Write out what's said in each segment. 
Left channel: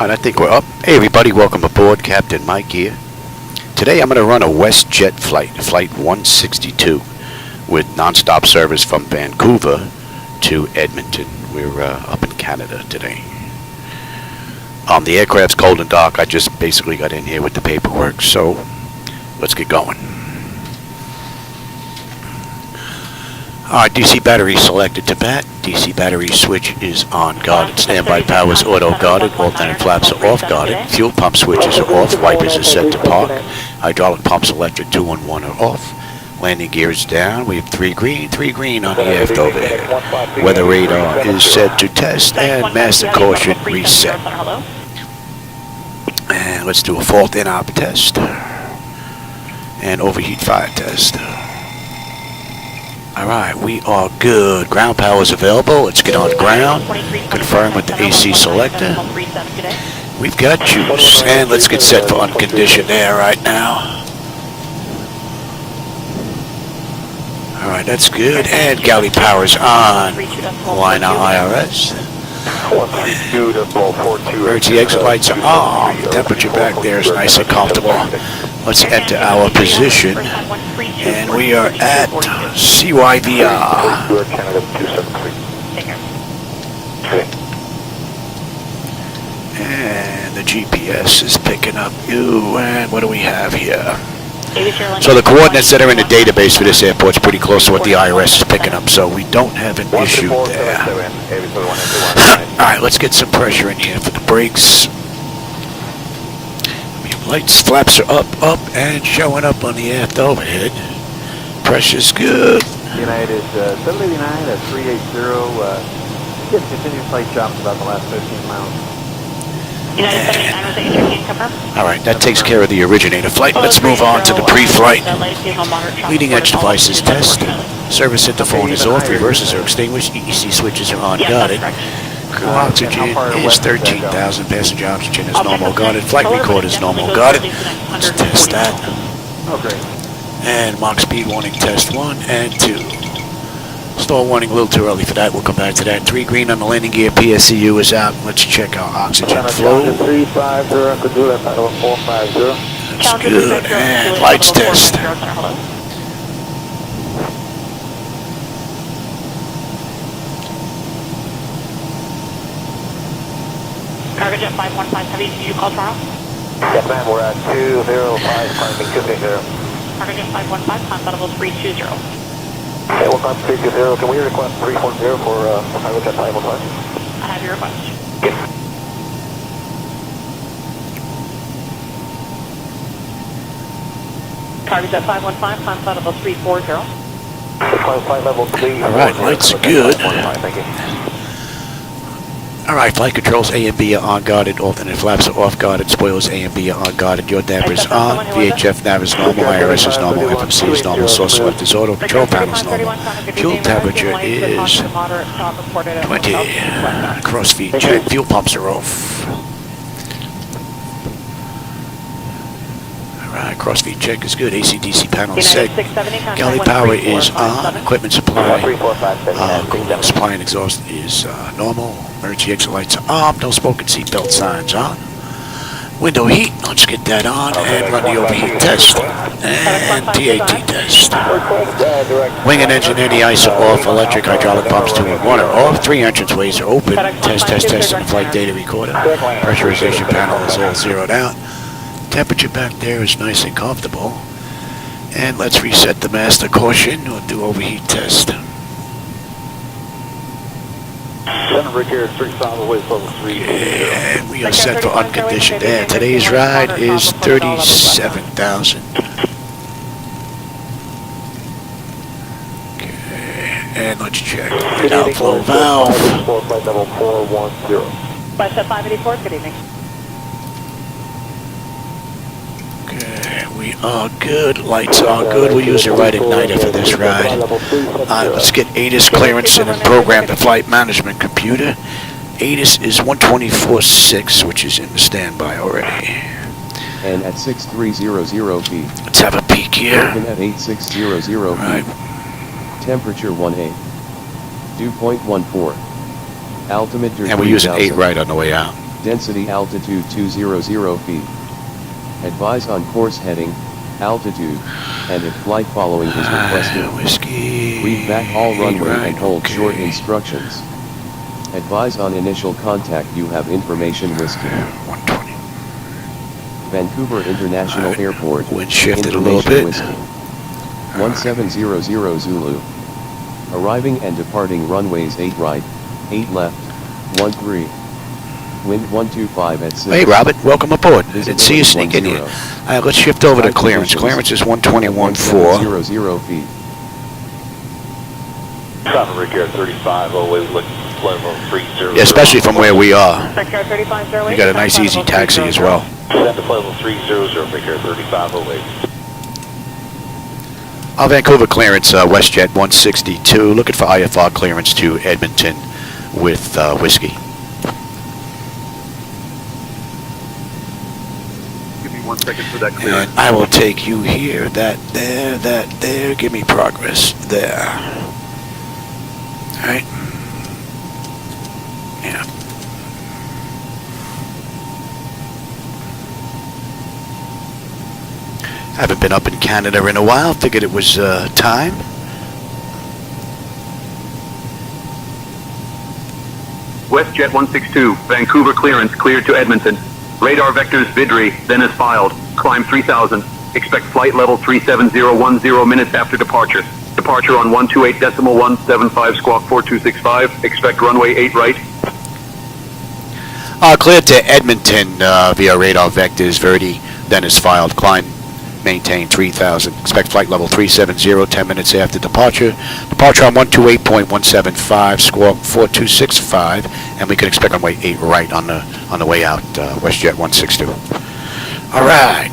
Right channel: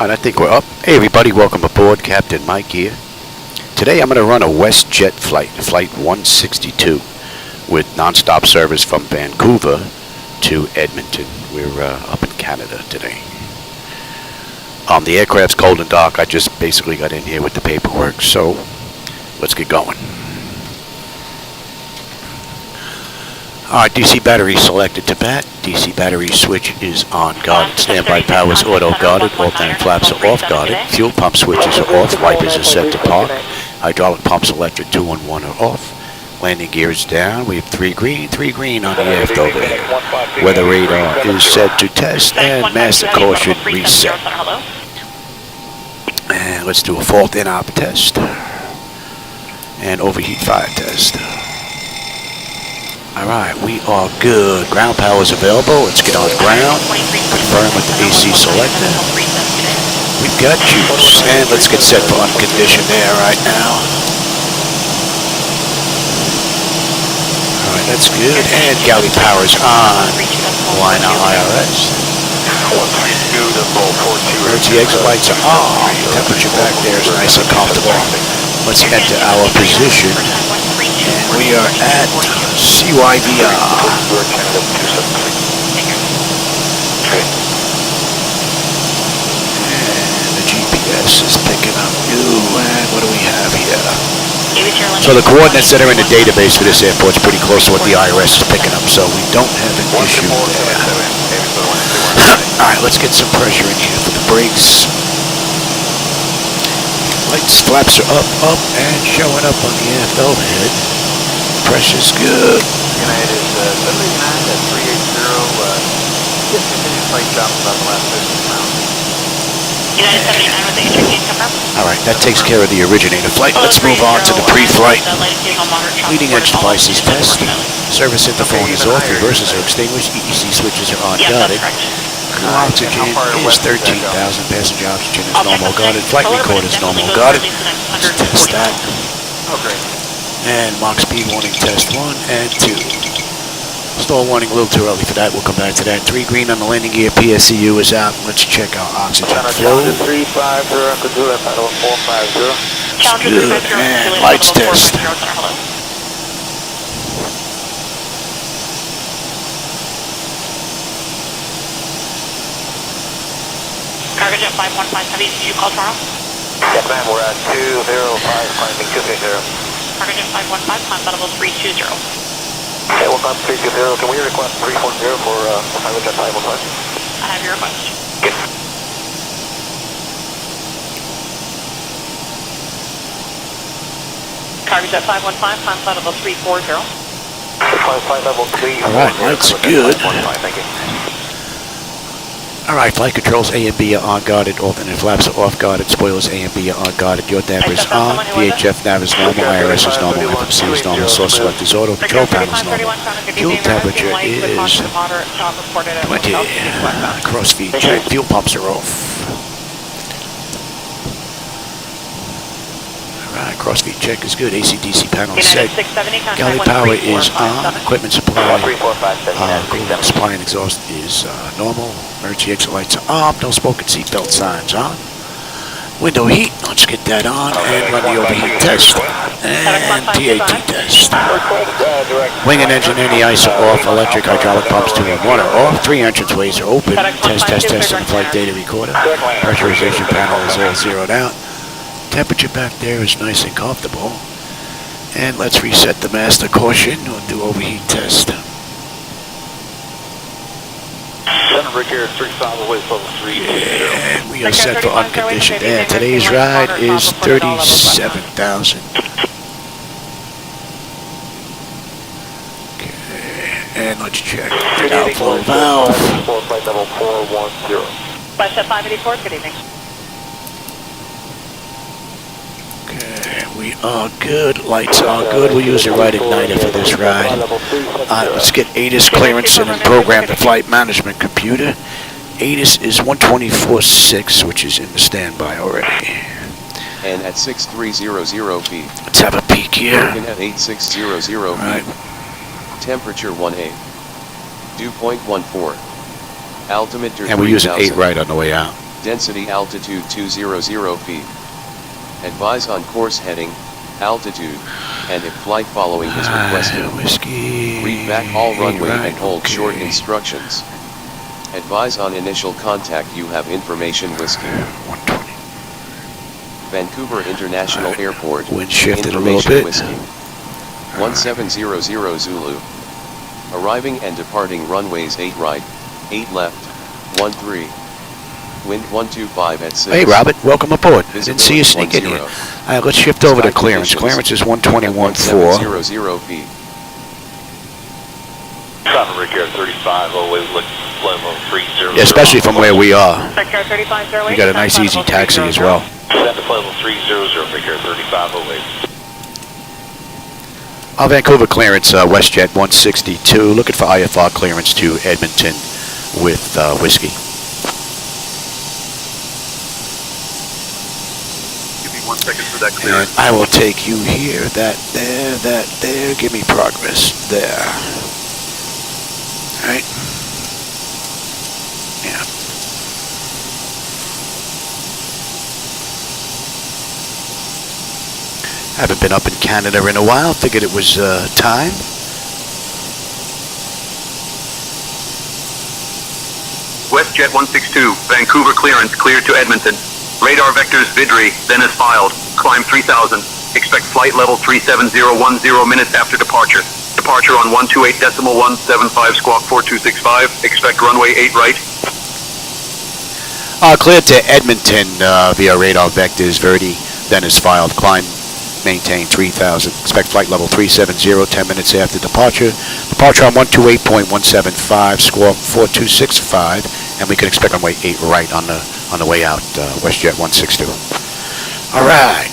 And I think we're up. Hey everybody, welcome aboard. Captain Mike here. Today I'm going to run a Westjet flight, Flight 162, with nonstop service from Vancouver to Edmonton. We're up in Canada today. The aircraft's cold and dark. I just basically got in here with the paperwork, so let's get going. Alright, DC battery selected to bat. DC battery switch is on guarded. Standby power is auto guarded. Alternate flaps are off guarded. Fuel pump switches are off. Wipers are set to park. Hydraulic pumps electric 2 and 1 are off. Landing gear is down. We have 3 green on the aft overhead. Weather radar is set to test and master caution reset. And let's do a fault in op test and overheat fire test. Alright, we are good. Ground power is available. Let's get on ground. Confirm with the AC selector. We've got juice. And let's get set for unconditioned air right now. Alright, that's good. And galley power is on. Line on IRS. Emergency exit lights are on. Temperature back there is nice and comfortable. Let's enter our position. And we are at CYVR. And the GPS is picking up. Ooh, and what do we have here? So the coordinates that are in the database for this airport is pretty close to what the IRS is picking up, so we don't have an issue there. Alright, let's get some pressure in here for the brakes. Lights, flaps are up, and showing up on the aft overhead. Pressure's good. It is 789 at 380. Continuous flight drop about the last 15 miles. Alright, that takes care of the originator flight. Let's move on to the pre-flight. Leading edge devices test. Service interphone is off. Reverses are extinguished. EEC switches are on guarded. Crew oxygen is 13,000. Passenger oxygen is normal guarded. Flight record is normal guarded. Let's test that. And Mach speed warning test 1 and 2. Stall warning a little too early for that. We'll come back to that. 3 green on the landing gear. PSCU is out. Let's check our oxygen flow. That's good. And lights test. Cargo 515 Heavy, did you call tomorrow? Yes, ma'am, we're at 205, climbing 230. Cargo 515, climb level 320. Okay, we'll climb 320. Can we request 340 for pilot at 515? I have your request. Yes. Cargo 515, climb level 340. Climb level 3. Alright, lights are good. Thank you. Alright, flight controls A and B are on guarded, alternate flaps are off guarded, spoilers A and B are on guarded, your damper is on, VHF nav is normal, IRS is normal, FMC is normal, source select is auto, control panel is normal, fuel temperature is 20, crossfeed check, fuel pumps are off. Alright, crossfeed check is good, AC/DC panel is set, galley power is on, equipment supply, cooling supply and exhaust is normal, emergency exit lights are on, no smoke and seatbelt signs on, window heat, let's get that on and run the overheat test, and TAT test. Wing and engine anti-ice are off, electric hydraulic pumps 2 and 1 are off, 3 entrance ways are open, test on the flight data recorder, pressurization panel is all zeroed out. Temperature back there is nice and comfortable. And let's reset the master caution. We'll do overheat test. Okay, and we are set for unconditioned air. Today's ride is 37,000. Okay, and let's check the outflow valve. Westjet 584, good evening. Okay, we are good. Lights are good. We'll use a right igniter for this ride. Let's get ATIS clearance and then program the flight management computer. ATIS is 124.6, which is in the standby already. And at 6300 feet. Let's have a peek here. At 8600 Right. Temperature 18. Dew point 14. Altimeter. And we're using 8 right on the way out. Density altitude 200 feet. Advise on course heading, altitude, and if flight following is requested. Whiskey. Read back all runway right, and hold short okay. instructions. Advise on initial contact you have information whiskey. 120. Vancouver International Alright, Airport. wind shifted a little bit. Whiskey. 1700 Zulu. Arriving and departing runways 8 right, 8 left, 13. Wind 125 at 6. Hey, Robert, welcome aboard. I didn't see you sneak in here. All right, let's shift over to clearance. Clearance is 121.4. 0 feet. Traffic Brickyard 35, always looking level 30. Yeah, especially from where we are. Brickyard 35, We got a nice easy taxi as well. Set to level 300, Brickyard 35, always. Our Vancouver clearance, WestJet 162. Looking for IFR clearance to Edmonton with whiskey. And I will take you here, that there. Give me progress there. All right. Yeah. Haven't been up in Canada in a while. Figured it was time. WestJet 162, Vancouver clearance cleared to Edmonton. Radar vectors VIDRI, then as filed. Climb 3000. Expect flight level 37010 minutes after departure. Departure on 128.175 squawk 4265. Expect runway 8 right. Cleared to Edmonton via radar vectors, Verdi, then is filed. Climb, maintain 3000. Expect flight level 370, 10 minutes after departure. Departure on 128.175, squawk 4265, and we can expect runway 8 right on the way out, WestJet 162. All right.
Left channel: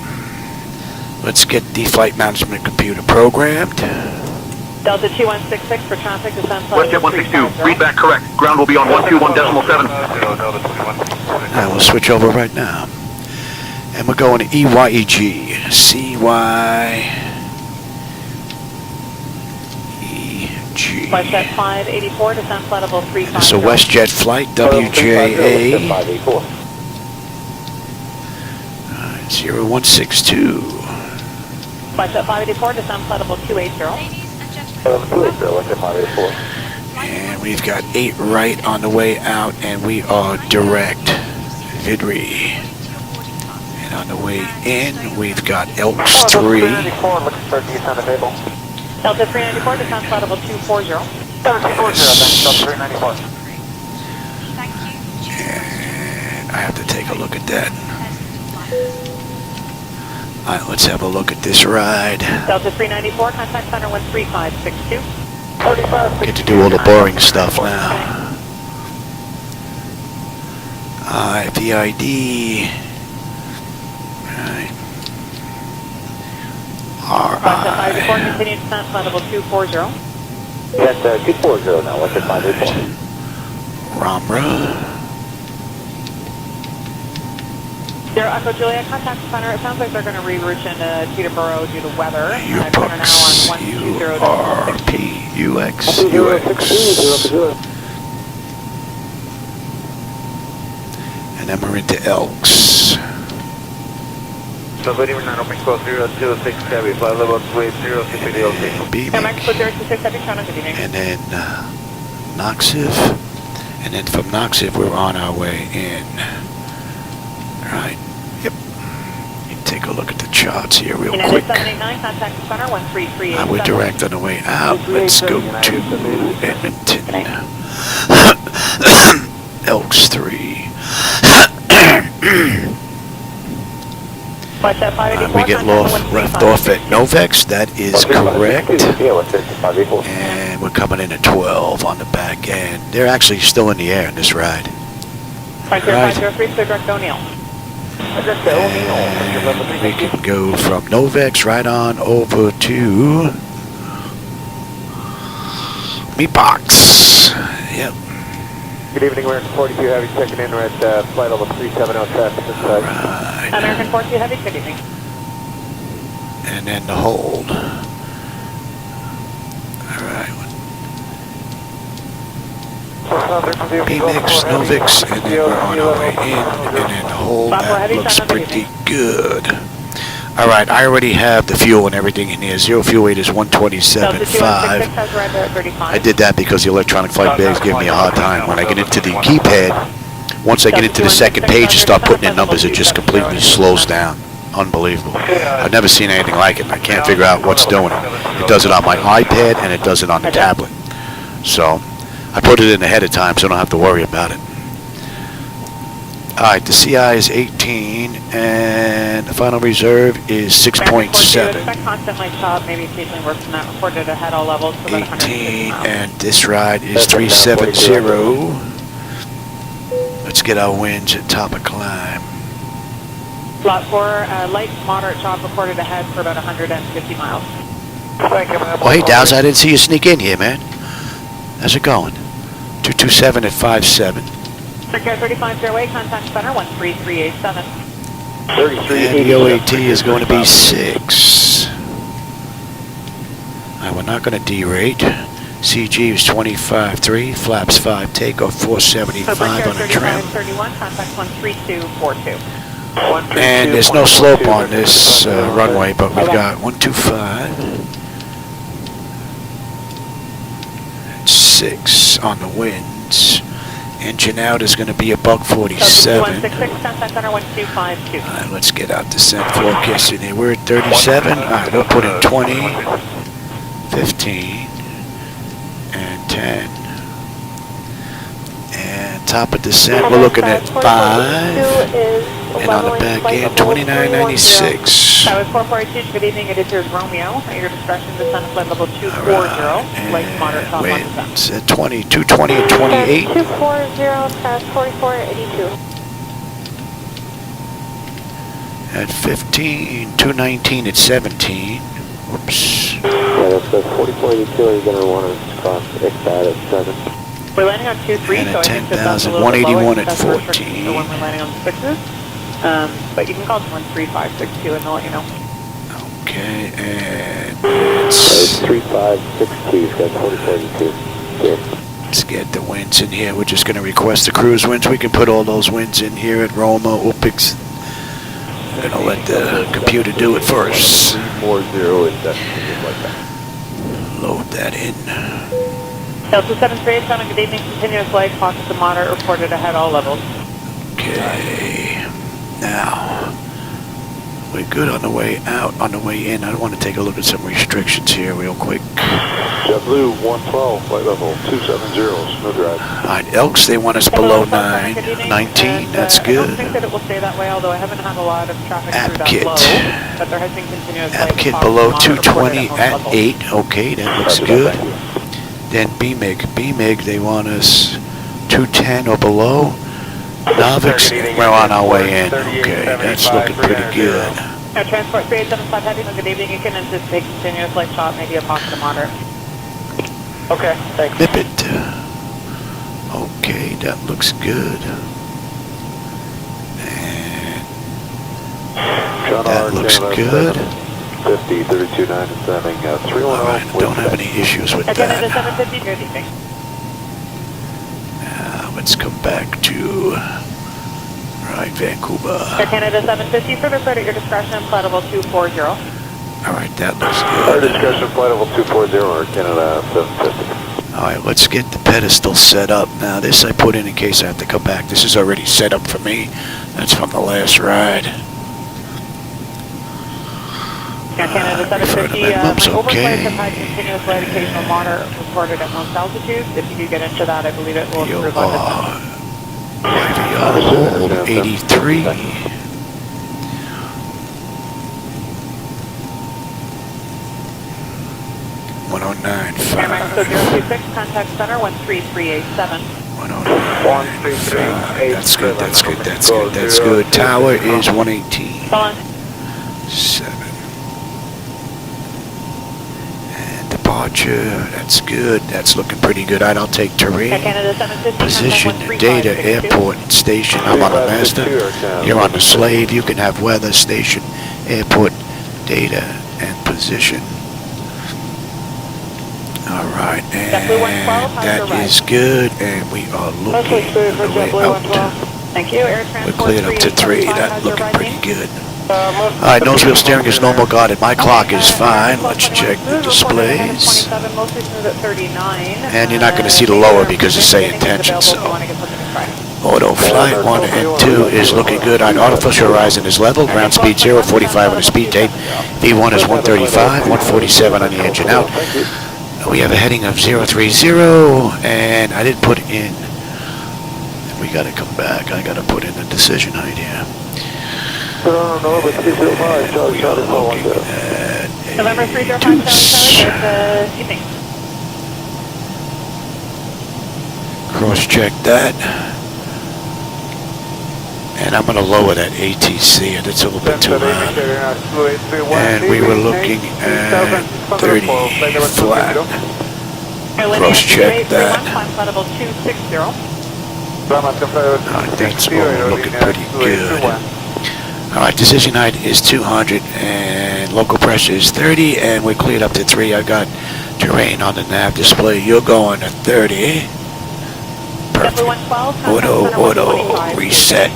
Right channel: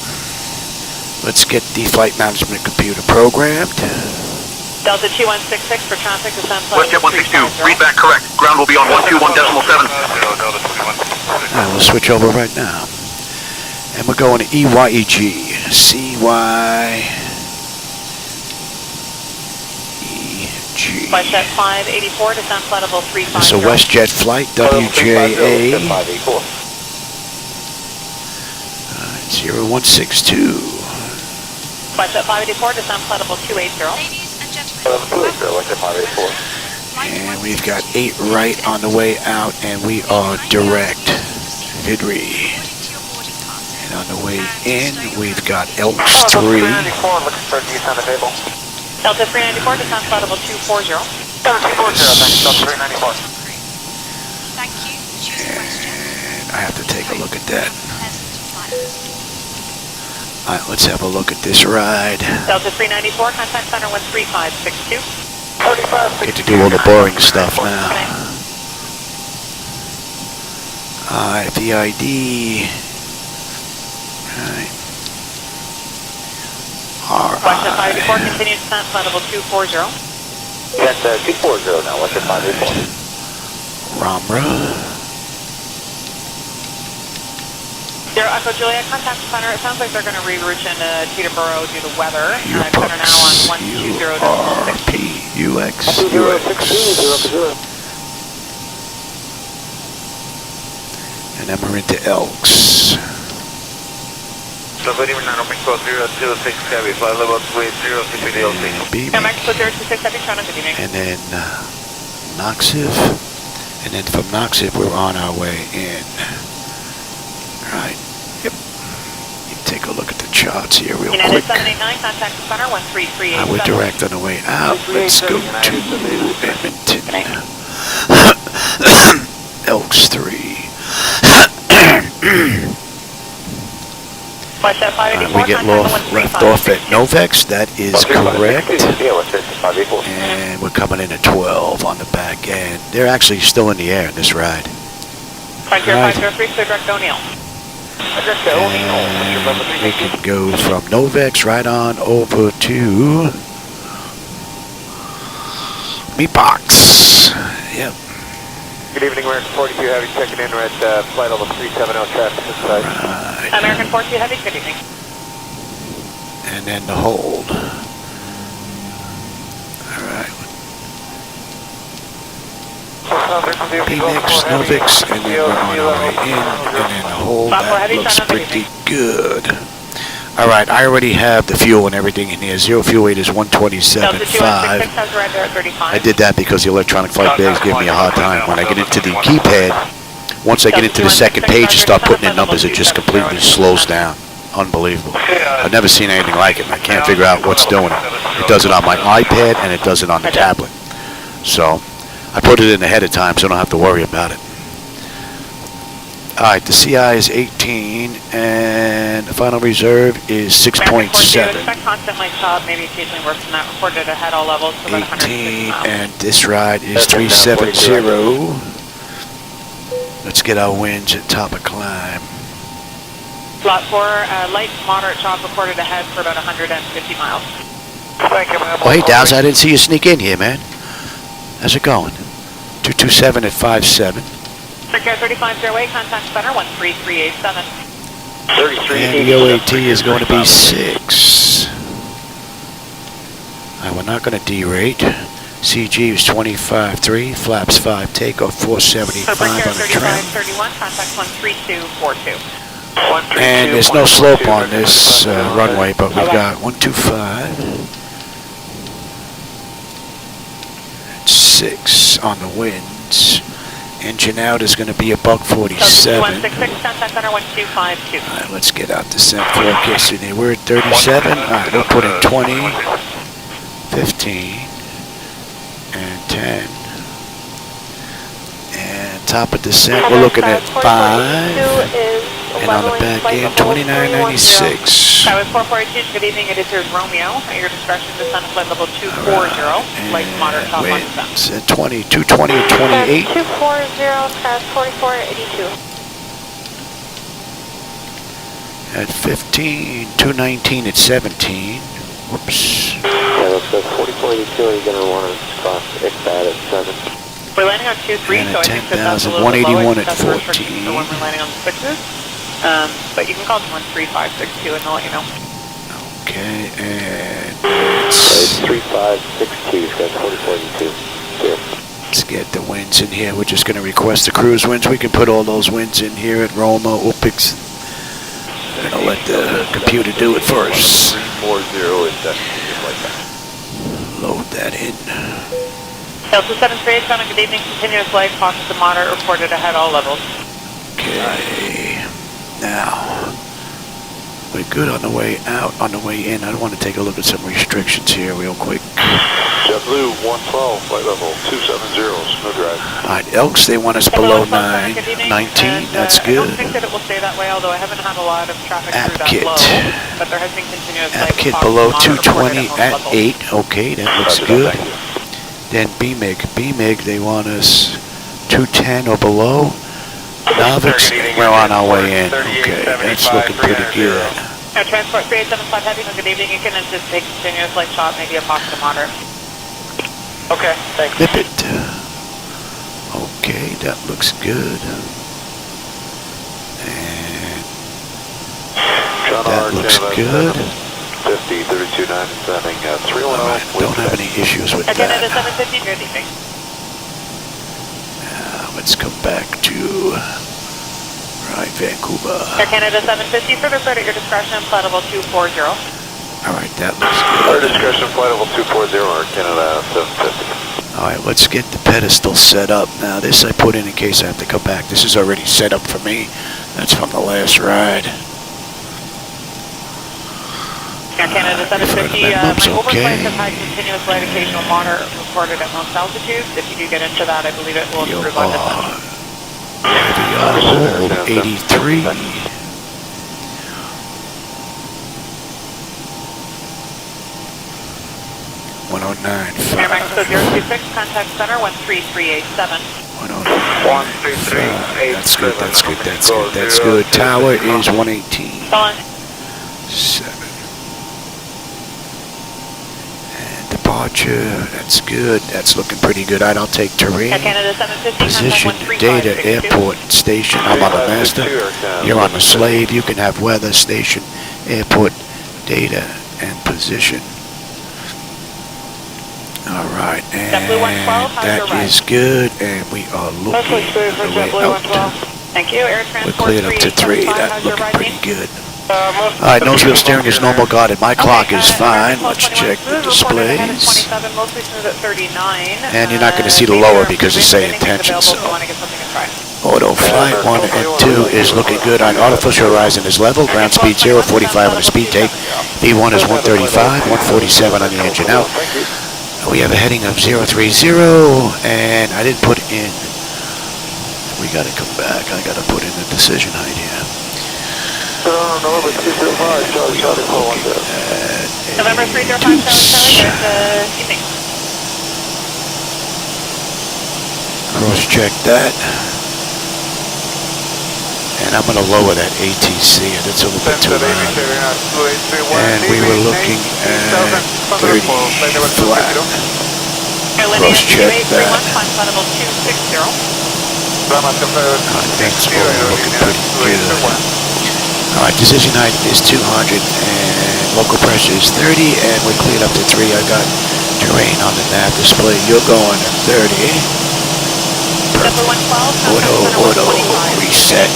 Let's get the flight management computer programmed. Delta 2166 for traffic descent. WestJet 162, read back correct. Ground will be on 121.7. All right, we'll switch over right now. And we're going to EYEG. CYEG. WestJet 584 descent flight level 350. This is a WestJet flight, WJA 0162. WestJet 584 descent flight level 280. And we've got 8 right on the way out, and we are direct Vidri. And on the way in, we've got Elks 3. Delta 394 descent flight level 240. Yes. And I have to take a look at that. All right, let's have a look at this ride. Delta 394, contact center 13562. Get to do all the boring stuff now. VID. Right. RI. Continue descent flight level 240. That's 240 now, what's the Ramra. Zero Echo Juliet, contact center. It sounds like they're going to reroute into Teterboro due to weather. UPUX. URPUX. And then we're into Elks. And beaming. And then Noxiv. And then from Noxiv, we're on our way in. Right. Yep. You take a look at the charts here real quick. We're direct on the way out. Let's go to Edmonton. Elks 3. We get left off at Novex. That is correct. And we're coming in at 12 on the back end. They're actually still in the air in this ride. Right. And we can go from Novex right on over to Meatbox. Yep. Good evening, American 42 Heavy checking in. We're at flight level 370 traffic. All right. American 42 Heavy, good evening. And then the hold. All right. PMix, Novix, and then we're on our way in, and then the whole, that looks pretty good. Alright, I already have the fuel and everything in here. Zero fuel weight is 127.5. I did that because the electronic flight bags give me a hard time. When I get into the keypad, once I get into the second page and start putting in numbers, it just completely slows down. Unbelievable. I've never seen anything like it, and I can't figure out what's doing it. It does it on my iPad, and it does it on the tablet. So, I put it in ahead of time so I don't have to worry about it. Alright, the CI is 18, and the final reserve is 6.7. 18, and this ride is 370. Let's get our winds at top of climb. Lot 4, light moderate shock reported ahead for about 150 miles. Thank you, ma'am. Oh, hey, Dow's, I didn't see you sneak in here, man. How's it going? 227 at 57. Secure 35 Fairway, contact center 13387. And the OAT is going to be 6. Alright, we're not going to derate. CG is 25.3, flaps 5, takeoff 475 on a trim. 31, contact 13242. And there's no slope on this runway, but we've got 125. And 6 on the winds. Engine out is going to be a $147. Alright, let's get out descent forecast in there. We're at 37. Alright, we'll put in 20, 15, and 10. And top of descent, we're looking at 5. And on the back end, 2996. That was 442. Good evening, it is your Romeo. At your discretion, descent flight level 240. Alright, and winds at 20, 220 and 28. 240, past 4482. At 15, 219 at 17. Whoops. Yeah, that's 4482. You're going to want to stop if that at 7. We're landing on 23. And at 10,000, 181 at 14. We're landing on 6s. But you can call them 13562 and they'll let you know. Okay, and it's 3562, that's 4482. Here. let's get the winds in here. We're just going to request the cruise winds. We can put all those winds in here at Roma, Upix. I'm going to let the computer do it for us. 40 is that. Load that in. Delta 738, good evening, continuous flight, pockets of moderate reported ahead all levels. Okay, now we're good on the way out. On the way in, I want to take a look at some restrictions here real quick. JetBlue 112, flight level 270, snow drive. Alright, Elks, they want us below 19, that's good. App kit. App kit below 220 at 8, okay, that looks good. Then BMIG, they want us 210 or below. Novix, we're on our way in. Okay, that's looking pretty good. Transport 387 heavy, good evening. You can anticipate continuous light shot, maybe a pocket of moderate. Okay, thanks. Nip it. Okay, that looks good. And that looks good. 50, 32, 9, and 7, Alright, don't have any issues with that. Now, let's come back to Vancouver. Air Canada 750, further start at your discretion, flight level 240. Alright, that looks Our good. discretion flight level 240, Air Canada 750. Alright, let's get the pedestal set up. Now, this I put in case I have to come back. This is already set up for me. That's from the last ride. Refer to minimums, okay. YVR hold 83. 109.5. Contact center 13387. 109.5. That's good, that's good, that's good, that's good. Tower is 118. 7. And departure, that's good. That's looking pretty good. I'll take terrain. Position, data, airport, station. I'm on the master. You're on the slave. You can have weather, station, airport, data, and position. All right, and that is good, and we are looking on the way out. Thank you. Air We're transport cleared up to 3. 345 That's has looking arriving. pretty good. All right, nose wheel steering is normal guarded. My clock is fine. Let's check the displays. 27, mostly smooth at 39. And you're not going to see the lower because of SayIntentions. So auto flight 1 and 2 is looking good. On artificial horizon is level. Ground speed 045 on the speed tape. V1 is 135, 147 on the engine out. We have a heading of 030, and I didn't put in. We got to come back. I got to put in the decision height here. And we are looking at a deuce. Cross-check that. And I'm going to lower that ATC. That's a little bit too loud. And we were looking at 30 flat. Cross-check that. That's all looking pretty good. All right, decision height is 200 and local pressure is 30, and we're cleared up to 3. I got terrain on the nav display. You're going at 30. Perfect. Auto reset.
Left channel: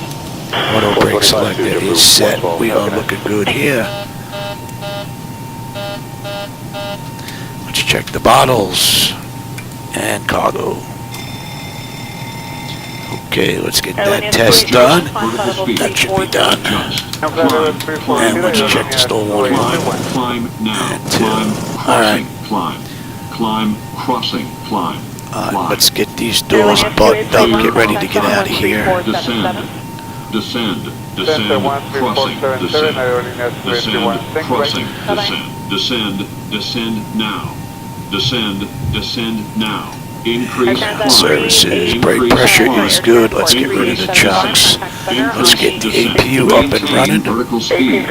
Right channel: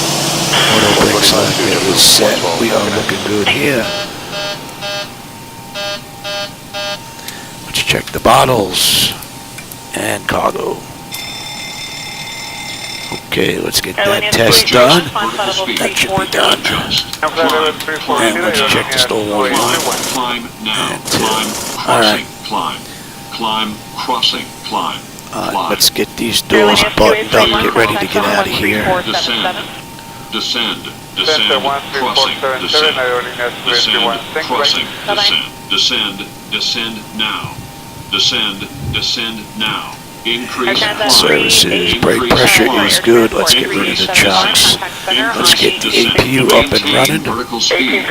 Auto brake selector is set. We are looking good here. Let's check the bottles and cargo. Okay, let's get that test done. That should be done. And let's check the stall warning 1 and 2. All right. Climb, crossing, climb. Let's get these doors buttoned up. Get ready to get out of here. Descend, crossing, descend, crossing, descend now. Descend now. Increase Services, brake pressure is good. Let's get rid of the chocks. Let's get the APU up and running. Vertical speed.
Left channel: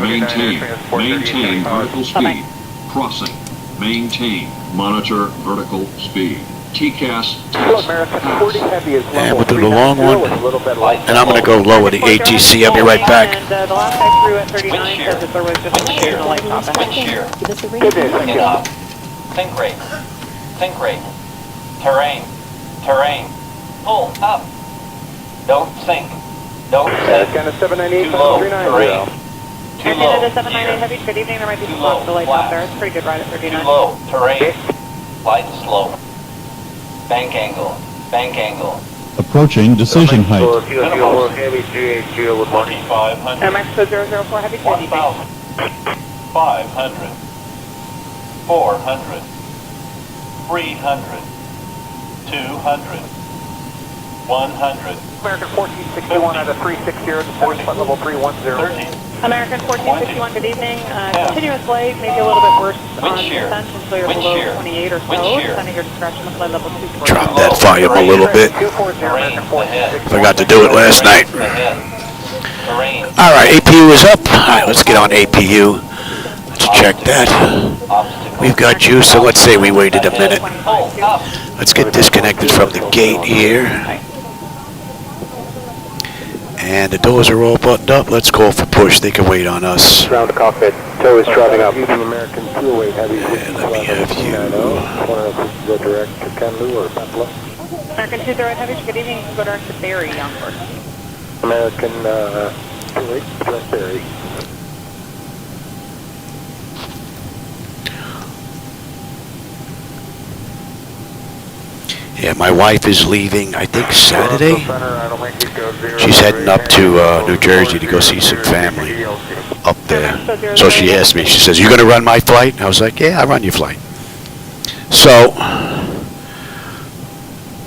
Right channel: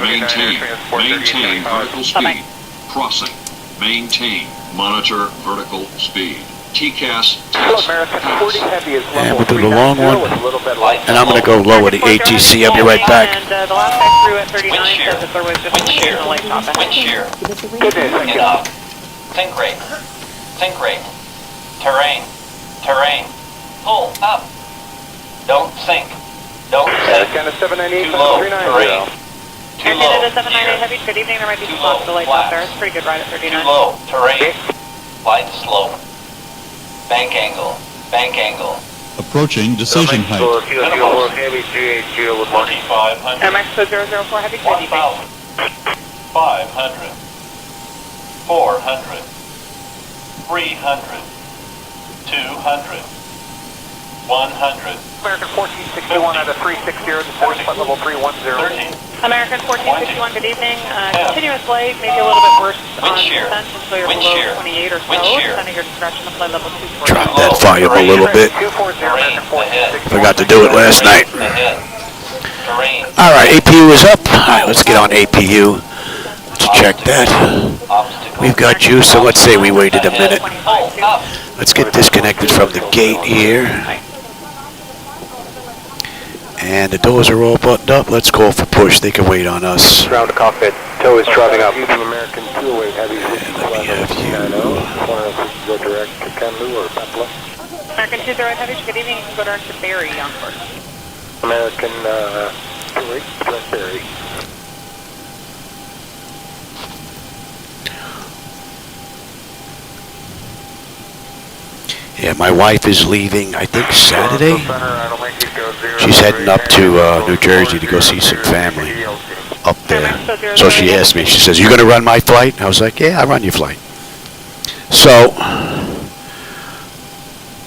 Maintain vertical speed. Crossing. Maintain. Monitor vertical speed. TCAS test pass. And we'll do the long one. And I'm going to go lower the ATC. I'll be right back. And the last guy threw at 39 said that there was just a sheer light top. Think rate. Terrain. Pull up. Don't sink. Too low. Terrain. Too low. Air Canada 798 Heavy, good evening. There might be some lots of lights out there. It's a pretty good ride at 39. Too low. Terrain. Glide slower. Bank angle. Approaching decision height. 4,500. Air Mexico 004 Heavy, good evening. 500. 400. 300. 200. 100. American 1461 at a 360 at flight level 310. 30. American 1461, good evening. Continuous light, maybe a little bit worse on descent until you're below 28 or so. Depending your discretion of flight level 2. Drop that volume a little bit. Forgot to do it last night. All right, APU is up. All right, let's get on APU. Let's check that. We've got juice, so let's say we waited a minute. Let's get disconnected from the gate here. And the doors are all buttoned up. Let's call for push. They can wait on us. Round the cockpit. Tow is driving up. And let me have you. American 20 Heavy, good evening. You can go direct to Barrie onward. American 28, West Barrie. Yeah, my wife is leaving, I think, Saturday. She's heading up to New Jersey to go see some family up there. So she asked me, she says, you going to run my flight? I was like, yeah, I'll run your flight. So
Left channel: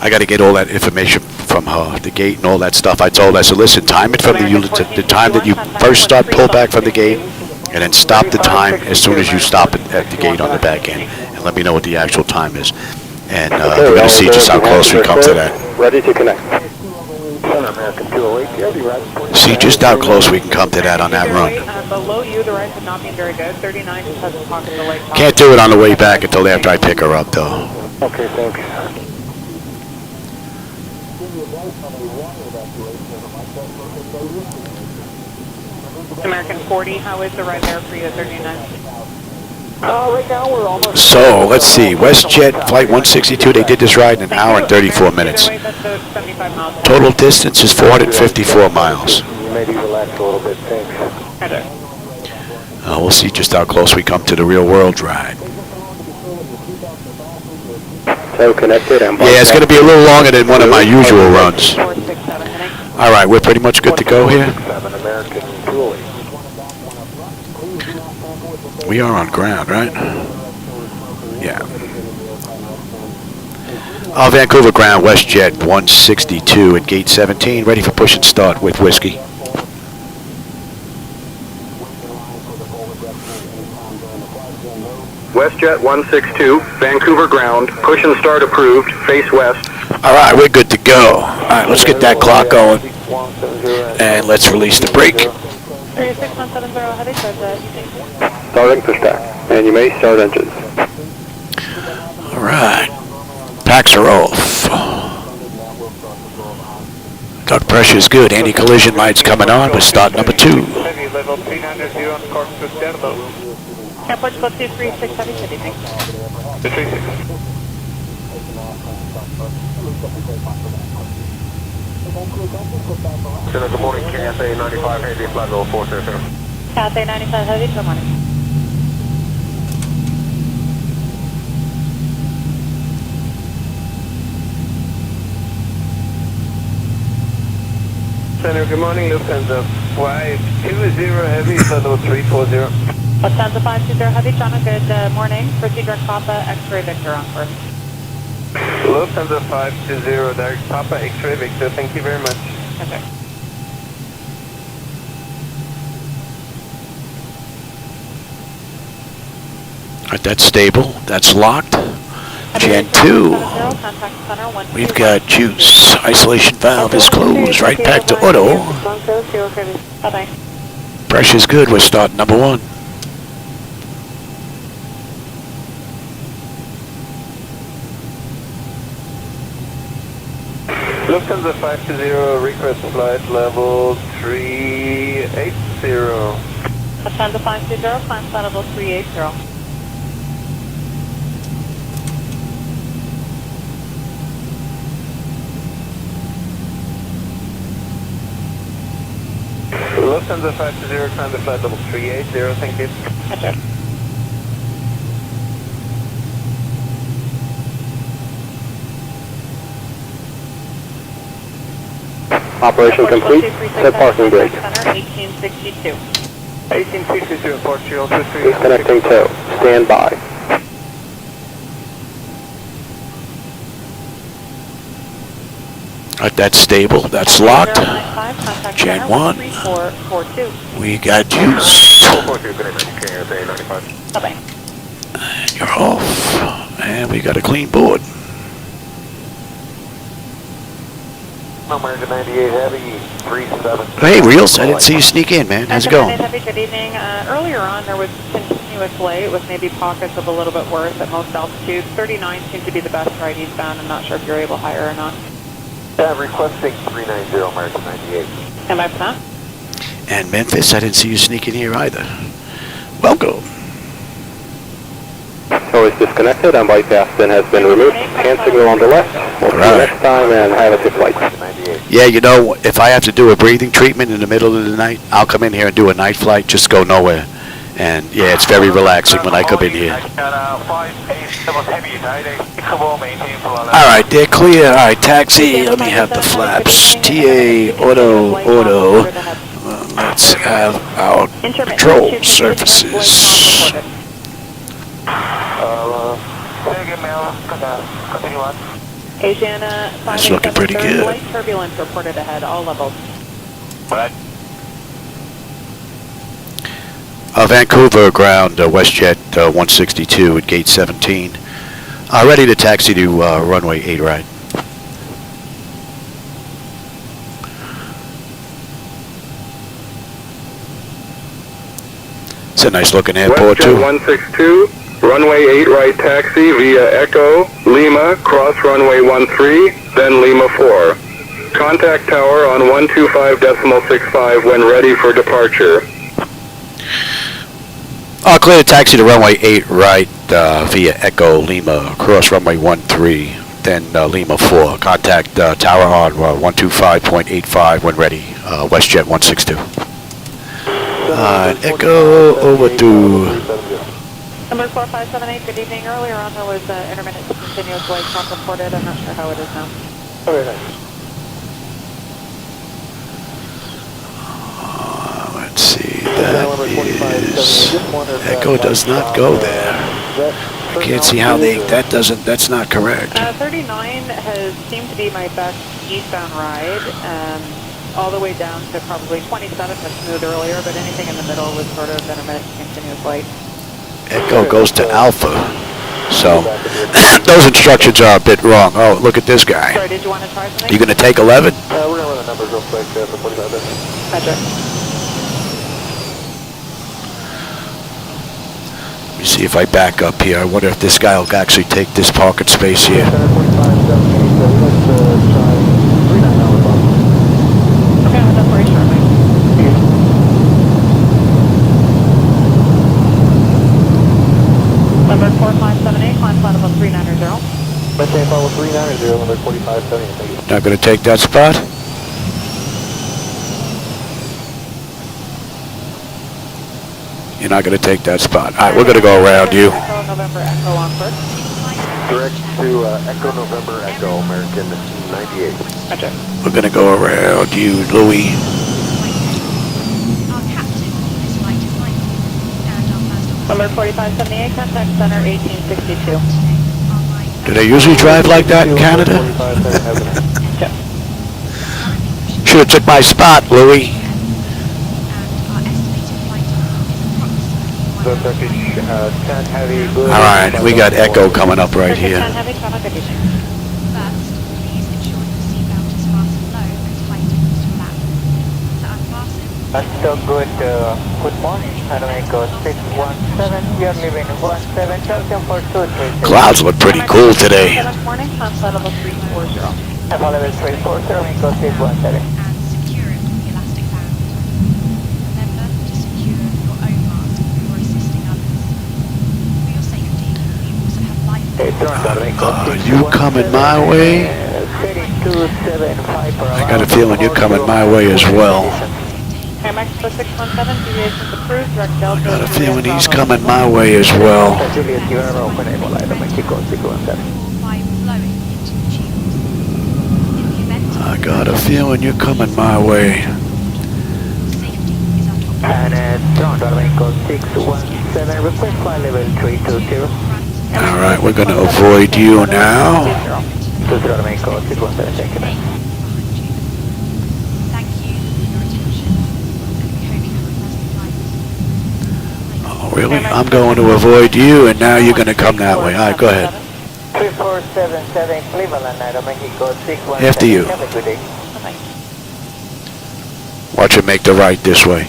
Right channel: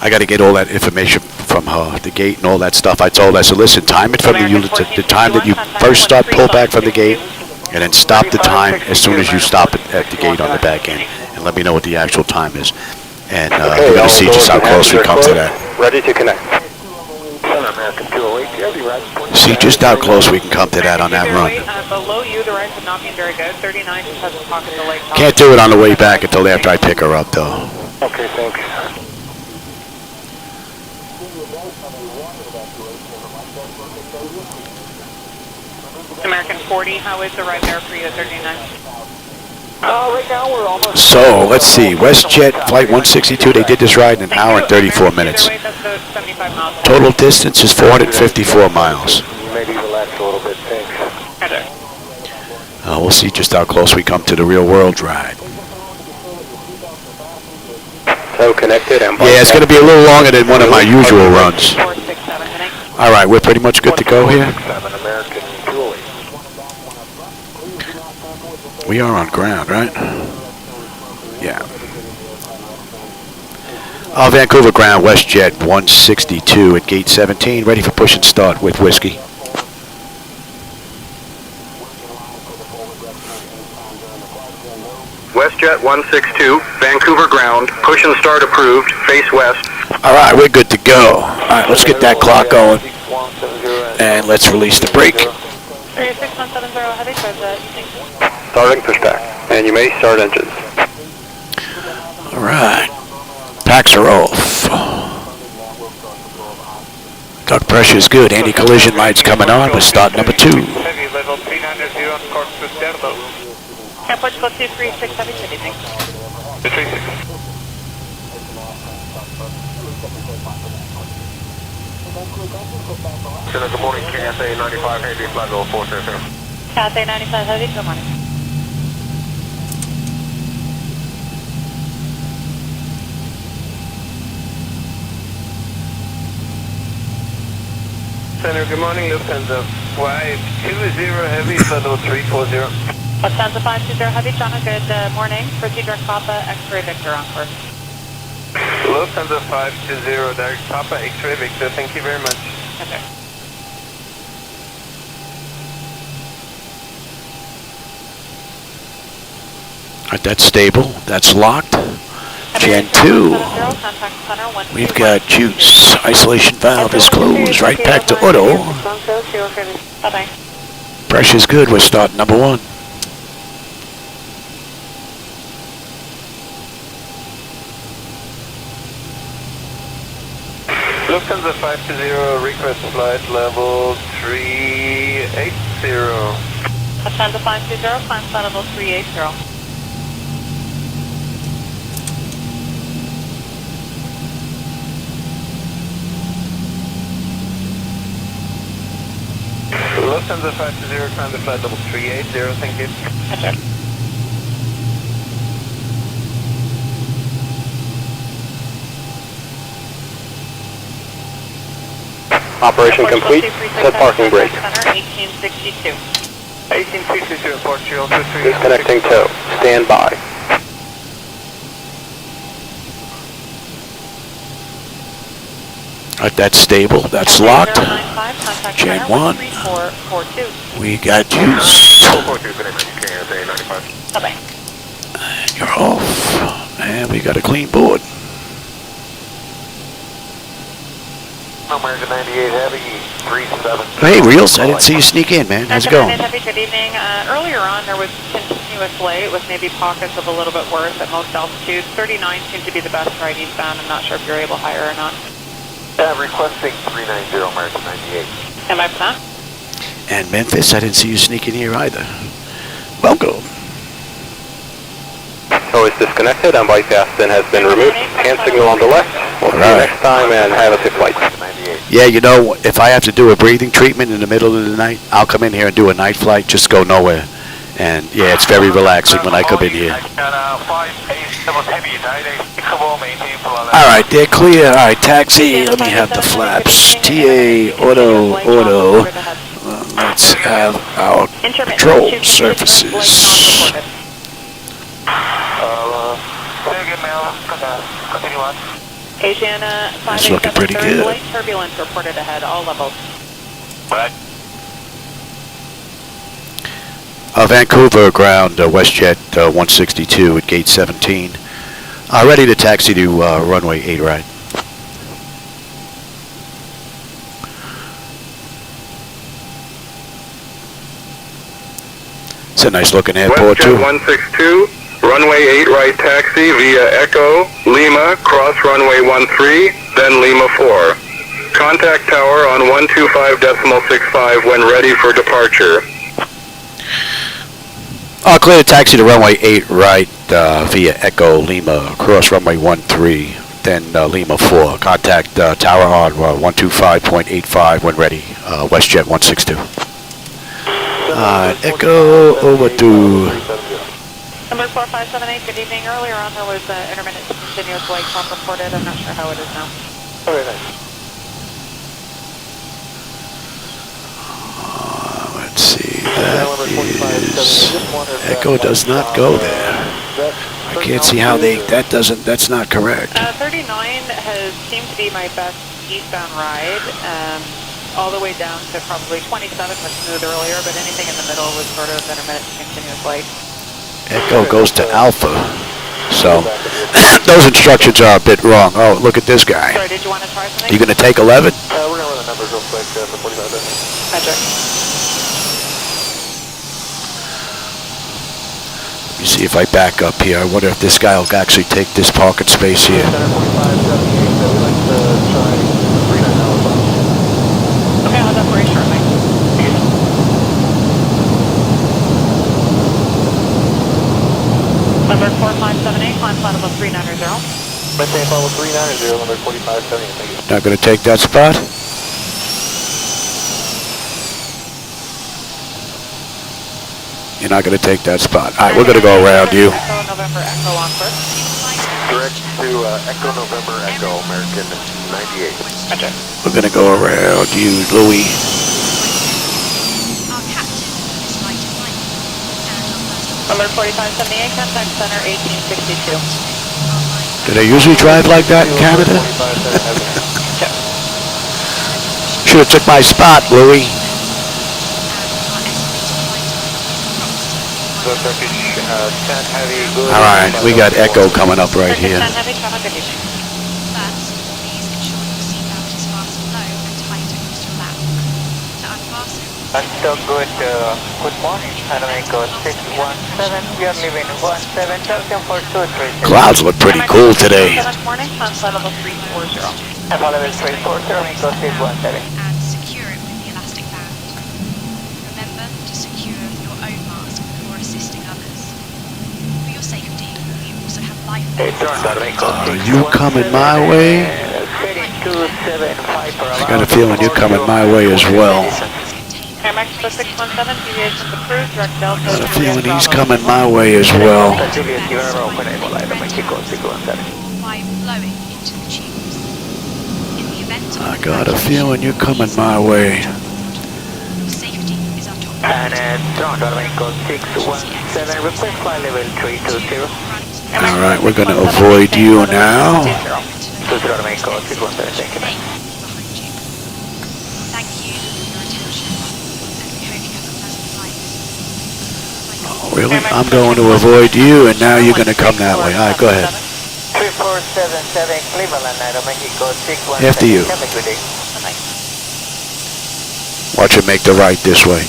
I got to get all that information from her, the gate and all that stuff. I told her, I said, listen, time it from the time that you first start, pull back from the gate, and then stop the time as soon as you stop at the gate on the back end, and let me know what the actual time is. And we're going to see just how close we come to that. Ready to connect. See just how close we can come to that on that run. Below you, the ride could not be very good. 39 just has a pocket of the light. Can't do it on the way back until after I pick her up, though. Okay, thank you. American 40, how is the ride there for you at 39? Right now we're almost... So, let's see. WestJet Flight 162, they did this ride in an hour and 34 minutes. Total distance is 454 miles. Maybe relax a little bit, thanks. We'll see just how close we come to the real world ride. So connected. Yeah, it's going to be a little longer than one of my usual runs. All right, we're pretty much good to go here. We are on ground, right? Yeah. Vancouver ground, WestJet 162 at gate 17, ready for push and start with whiskey. WestJet 162, Vancouver ground, push and start approved, face west. All right, we're good to go. All right, let's get that clock going. And let's release the brake. Starting for stack, and you may start engines. All right. Packs are off. Duct pressure is good. Anti-collision lights coming on with start number 2. Airport 236, heavy, Good morning, KSA 95 Heavy, flight level 430. KSA 95 heavy, good morning. Center, good morning, Lufthansa. Flight 20 Heavy, flight level 340. Lufthansa 520 heavy, John, good morning. Procedural Papa, X-ray Victor on first. Lufthansa 520, direct Papa, X-ray Victor, thank you very much. Okay. All right, that's stable. That's locked. Gen 2. We've got juice. Isolation valve is closed. Right back to auto. Bye-bye. Pressure's good. We're starting number 1. Lufthansa 520, request flight level 380. Lufthansa 520, climb flight level 380. Lufthansa 520, climb the flight level 380, thank you. Okay. Operation complete, set parking brake. 1862. 1862, Portugal 23. Disconnecting tow, stand by. All right, that's stable. That's locked. Gen 1. We got juice. Bye-bye. And you're off. And we got a clean board. American 98 Heavy, 37. Hey, Reels, I didn't see you sneak in, man. How's it going? Heavy, good evening. Earlier on, there was continuous light with maybe pockets of a little bit worse at most altitudes. 39 seemed to be the best right eastbound. I'm not sure if you're able higher or not. Requesting 390 American 98. Am I for that? And Memphis, I didn't see you sneak in here either. Welcome. Tow is disconnected and bike fasten has been removed. Hand signal on the left. All right. Next time and have a good flight. Yeah, you know, if I have to do a breathing treatment in the middle of the night, I'll come in here and do a night flight, just go nowhere. And yeah, it's very relaxing when I come in here. All right, they're clear. All right, taxi. Let me have the flaps. TA, auto. Let's have our control surfaces. That's looking pretty good. Turbulence reported ahead, all levels. Vancouver ground, WestJet 162 at gate 17. Ready to taxi to runway 8 right. It's a nice looking airport too. 162, runway 8 right taxi via Echo, Lima, cross runway 13, then Lima 4. Contact tower on 125.65 when ready for departure. Clear to taxi to runway 8 right via Echo Lima, cross runway 13, then Lima 4. Contact tower on 125.85 when ready, Westjet 162. Echo over to... Number 4578, good evening. Earlier on there was intermittent continuous wake time reported. I'm not sure how it is now. Let's see, that is... Echo does not go there. I can't see how that's not correct. 39 seemed to be my best eastbound ride, all the way down to probably 27 was smooth earlier, but anything in the middle was sort of intermittent continuous wake. Echo goes to Alpha, so those instructions are a bit wrong. Oh, look at this guy. Sorry, did you want to try something? You gonna take 11? We're going to run the numbers real quick for 45. Gotcha. Let me see if I back up here. I wonder if this guy will actually take this parking space here. Okay, I'll have very shortly. Number 4578, climb plan level 390. Maintain level 390, number 4578. Not gonna take that spot? You're not gonna take that spot. All right, we're gonna go around you. November Echo on first. Direct to Echo November Echo, American 98. Gotcha. We're gonna go around you, Louis. Number 4578, contact center 1862. Do they usually drive like that in Canada? Should have took my spot, Louis. All right, we got Echo coming up right here. So good morning, Echo 617, we are leaving 17 for 2. Clouds look pretty cool today. Good morning, climb level 340. Level 340, Echo 617. You coming my way? I got a feeling you're coming my way as well. I got a feeling he's coming my way as well. I got a feeling you're coming my way. All right, we're going to avoid you now. Oh, really? I'm going to avoid you, and now you're going to come that way. All right, go ahead. 3477 Cleveland, Aeromexico 617. After you. Watch it make the right this way.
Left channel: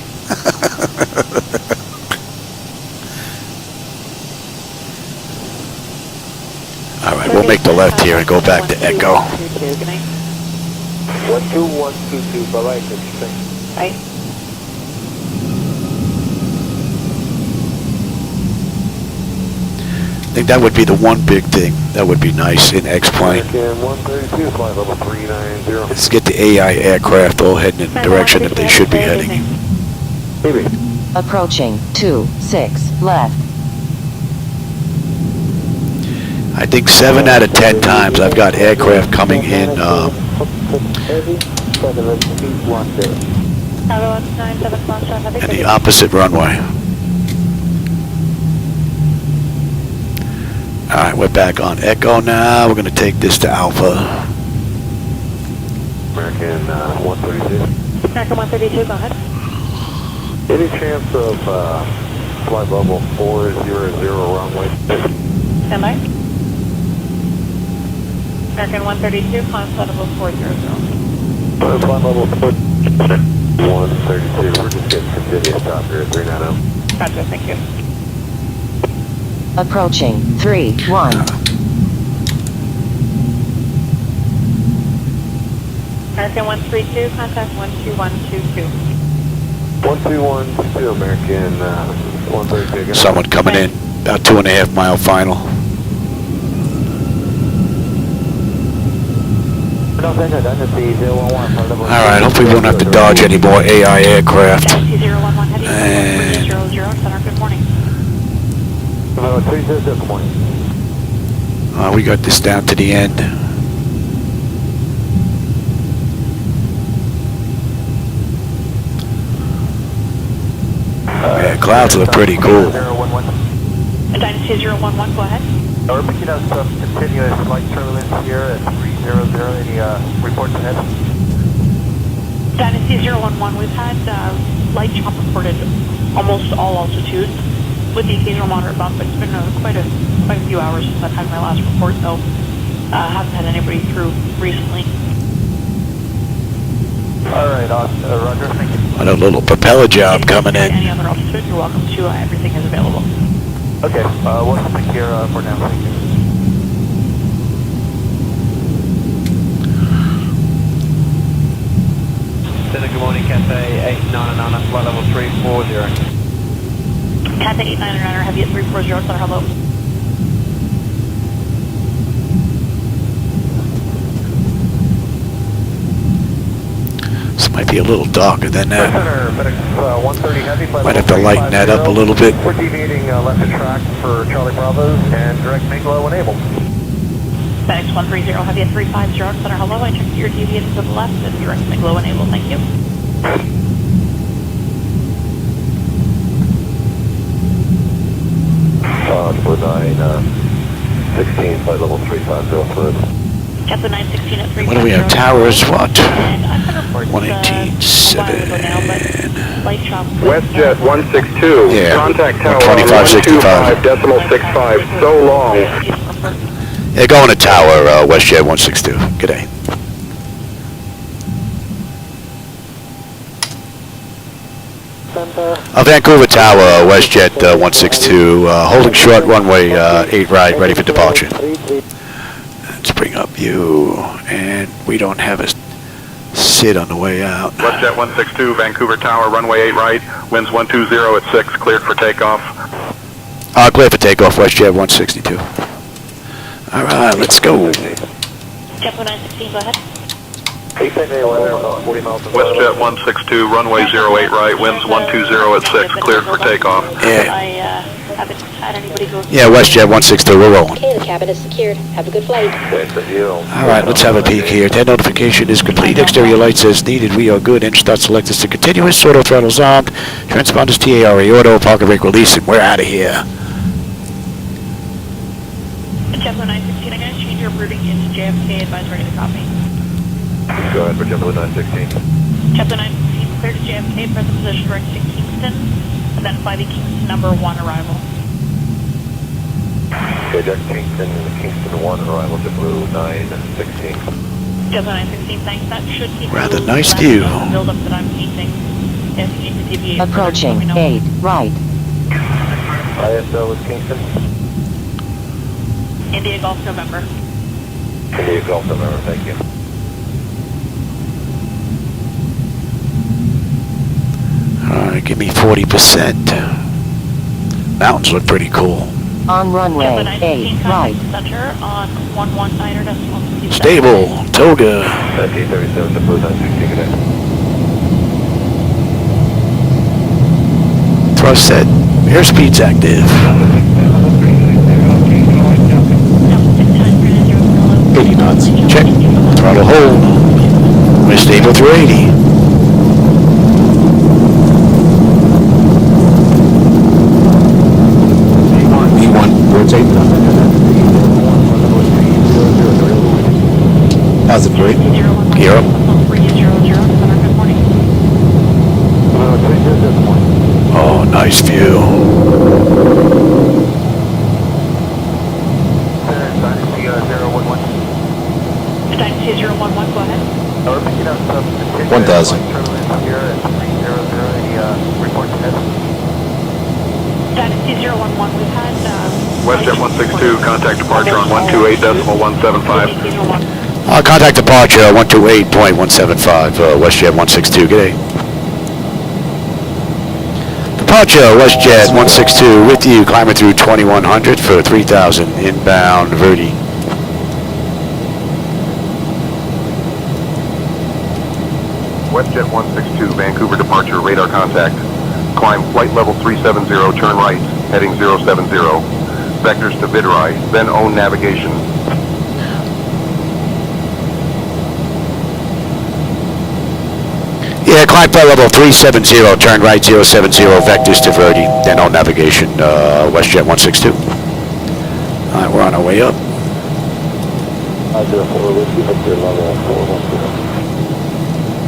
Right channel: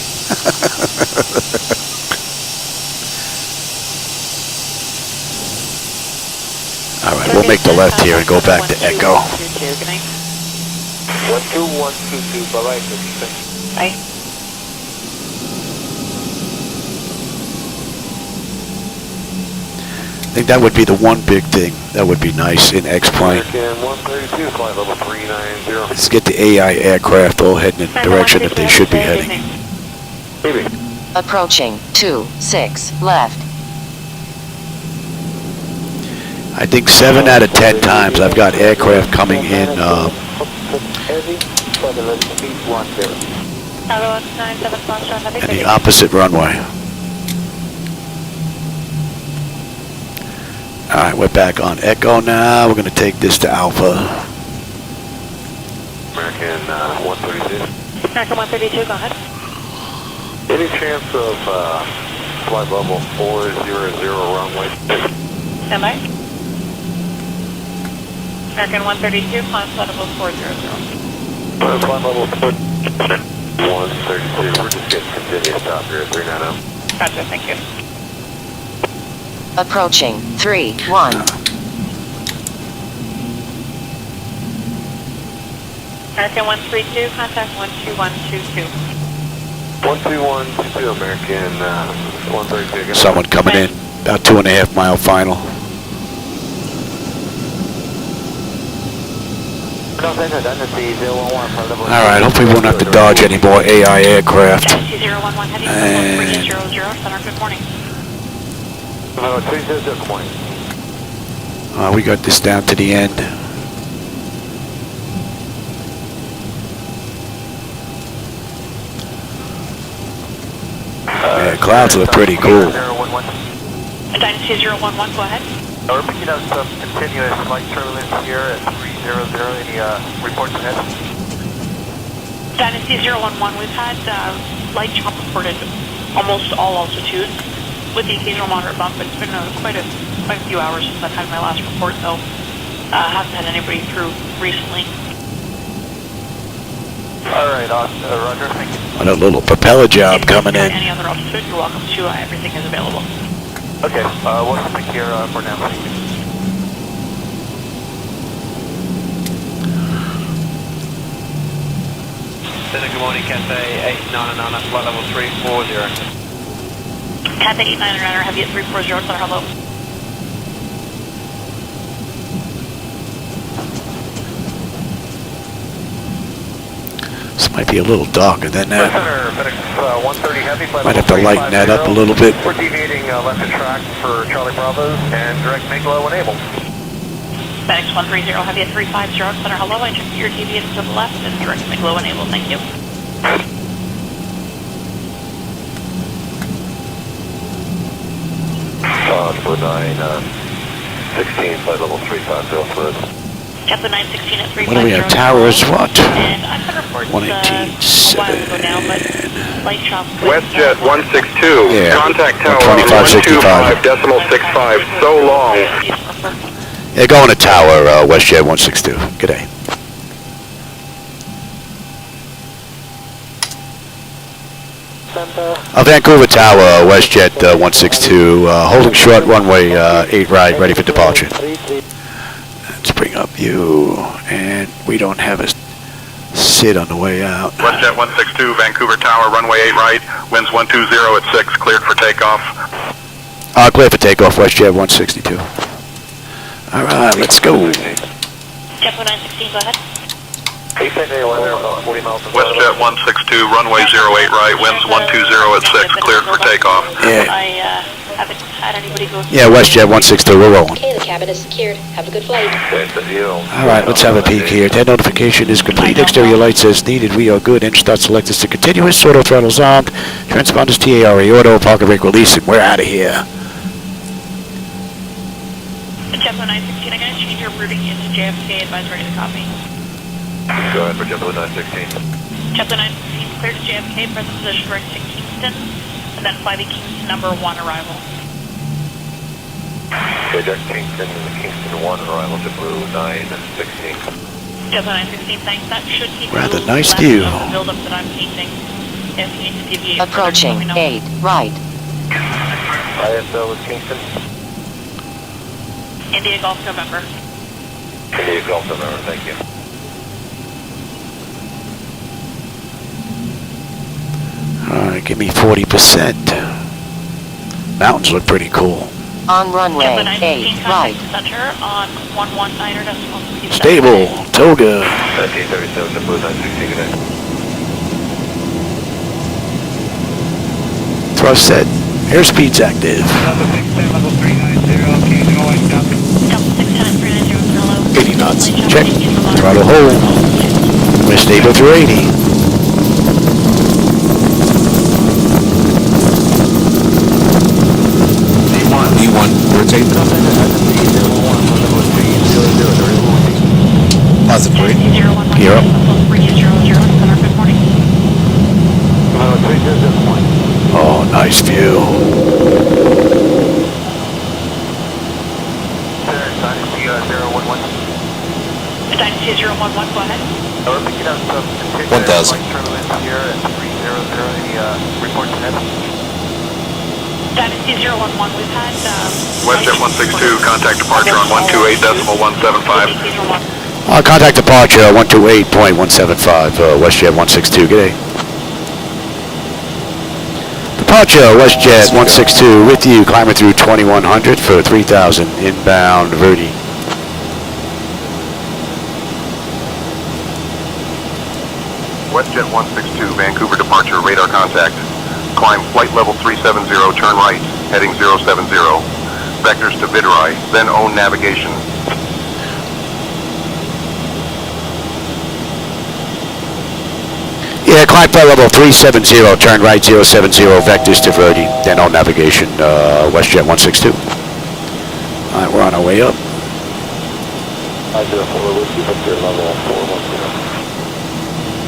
All right, we'll make the left here and go back to Echo. 12122, bye-bye. Bye. I think that would be the one big thing that would be nice in X-Plane. 132, flight level 390. Let's get the AI aircraft all heading in the direction that they should be heading. Approaching 26 left. I think 7 out of 10 times I've got aircraft coming in in the opposite runway. All right, we're back on Echo now. We're going to take this to Alpha. American 132. American 132, go ahead. Any chance of flight level 400 runway? Stand by. American 132, climb flight level 400. Flight level 132, we're just getting continuous stop here at 390. Gotcha, thank you. Approaching 31. American 132, contact 12122. 12122, American Someone coming in, about 2.5 mile final. Alright, hopefully we won't have to dodge any more AI aircraft. And we got this down to the end. Yeah, clouds look pretty cool. Dynasty 011, go ahead. We're picking up some continuous flight turbulence here at 300. Any reports ahead? Dynasty 011, we've had light chop reported almost all altitudes with the occasional moderate bump. It's been quite a few hours since I've had my last report, so haven't had anybody through recently. Alright, Roger. What a little propeller job coming in. Any other altitude, you're welcome to. Everything is available. Okay, we'll come here for now. Good morning, Cathay 899 on flight level 340. Cathay 899, heavy at 340, sir, hello. This might be a little darker than that. Might have to lighten that up a little bit. We're deviating left of track for Charlie Bravo and direct make low enabled. FedEx 130, heavy at 350, center, hello. I check you're deviating to the left and direct make low enabled, thank you. For 916, flight level 350 for us. Captain 916 at 350. What do we have? Towers, what? 118.7. Westjet 162. Yeah, Contact tower 125.65. 125.65. So long. Yeah, going to tower, Westjet 162. G'day. Vancouver Tower, Westjet 162, holding short runway 8 right, ready for departure. Let's bring up view, and we don't have a sit on the way out. Westjet 162, Vancouver Tower, runway 8 right, winds 120 at 6, cleared for takeoff. Clear for takeoff, Westjet 162. All right, let's go. Jet 916, go ahead. Westjet 162, runway 08 right, winds 120 at 6, cleared for takeoff. Yeah. I haven't had anybody go. Yeah, Westjet 162, we're rolling. Okay, the cabin is secured. Have a good flight. All right, let's have a peek here. That notification is complete. Exterior lights as needed. We are good. Engine start select is to continuous. Auto throttles armed. Transponders TARE auto. Parker brake release, and we're out of here. Jet 916, I'm going to change your routing into JFK advisory to copy. Go ahead for Jet 916. Jet 916, clear to JFK, press position direct to Kingston, and then fly to Kingston number 1 arrival. Okay, Jack Kingston 1, arrival to Blue 916. Jet 916, thanks. That should keep Rather nice view. build up that I'm seeing. If you need to deviate, Approaching let me know. 8 right. ISO is Kingston. India Golf November. India Golf November, thank you. All right, give me 40%. Mountains look pretty cool. On runway 8 right. Center on 119.0. Stable, toga. 1937 to Blue 916. Thrust set. Airspeed's active. 80 knots. Check. Throttle hold. We're stable through 80. E1, rotate. Positive rate. Gear up. Oh, nice view. Dynasty 011, go ahead. 1,000. Dynasty 011, we've had Westjet 162, contact departure on 128.175. Contact departure 128.175, Westjet 162. G'day. The Departure, Westjet 162 with you, climbing through 2100 for 3000 inbound Verdi. Westjet 162, Vancouver departure, radar contact. Climb flight level 370, turn right, heading 070. Vectors to VIDRI, then own navigation. Yeah, climb flight level 370, turn right 070, vectors to Verdi, then on navigation, Westjet 162. Alright, we're on our way up.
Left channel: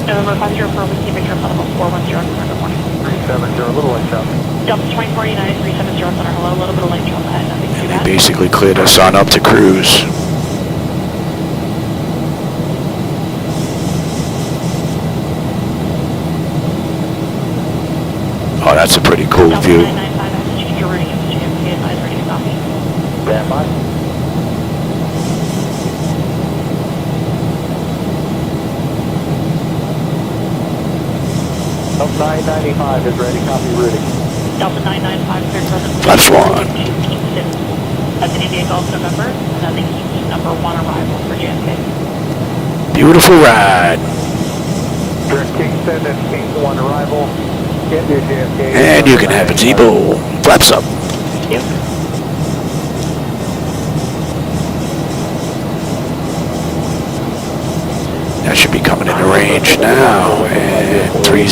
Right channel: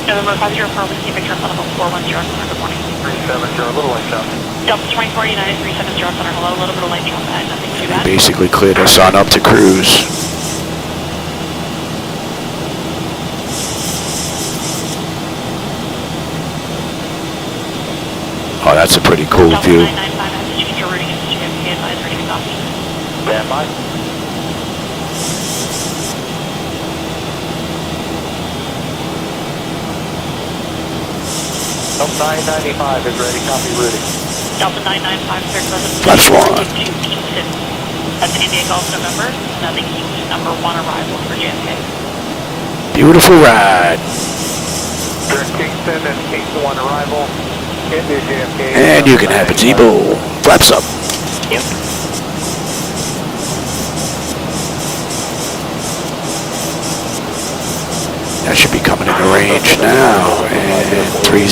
November 50 for Whiskey Victor, level 410, November 2023. Delta 2049, 370, hello, a little bit of lightning on the side. And they basically cleared us on up to cruise. Oh, that's a pretty cool view. Up 995 is ready, copy routing. Delta 995 is ready. Flaps 1. That's India Golf November, nothing number 1 arrival for JFK. Beautiful ride. 13-7, 1 arrival. And you can have a Zibo. Flaps up. That should be coming into range now. And 30.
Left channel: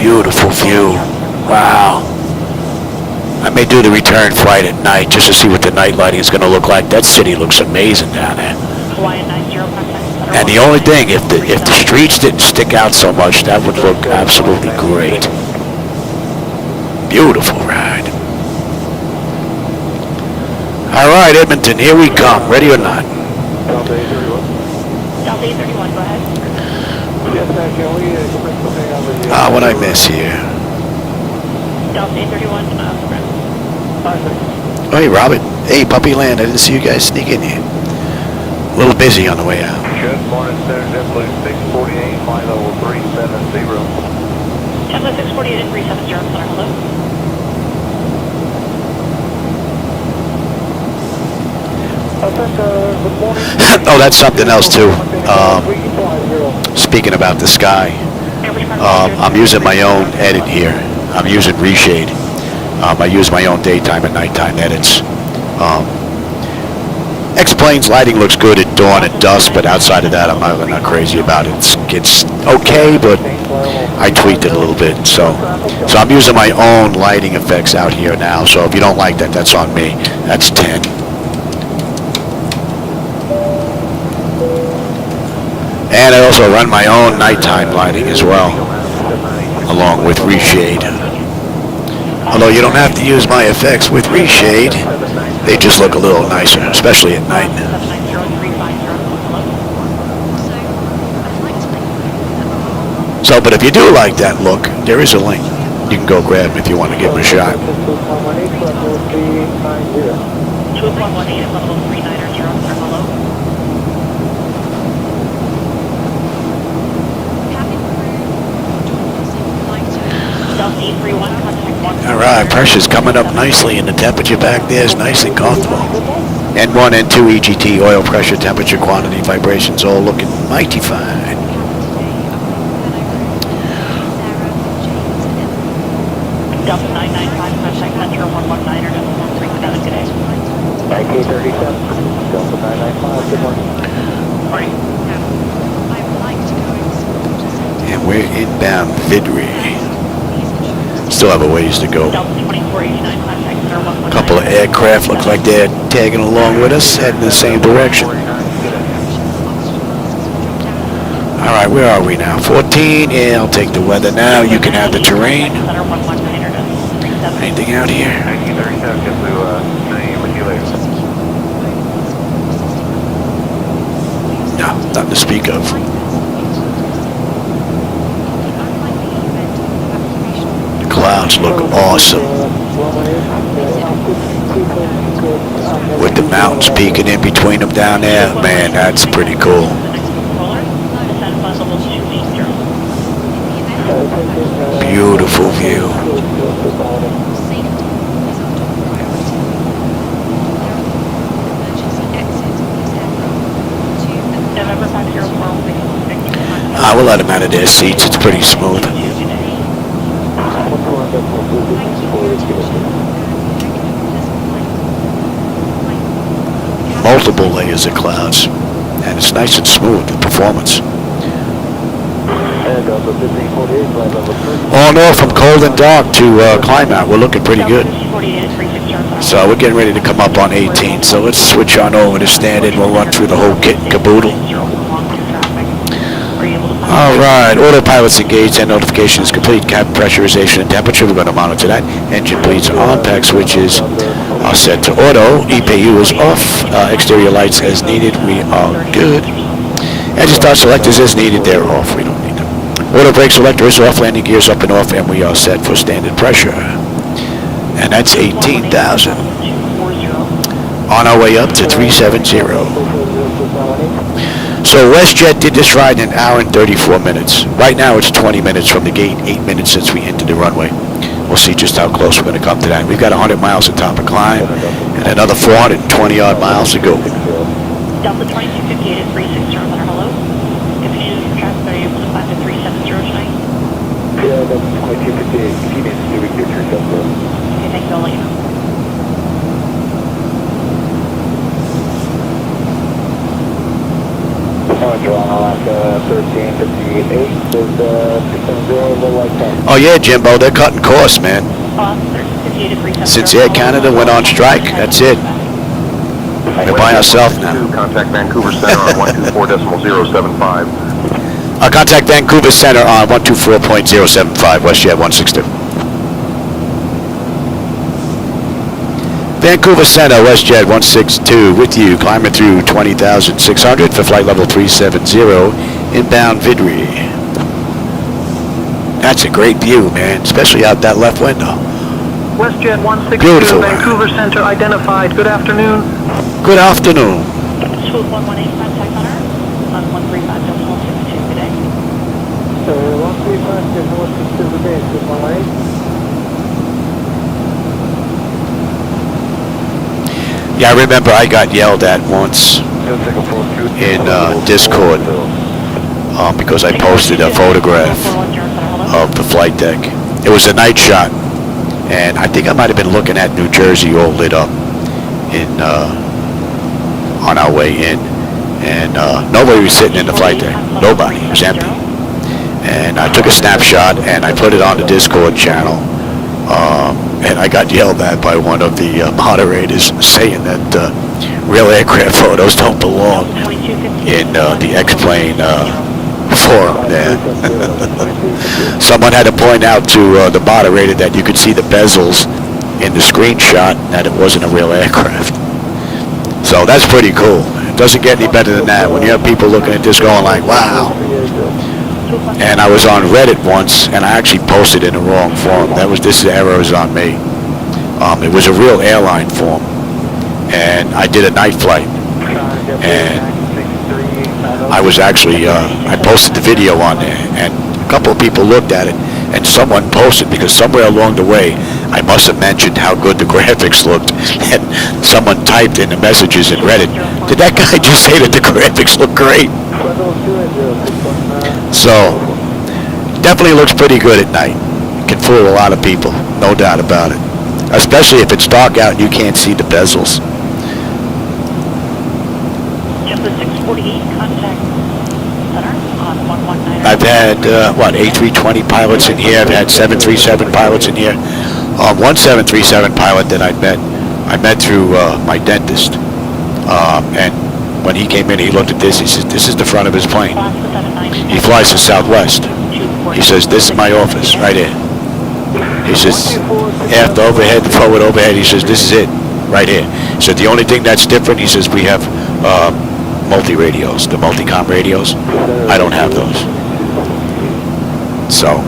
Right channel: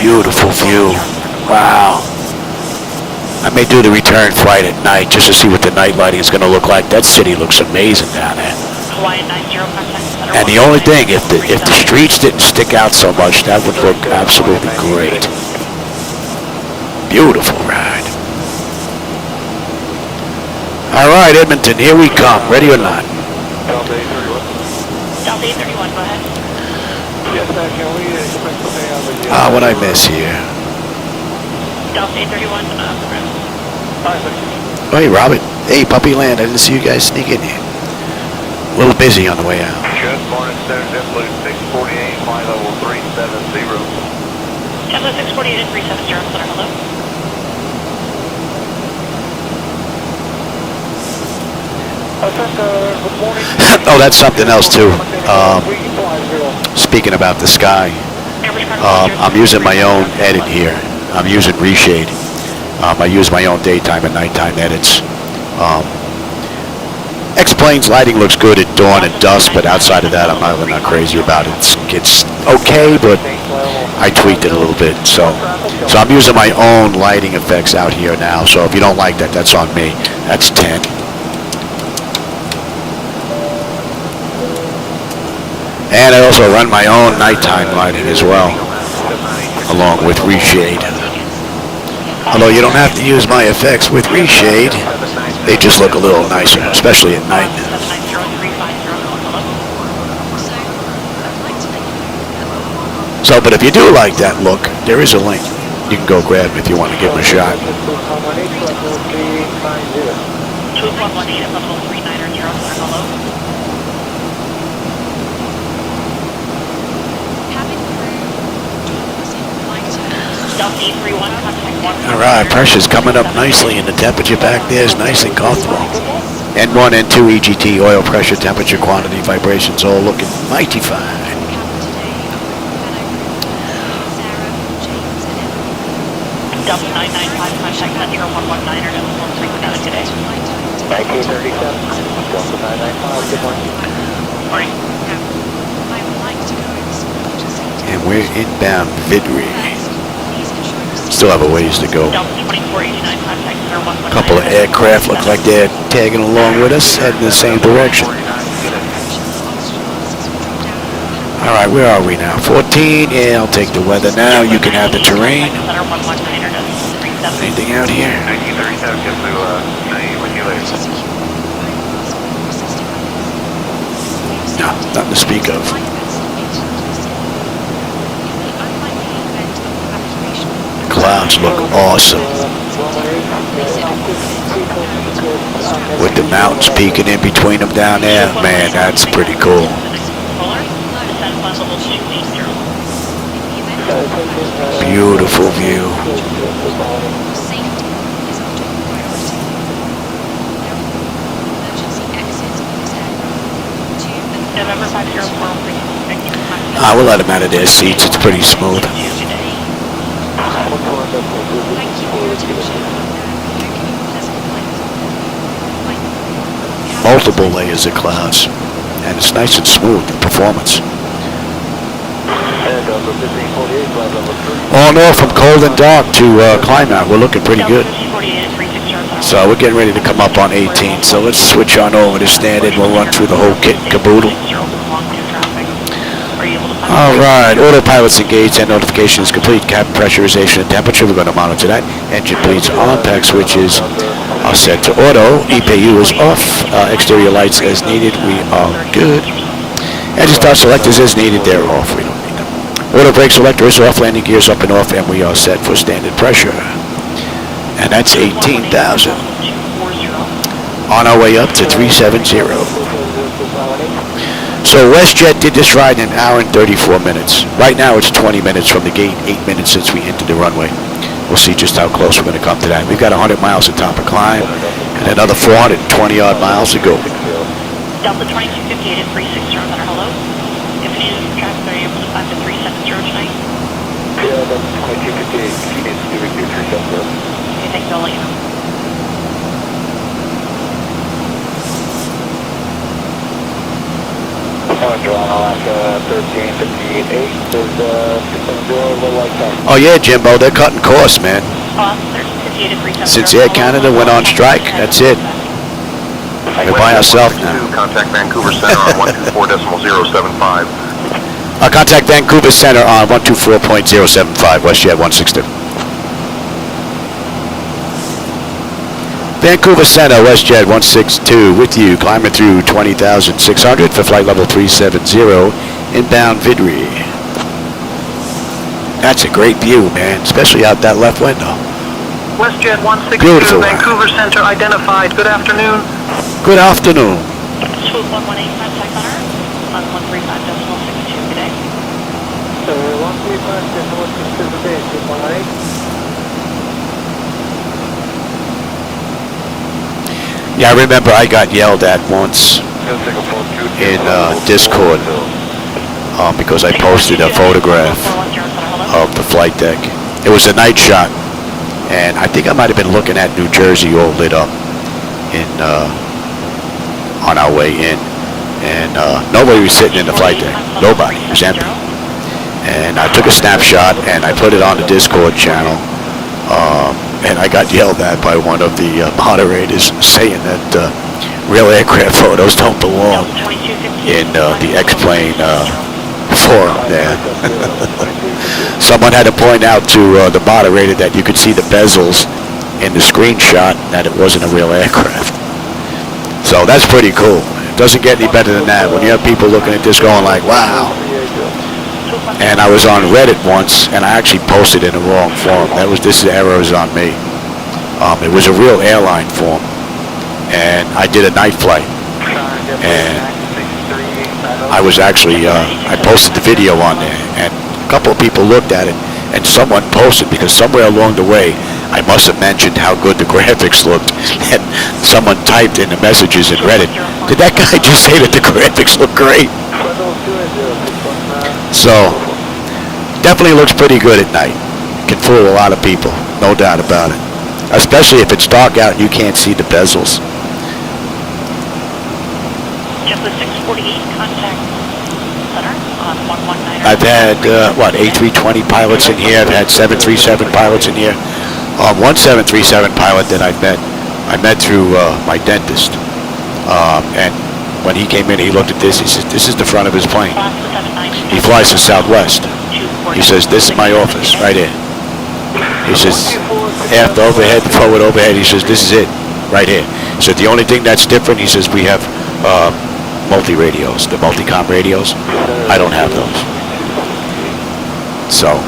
Beautiful view. Wow. I may do the return flight at night just to see what the night lighting is going to look like. That city looks amazing down there. And the only thing, if the streets didn't stick out so much, that would look absolutely great. Beautiful ride. All right, Edmonton, here we come. Ready or not? Ah, what I miss here? Oh, hey, Robert. Hey, Puppy Land. I didn't see you guys sneak in here. A little busy on the way out. Oh, that's something else too. Speaking about the sky, I'm using my own edit here. I'm using Reshade. I use my own daytime and nighttime edits. X-Plane's lighting looks good at dawn and dusk, but outside of that, I'm not crazy about it. It's okay, but I tweaked it a little bit. So I'm using my own lighting effects out here now. So if you don't like that, that's on me. That's 10. And I also run my own nighttime lighting as well, along with Reshade. Although you don't have to use my effects with Reshade, they just look a little nicer, especially at night. So, but if you do like that look, there is a link. You can go grab it if you want to give them a shot. Alright, pressure's coming up nicely and the temperature back there is nice and comfortable. N1, N2, EGT, oil pressure, temperature, quantity, vibrations, all looking mighty fine. And we're inbound Vidri. Still have a ways to go. A couple of aircraft look like they're tagging along with us, heading in the same direction. Alright, where are we now? 14? Yeah, I'll take the weather now. You can have the terrain. Anything out here? No, nothing to speak of. Clouds look awesome. With the mountains peeking in between them down there, man, that's pretty cool. beautiful view. We'll let them out of their seats. It's pretty smooth. Multiple layers of clouds, and it's nice and smooth, the performance. All in all, from cold and dark to climb out, we're looking pretty good. So we're getting ready to come up on 18, so let's switch on over to standard. We'll run through the whole kit and caboodle. All right, autopilot's engaged and notification is complete. Cabin pressurization and temperature, we're going to monitor that. Engine bleeds on, pack switches are set to auto. EPU is off. Exterior lights as needed, we are good. Engine start selectors as needed, they're off, we don't need them. Auto brake selector is off, landing gears up and off, and we are set for standard pressure. And that's 18,000. On our way up to 370. So Westjet did this ride in an hour and 34 minutes. Right now it's 20 minutes from the gate, 8 minutes since we entered the runway. We'll see just how close we're going to come to that. We've got 100 miles of top of climb and another 420 odd miles to go. Delta 2258 and 360 on our hello. Information from track 3 able to find at 370 tonight. Thanks, I'll let you know. Oh yeah, Jimbo, they're cutting costs, man. Since Air Canada went on strike, that's it. We're by ourselves now. Contact Vancouver Center on 124.075. Contact Vancouver Center on 124.075, Westjet 162. Vancouver Center, Westjet 162, with you, climbing through 20,600 for flight level 370, inbound VIDRI. That's a great view, man, especially out that left window. Westjet 162, Beautiful Vancouver ride. Center identified. Good afternoon. Good afternoon. Swoop 118 contact center on 135.162 today. 135 to the base, goodbye. Yeah, I remember I got yelled at once in Discord because I posted a photograph of the flight deck. It was a night shot, and I think I might have been looking at New Jersey all lit up in on our way in, and nobody was sitting in the flight deck. Nobody. It was empty. And I took a snapshot and I put it on the Discord channel. And I got yelled at by one of the moderators saying that real aircraft photos don't belong in the X-Plane forum there. Someone had to point out to the moderator that you could see the bezels in the screenshot and that it wasn't a real aircraft. So that's pretty cool. It doesn't get any better than that when you have people looking at this going like, wow. And I was on Reddit once, and I actually posted in the wrong forum. This error is on me. It was a real airline forum, and I did a night flight, and I was actually I posted the video on there, and a couple of people looked at it, and someone posted because somewhere along the way I must have mentioned how good the graphics looked, and someone typed in the messages in Reddit, did that guy just say that the graphics look great? So definitely looks pretty good at night. It can fool a lot of people, no doubt about it. Especially if it's dark out and you can't see the bezels. I've had, A320 pilots in here. I've had 737 pilots in here. One 737 pilot that I met through my dentist. And when he came in, he looked at this. He says, this is the front of his plane. He flies to Southwest. He says, this is my office right here. He says, aft overhead, the forward overhead, he says, this is it, right here. He said, the only thing that's different, he says, we have multi-radios, the multi-com radios. I don't have those. So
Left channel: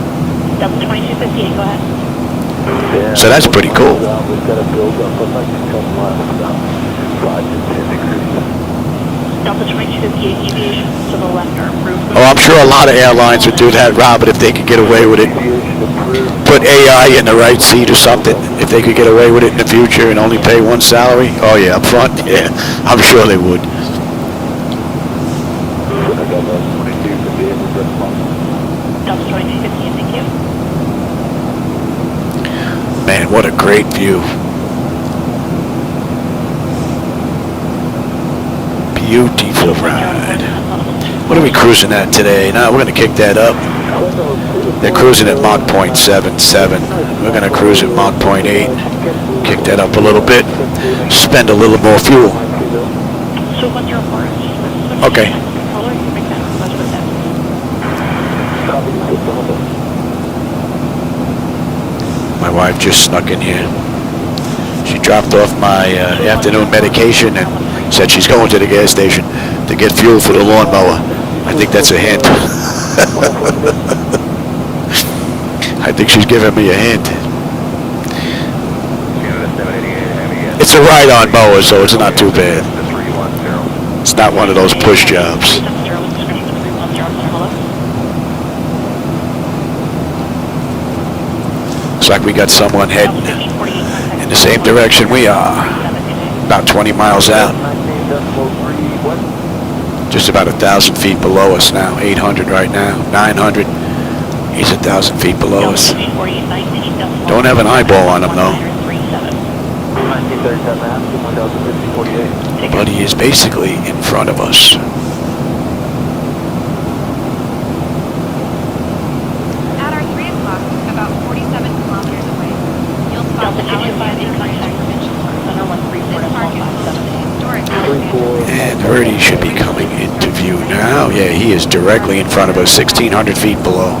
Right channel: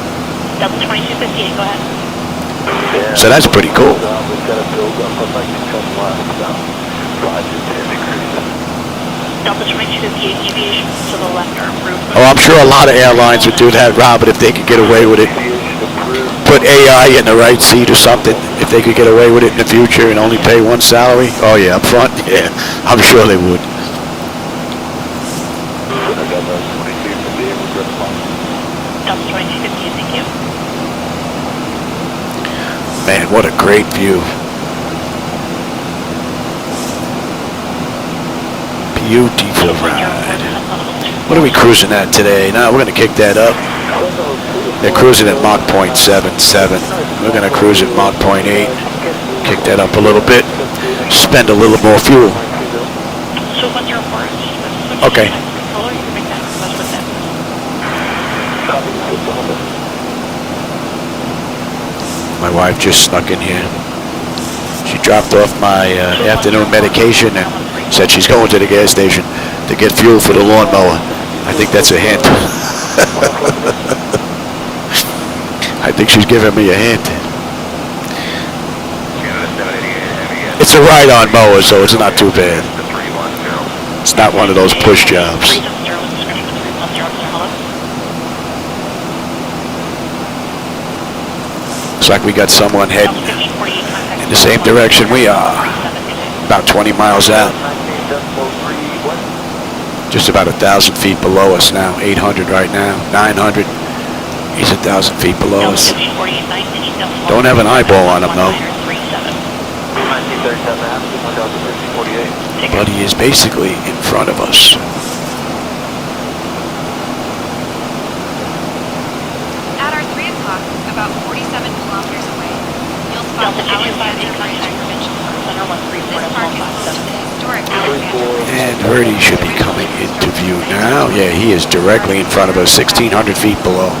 that's pretty cool. Oh, I'm sure a lot of airlines would do that, Robert, if they could get away with it. put AI in the right seat or something, if they could get away with it in the future and only pay one salary? Oh yeah, up front? Yeah, I'm sure they would. Man, what a great view. Beautiful ride. What are we cruising at today? Now we're going to kick that up. They're cruising at Mach 0.77. We're going to cruise at Mach 0.8. Kick that up a little bit. Spend a little more fuel. Okay. My wife just snuck in here. She dropped off my afternoon medication and said she's going to the gas station to get fuel for the lawnmower. I think that's a hint. I think she's giving me a hint. It's a ride-on mower, so it's not too bad. It's not one of those push jobs. Looks like we got someone heading in the same direction we are. About 20 miles out. Just about 1,000 feet below us now. 800 right now. 900. He's 1,000 feet below us. Don't have an eyeball on him though. But he is basically in front of us. And Verdi should be coming into view now. Yeah, he is directly in front of us, 1,600 feet below.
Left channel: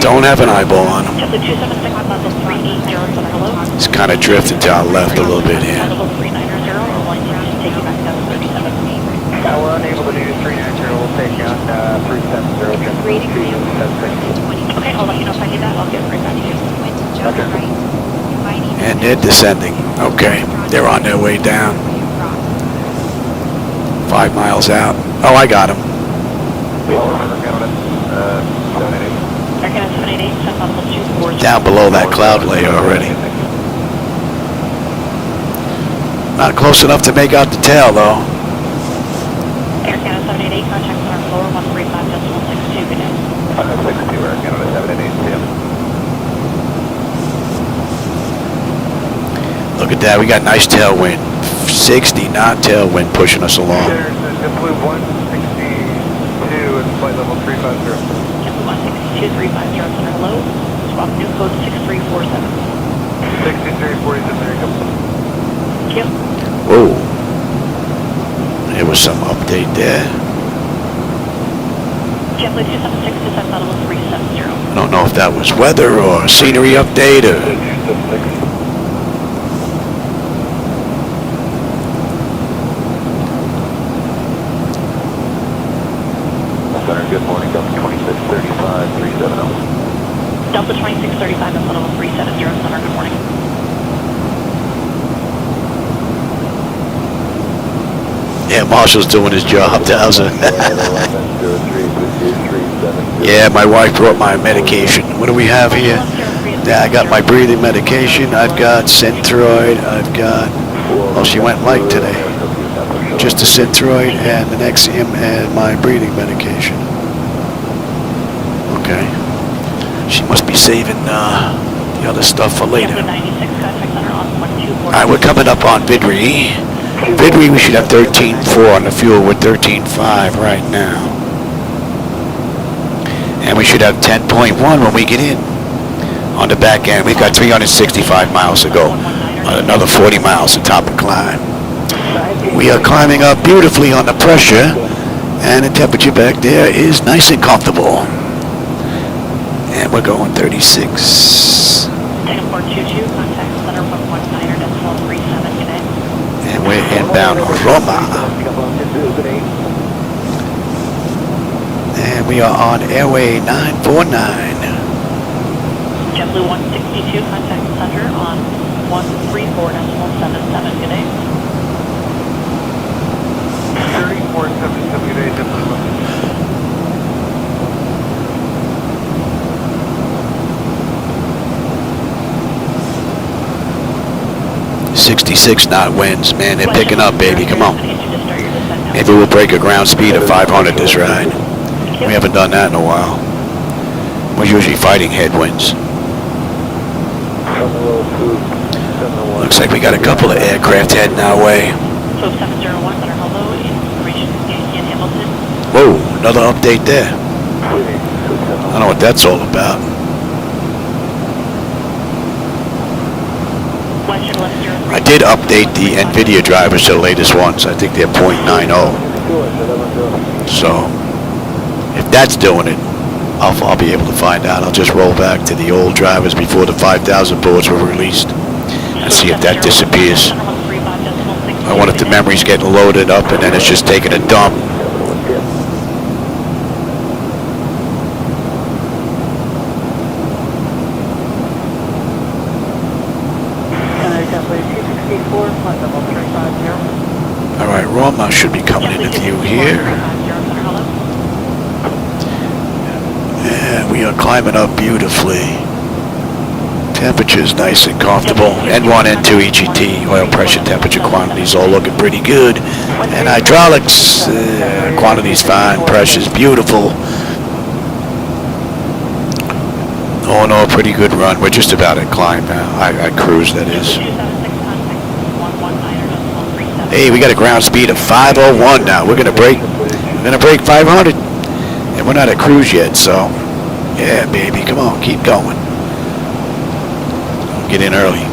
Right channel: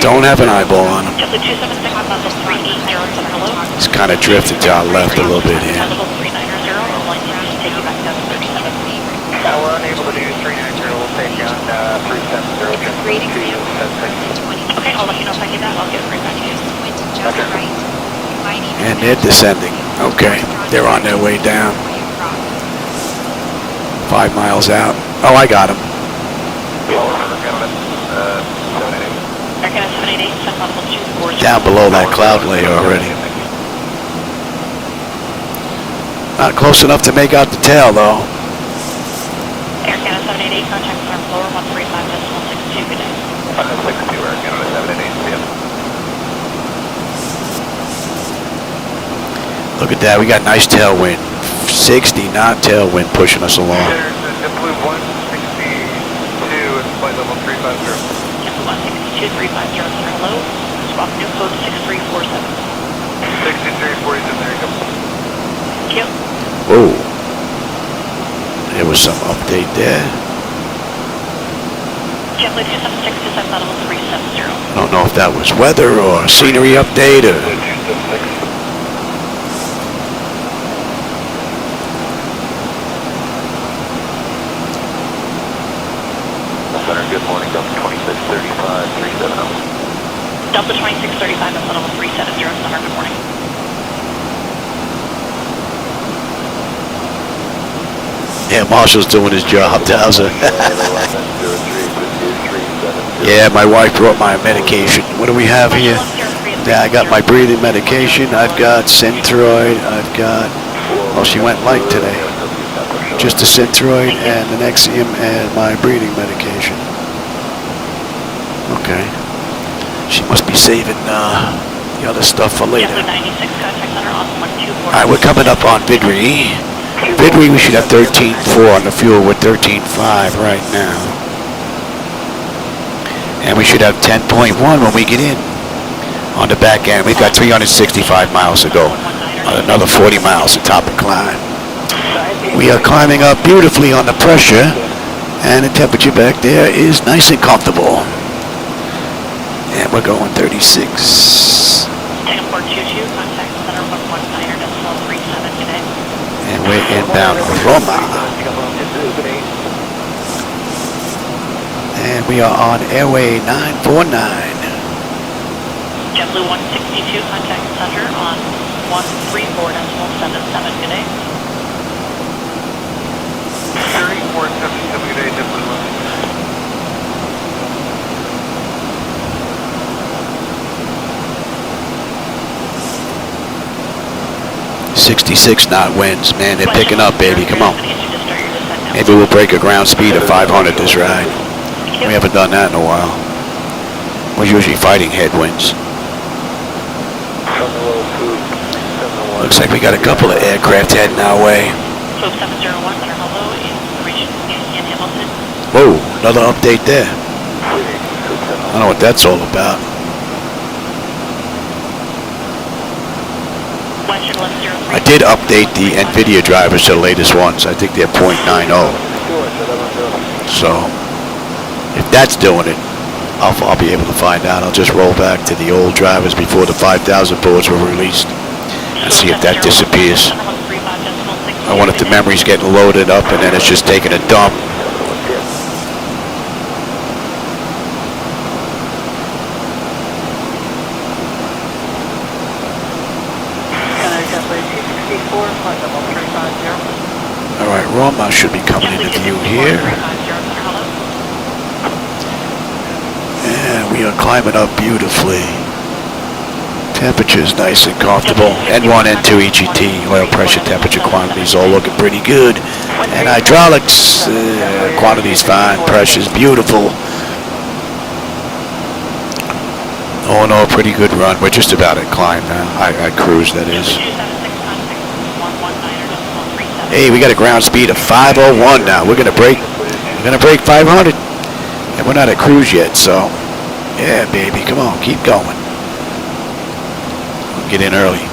Don't have an eyeball on him. He's kind of drifting to our left a little bit here. And they're descending. Okay, they're on their way down. 5 miles out. Oh, I got him. Down below that cloud layer already. Not close enough to make out the tail, though. Look at that, we got nice tailwind. 60 knot tailwind pushing us along. Whoa. There was some update there. I don't know if that was weather or scenery update or... Good morning, Delta 2635, 370. Delta 2635, that's level 370, Center, good morning. Yeah, Marshall's doing his job, Towser. Yeah, my wife brought my medication. What do we have here? Yeah, I got my breathing medication. I've got Synthroid. I've got... Oh, she went light today. Just a Synthroid and an Nexium and my breathing medication. Okay. She must be saving the other stuff for later. Alright, we're coming up on VIDRI. VIDRI, we should have 13.4 on the fuel. We're 13.5 right now. And we should have 10.1 when we get in. On the back end, we've got 365 miles to go. Another 40 miles to top of climb. We are climbing up beautifully on the pressure. And the temperature back there is nice and comfortable. And we're going 36. And we're inbound Roma. And we are on airway 949. JetBlue 162, contact center on 134.77, good day. 34.77, good day. 66 knot winds. Man, they're picking up, baby. Come on. Maybe we'll break a ground speed of 500 this ride. We haven't done that in a while. We're usually fighting headwinds. Looks like we got a couple of aircraft heading our way. Whoa, another update there. I don't know what that's all about. I did update the NVIDIA drivers to the latest ones. I think they're 0.90. So, if that's doing it, I'll be able to find out. I'll just roll back to the old drivers before the 5,000 boards were released and see if that disappears. I wonder if the memory's getting loaded up and then it's just taking a dump. Alright, Roma should be coming into view here. And we are climbing up beautifully. Temperature's nice and comfortable. N1, N2, EGT, oil pressure, temperature, quantities all looking pretty good. And hydraulics, quantities fine, pressure's beautiful. All in all, pretty good run. We're just about at climb now. I cruise, that is. Hey, we got a ground speed of 501 now. We're gonna break 500. And we're not at cruise yet, so yeah, baby, come on, keep going. I'll get in early.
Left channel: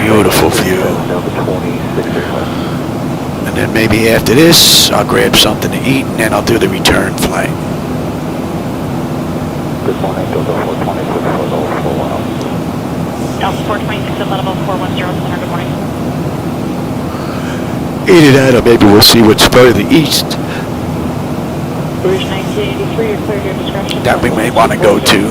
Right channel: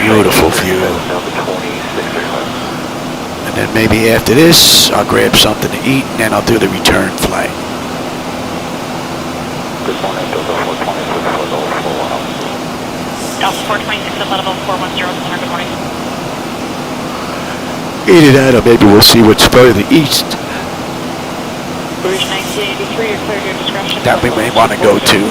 Beautiful view. And then maybe after this, I'll grab something to eat, and then I'll do the return flight. Either that, or maybe we'll see what's further east that we may want to go to.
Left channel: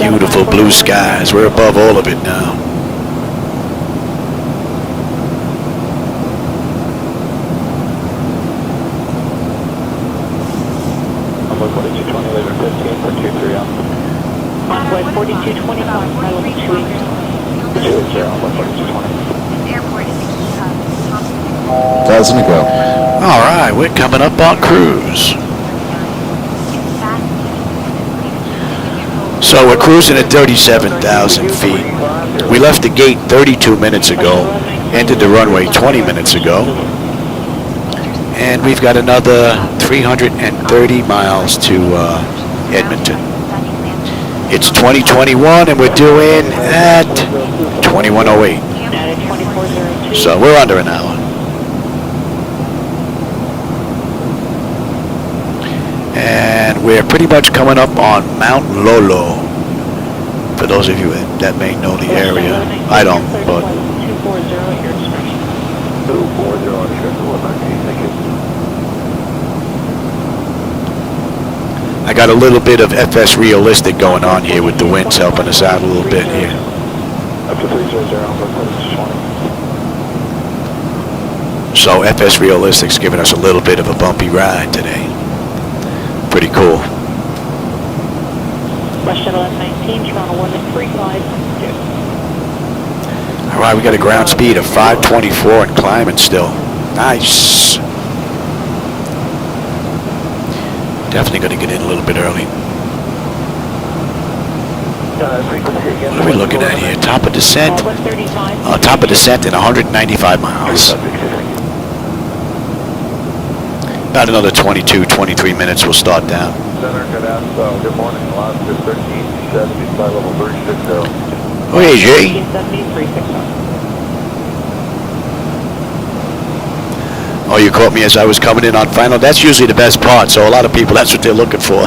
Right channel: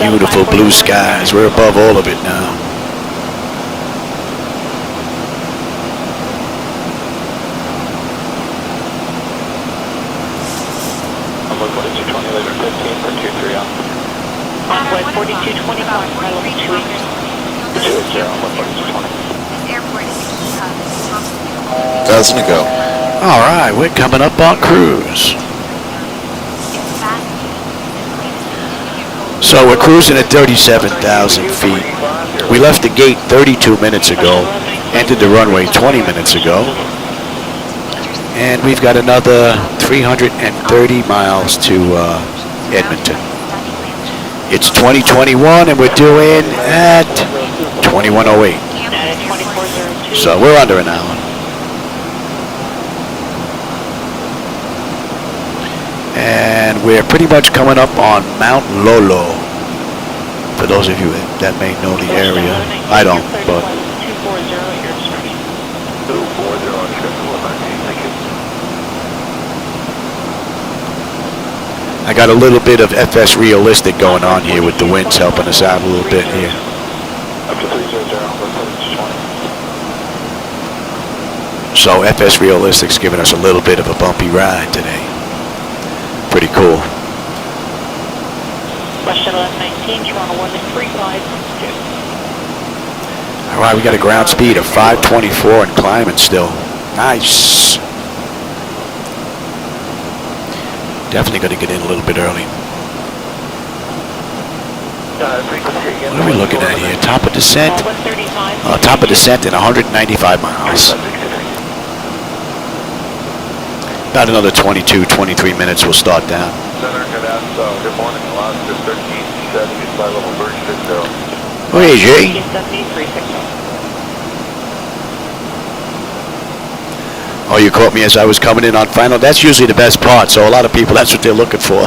Beautiful blue skies. We're above all of it now. Doesn't it go? All right, we're coming up on cruise. So we're cruising at 37,000 feet. We left the gate 32 minutes ago, entered the runway 20 minutes ago, and we've got another 330 miles to Edmonton. It's 2021 and we're doing at 2108. So we're under an hour. And we're pretty much coming up on Mount Lolo. For those of you that may know the area. I don't, but I got a little bit of FS realistic going on here with the winds helping us out a little bit here. So FS realistic's giving us a little bit of a bumpy ride today. Pretty cool. All right, we got a ground speed of 524 and climbing still. Nice. Definitely going to get in a little bit early. What are we looking at here? Top of descent? Top of descent in 195 miles. About another 22, 23 minutes we'll start down. Oh, hey, Jay. Oh, you caught me as I was coming in on final. That's usually the best part, so a lot of people, that's what they're looking for.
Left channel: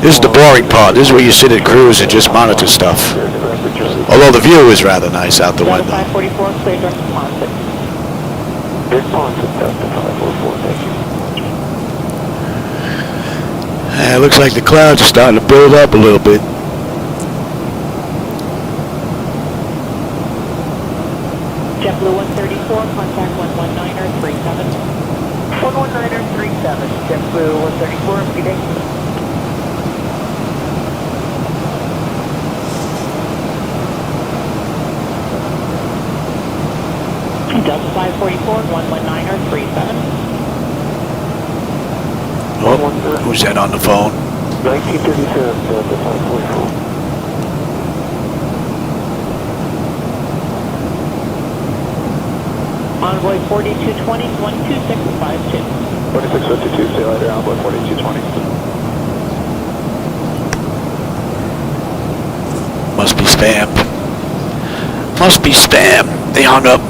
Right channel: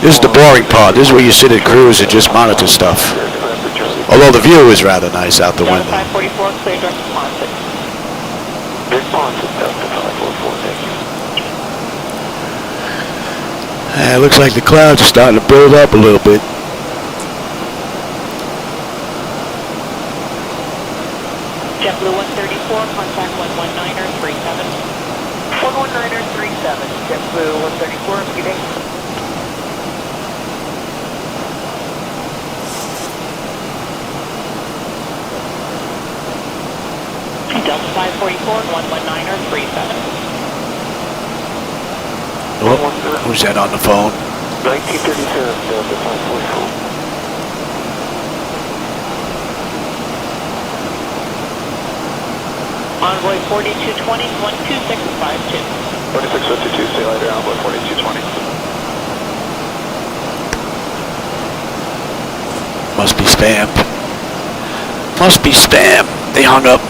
This is the boring part. This is where you sit at cruise and just monitor stuff. Although the view is rather nice out the window. It looks like the clouds are starting to build up a little bit. JetBlue 134, contact 119er 37. 119er 37, JetBlue 134, speeding. Delta 544, 119er 37. Oh, who's that on the phone? 1932, Delta 544. Envoy 4220, 12652. 4652, say later, Envoy 4220. Must be spam. Must be spam. They hung up.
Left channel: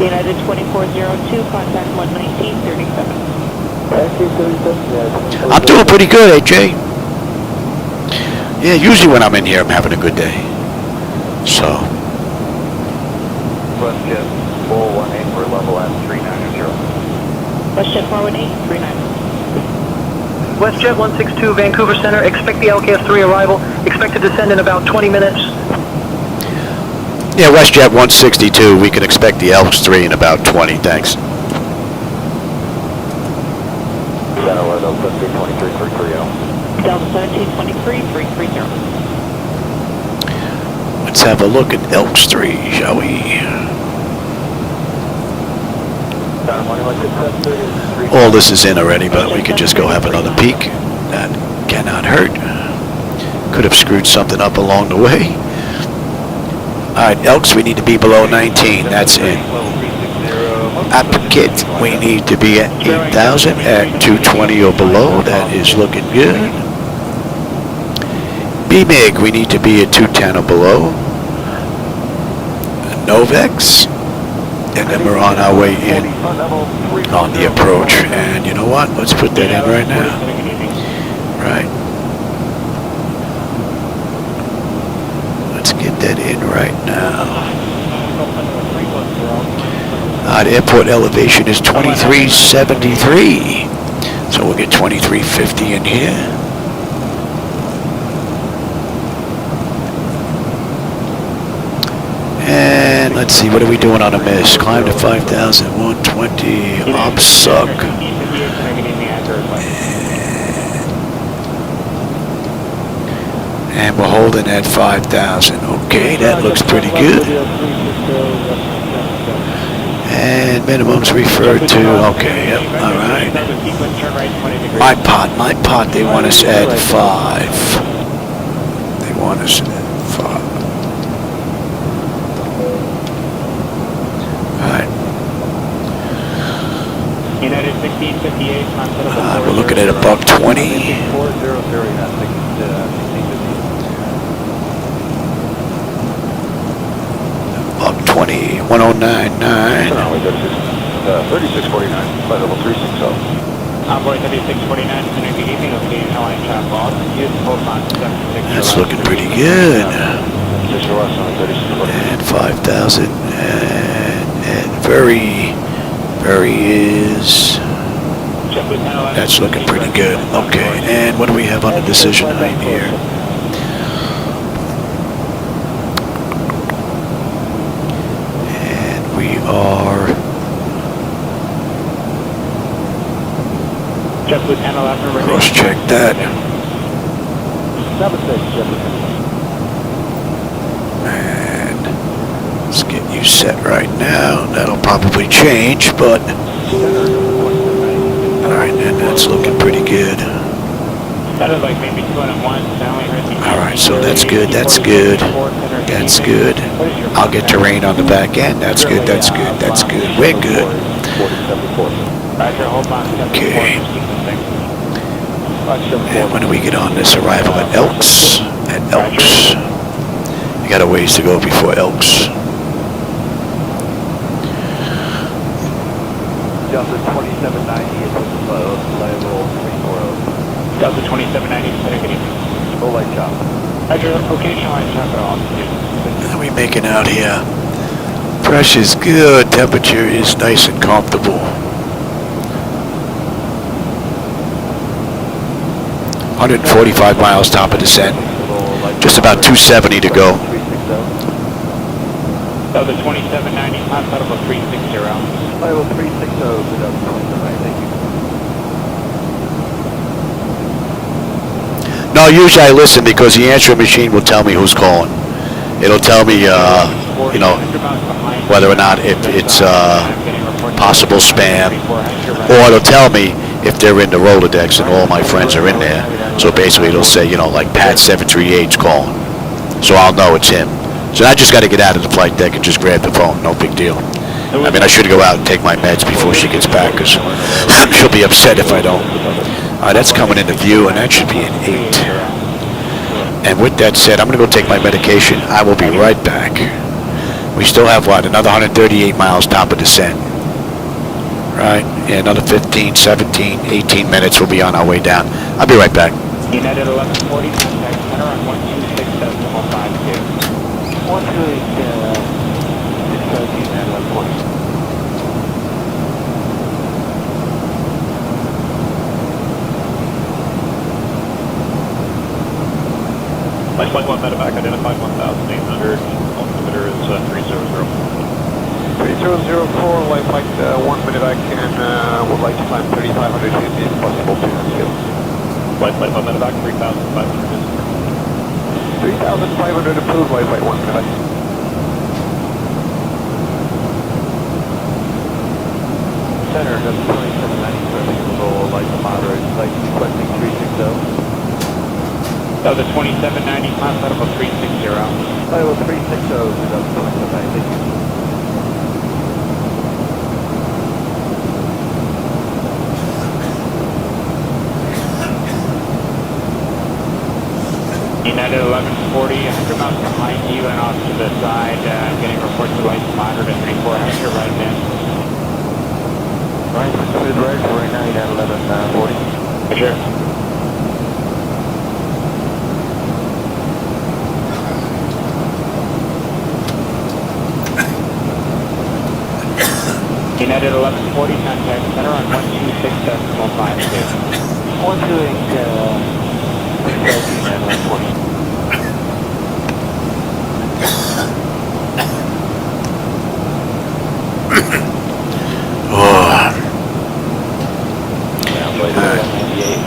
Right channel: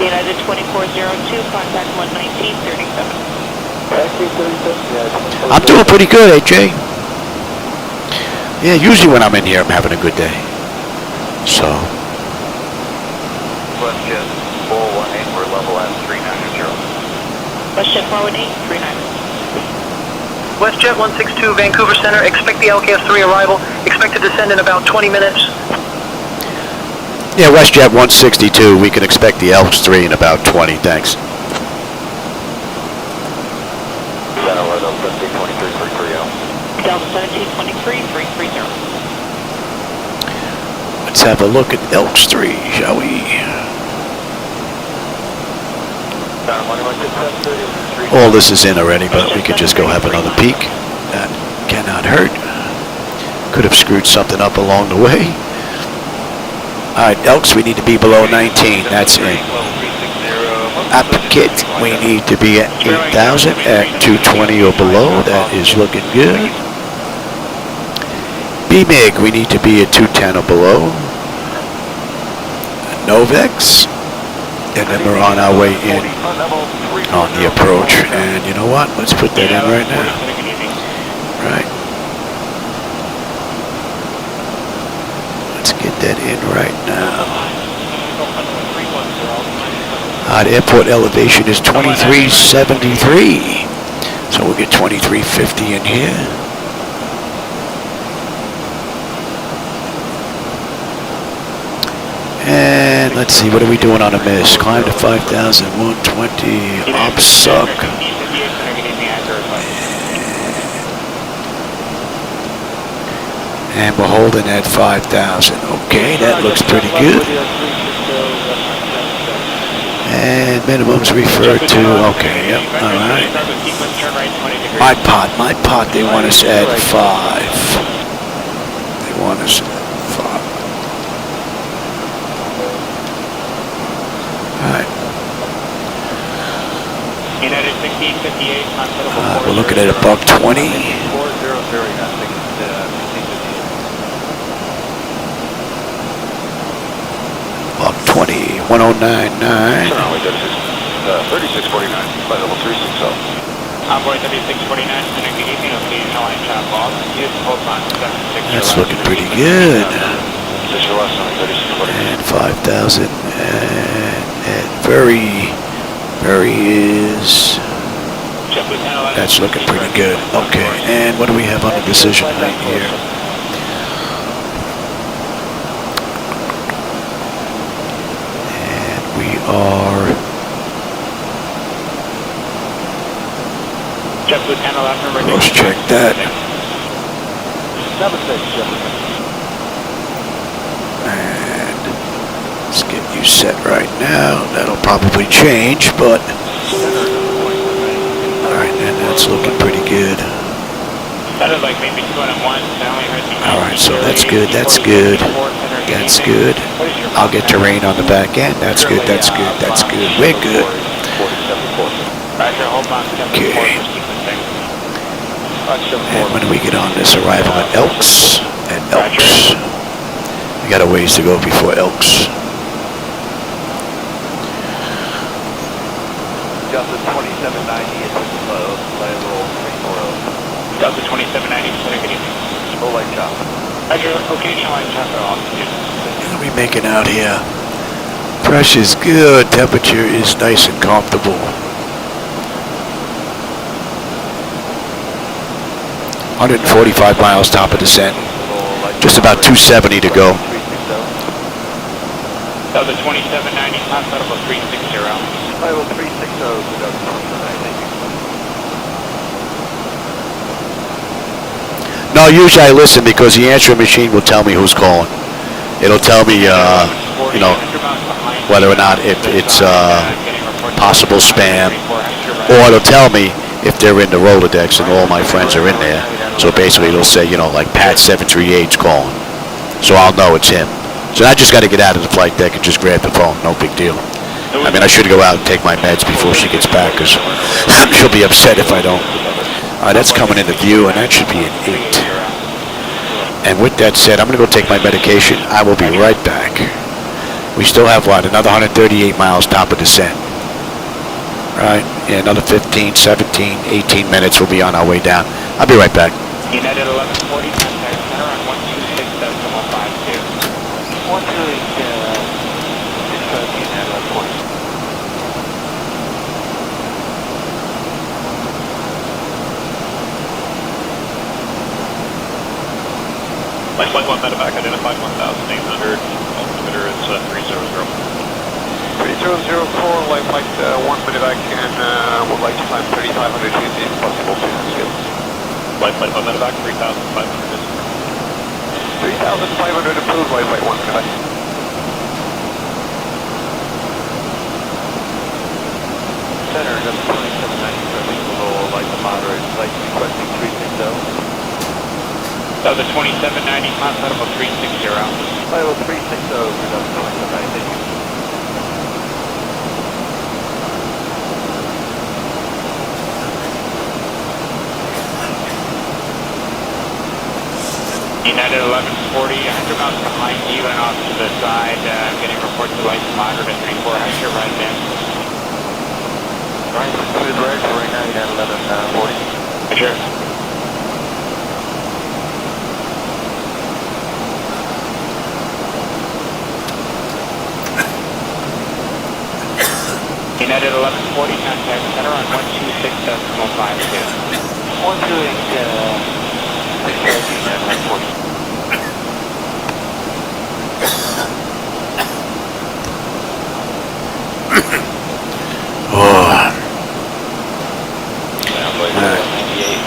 United 2402, contact 11937. I'm doing pretty good, AJ. Yeah, usually when I'm in here, I'm having a good day. So. Westjet 418 for level at 390. Westjet 418, 390. Westjet 162, Vancouver Center. Expect the LKF-3 arrival. Expect to descend in about 20 minutes. Yeah, WestJet 162, we can expect the Elks 3 in about 20, thanks. Delta 1723, 330. Delta 1723, 330. Let's have a look at Elks 3, shall we? All this is in already, but we could just go have another peek. That cannot hurt. Could have screwed something up along the way. Alright, Elks, we need to be below 19. That's in. Applicant, we need to be at 8,000 at 220 or below. That is looking good. BMIG, we need to be at 210 or below. Novex, and then we're on our way in on the approach. And you know what? Let's put that in right now. Right. Let's get that in right now. The airport elevation is 2373. So we'll get 2350 in here. And let's see, what are we doing on a miss? Climb to 5,120, obsuck. And we're holding at 5,000. Okay, that looks pretty good. And minimums referred to, okay, yep, all right. My pot, they want us at 5. They want us at 5. Alright. We're looking at a $120. $120, 1099. 3649, flight level 360. That's looking pretty good. And 5,000, and very is, that's looking pretty good. Okay, and what do we have on the decision height here? And we are cross-check that. And let's get you set right now. That'll probably change, but alright, and that's looking pretty good. Alright, so that's good, that's good, that's good. I'll get terrain on the back end. That's good, that's good, that's good. We're good. Okay. And when do we get on this arrival at Elks? At Elks. We got a ways to go before Elks. Delta 2790 is below, flight level 340. Delta 2790, Full light chop. location line chopper off. How are we making out here? Pressure's good, temperature is nice and comfortable. 145 miles top of descent. Just about 270 to go. That was a 2790, top out of a 360. Level 360, No, usually I listen because the answering machine will tell me who's calling. It'll tell me, you know, whether or not if it's possible spam, or it'll tell me if they're in the Rolodex and all my friends are in there. So basically it'll say, you know, like Pat 738's calling. So I'll know it's him. So I just got to get out of the flight deck and just grab the phone. No big deal. I mean, I should go out and take my meds before she gets back because she'll be upset if I don't. All right, that's coming into view, and that should be an 8. And with that said, I'm going to go take my medication. I will be right back. We still have, what, another 138 miles top of descent. Right, yeah, another 15, 17, 18 minutes. We'll be on our way down. I'll be right back. United 1140, Flight 1 medevac identified 1,800. Altimeter is 300. 3004, light 1 medevac and would like to climb 3,500 feet if possible, please. Flight 1 medevac 3,500. 3,500 approved, light 1 medevac. Center, just 2790, light moderate, light requesting 360. that was a 2790, top out of a 360. Level 360, reduction of 90. United 1140, and about behind you and off to the side, getting report to light moderate at 3400 right now. Right, good right, so right now you got 1140. Sure. United 1140, contact center on 126.5.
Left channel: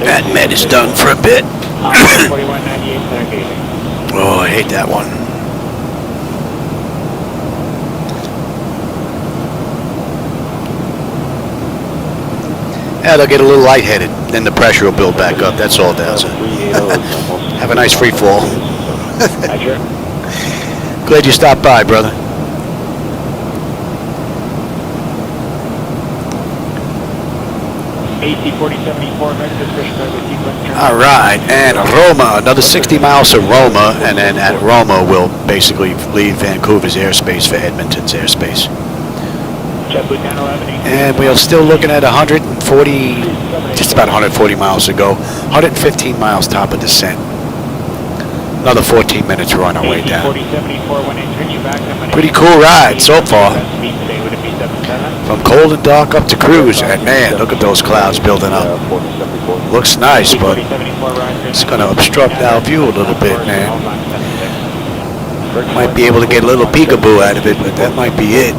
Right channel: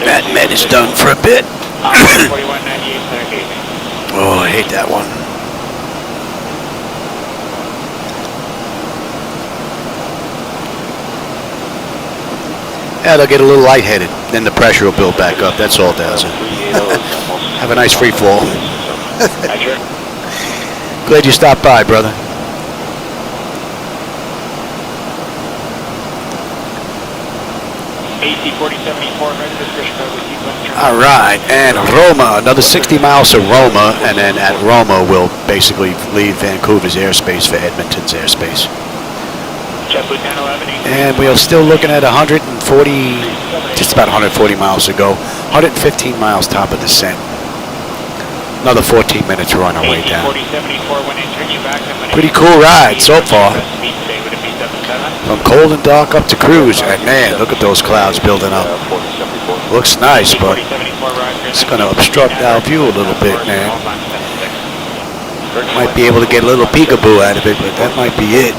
That med is done for a bit. Oh, I hate that one. Yeah, they'll get a little lightheaded. Then the pressure will build back up. That's all it does. Have a nice free fall. Glad you stopped by, brother. All right, and Roma, another 60 miles to Roma, and then at Roma we'll basically leave Vancouver's airspace for Edmonton's airspace. And we're still looking at 140, just about 140 miles to go. 115 miles top of descent. Another 14 minutes, we're on our way down. Pretty cool ride so far. From cold and dark up to cruise, and man, look at those clouds building up. Looks nice, but it's going to obstruct our view a little bit, man. Might be able to get a little peekaboo out of it, but that might be it.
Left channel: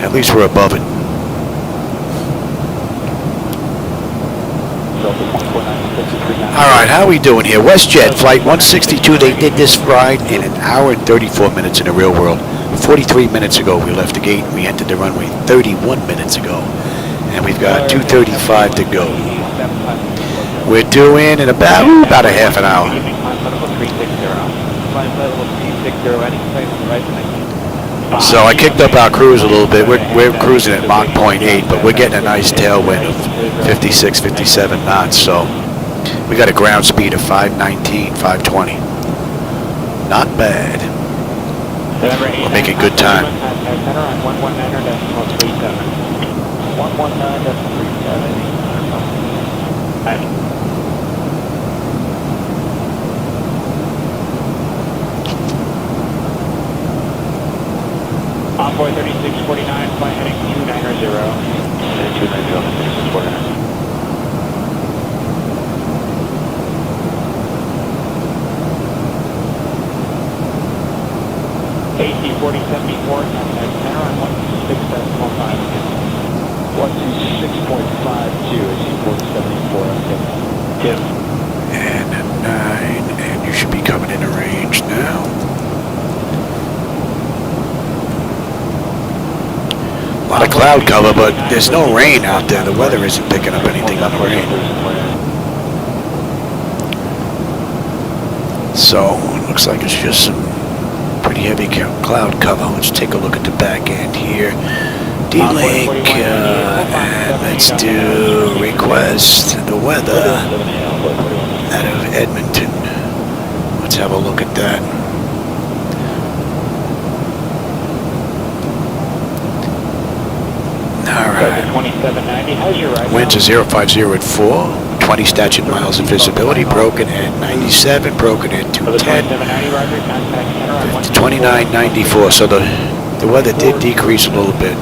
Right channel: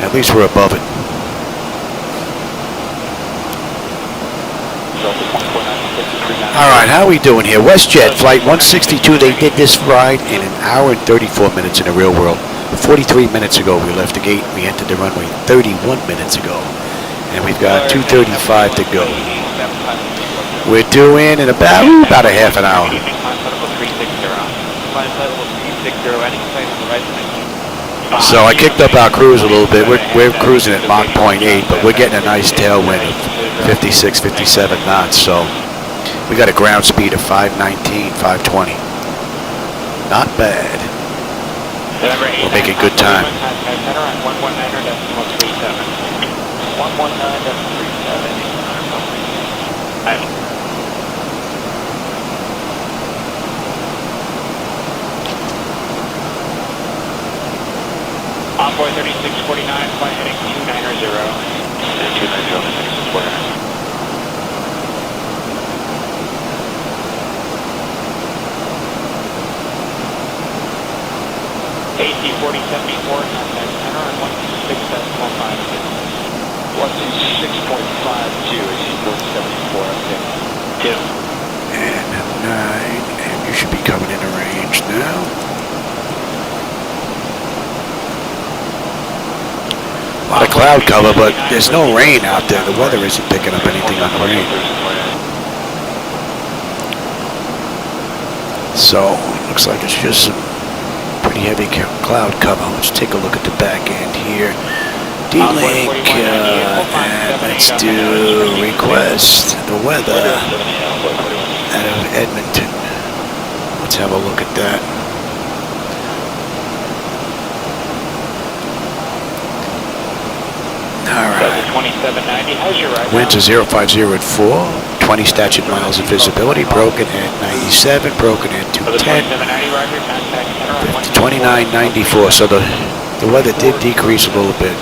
At least we're above it. All right, how are we doing here? Westjet Flight 162, they did this ride in an hour and 34 minutes in the real world. 43 minutes ago we left the gate. We entered the runway 31 minutes ago. And we've got 2:35 to go. We're due in about a half an hour. So I kicked up our cruise a little bit. We're cruising at Mach 0.8, but we're getting a nice tailwind of 56, 57 knots. So we got a ground speed of 519, 520. Not bad. We're making good time. Envoy 3649, flight heading 290. 4074, contact center on 126.52, AC 4074, okay. 2. And 9, and you should be coming into range now. A lot of cloud cover, but there's no rain out there. The weather isn't picking up anything on the rain. So, looks like it's just some pretty heavy cloud cover. Let's take a look at the back end here. D-Link, and let's do request the weather out of Edmonton. Let's have a look at that. Alright. Winds are 050 at 4, 20 statute miles of visibility, broken at 97, broken at 210, 2994. So the weather did decrease a little bit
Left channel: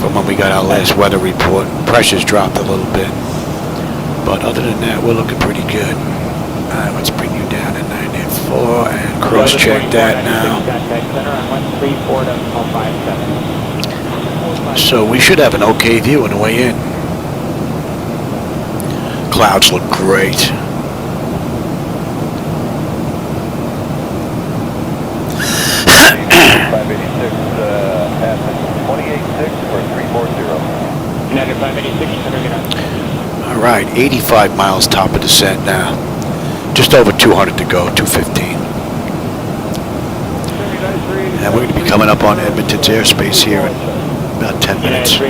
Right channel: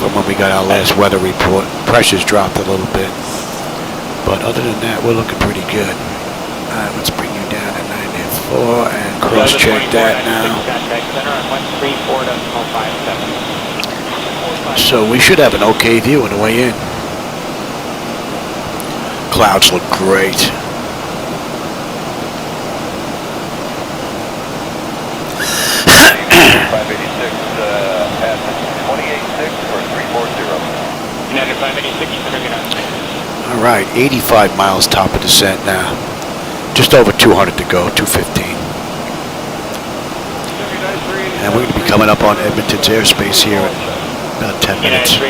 from when we got our last weather report. Pressure's dropped a little bit. But other than that, we're looking pretty good. Alright, let's bring you down to 94 and cross-check that now. So we should have an okay view on the way in. Clouds look great. All right, 85 miles top of descent now. Just over 200 to go, 215. And we're going to be coming up on Edmonton's airspace here in about 10 minutes.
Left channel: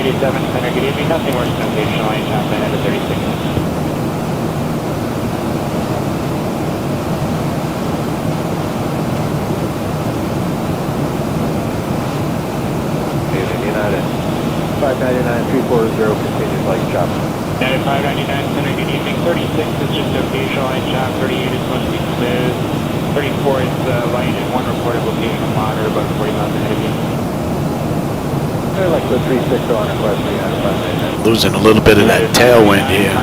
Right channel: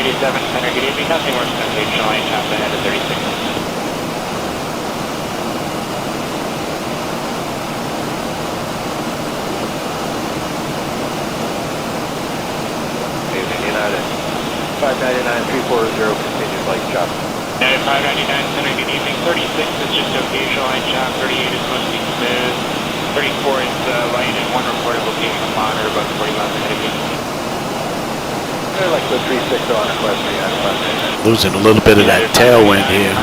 Losing a little bit of that tailwind here.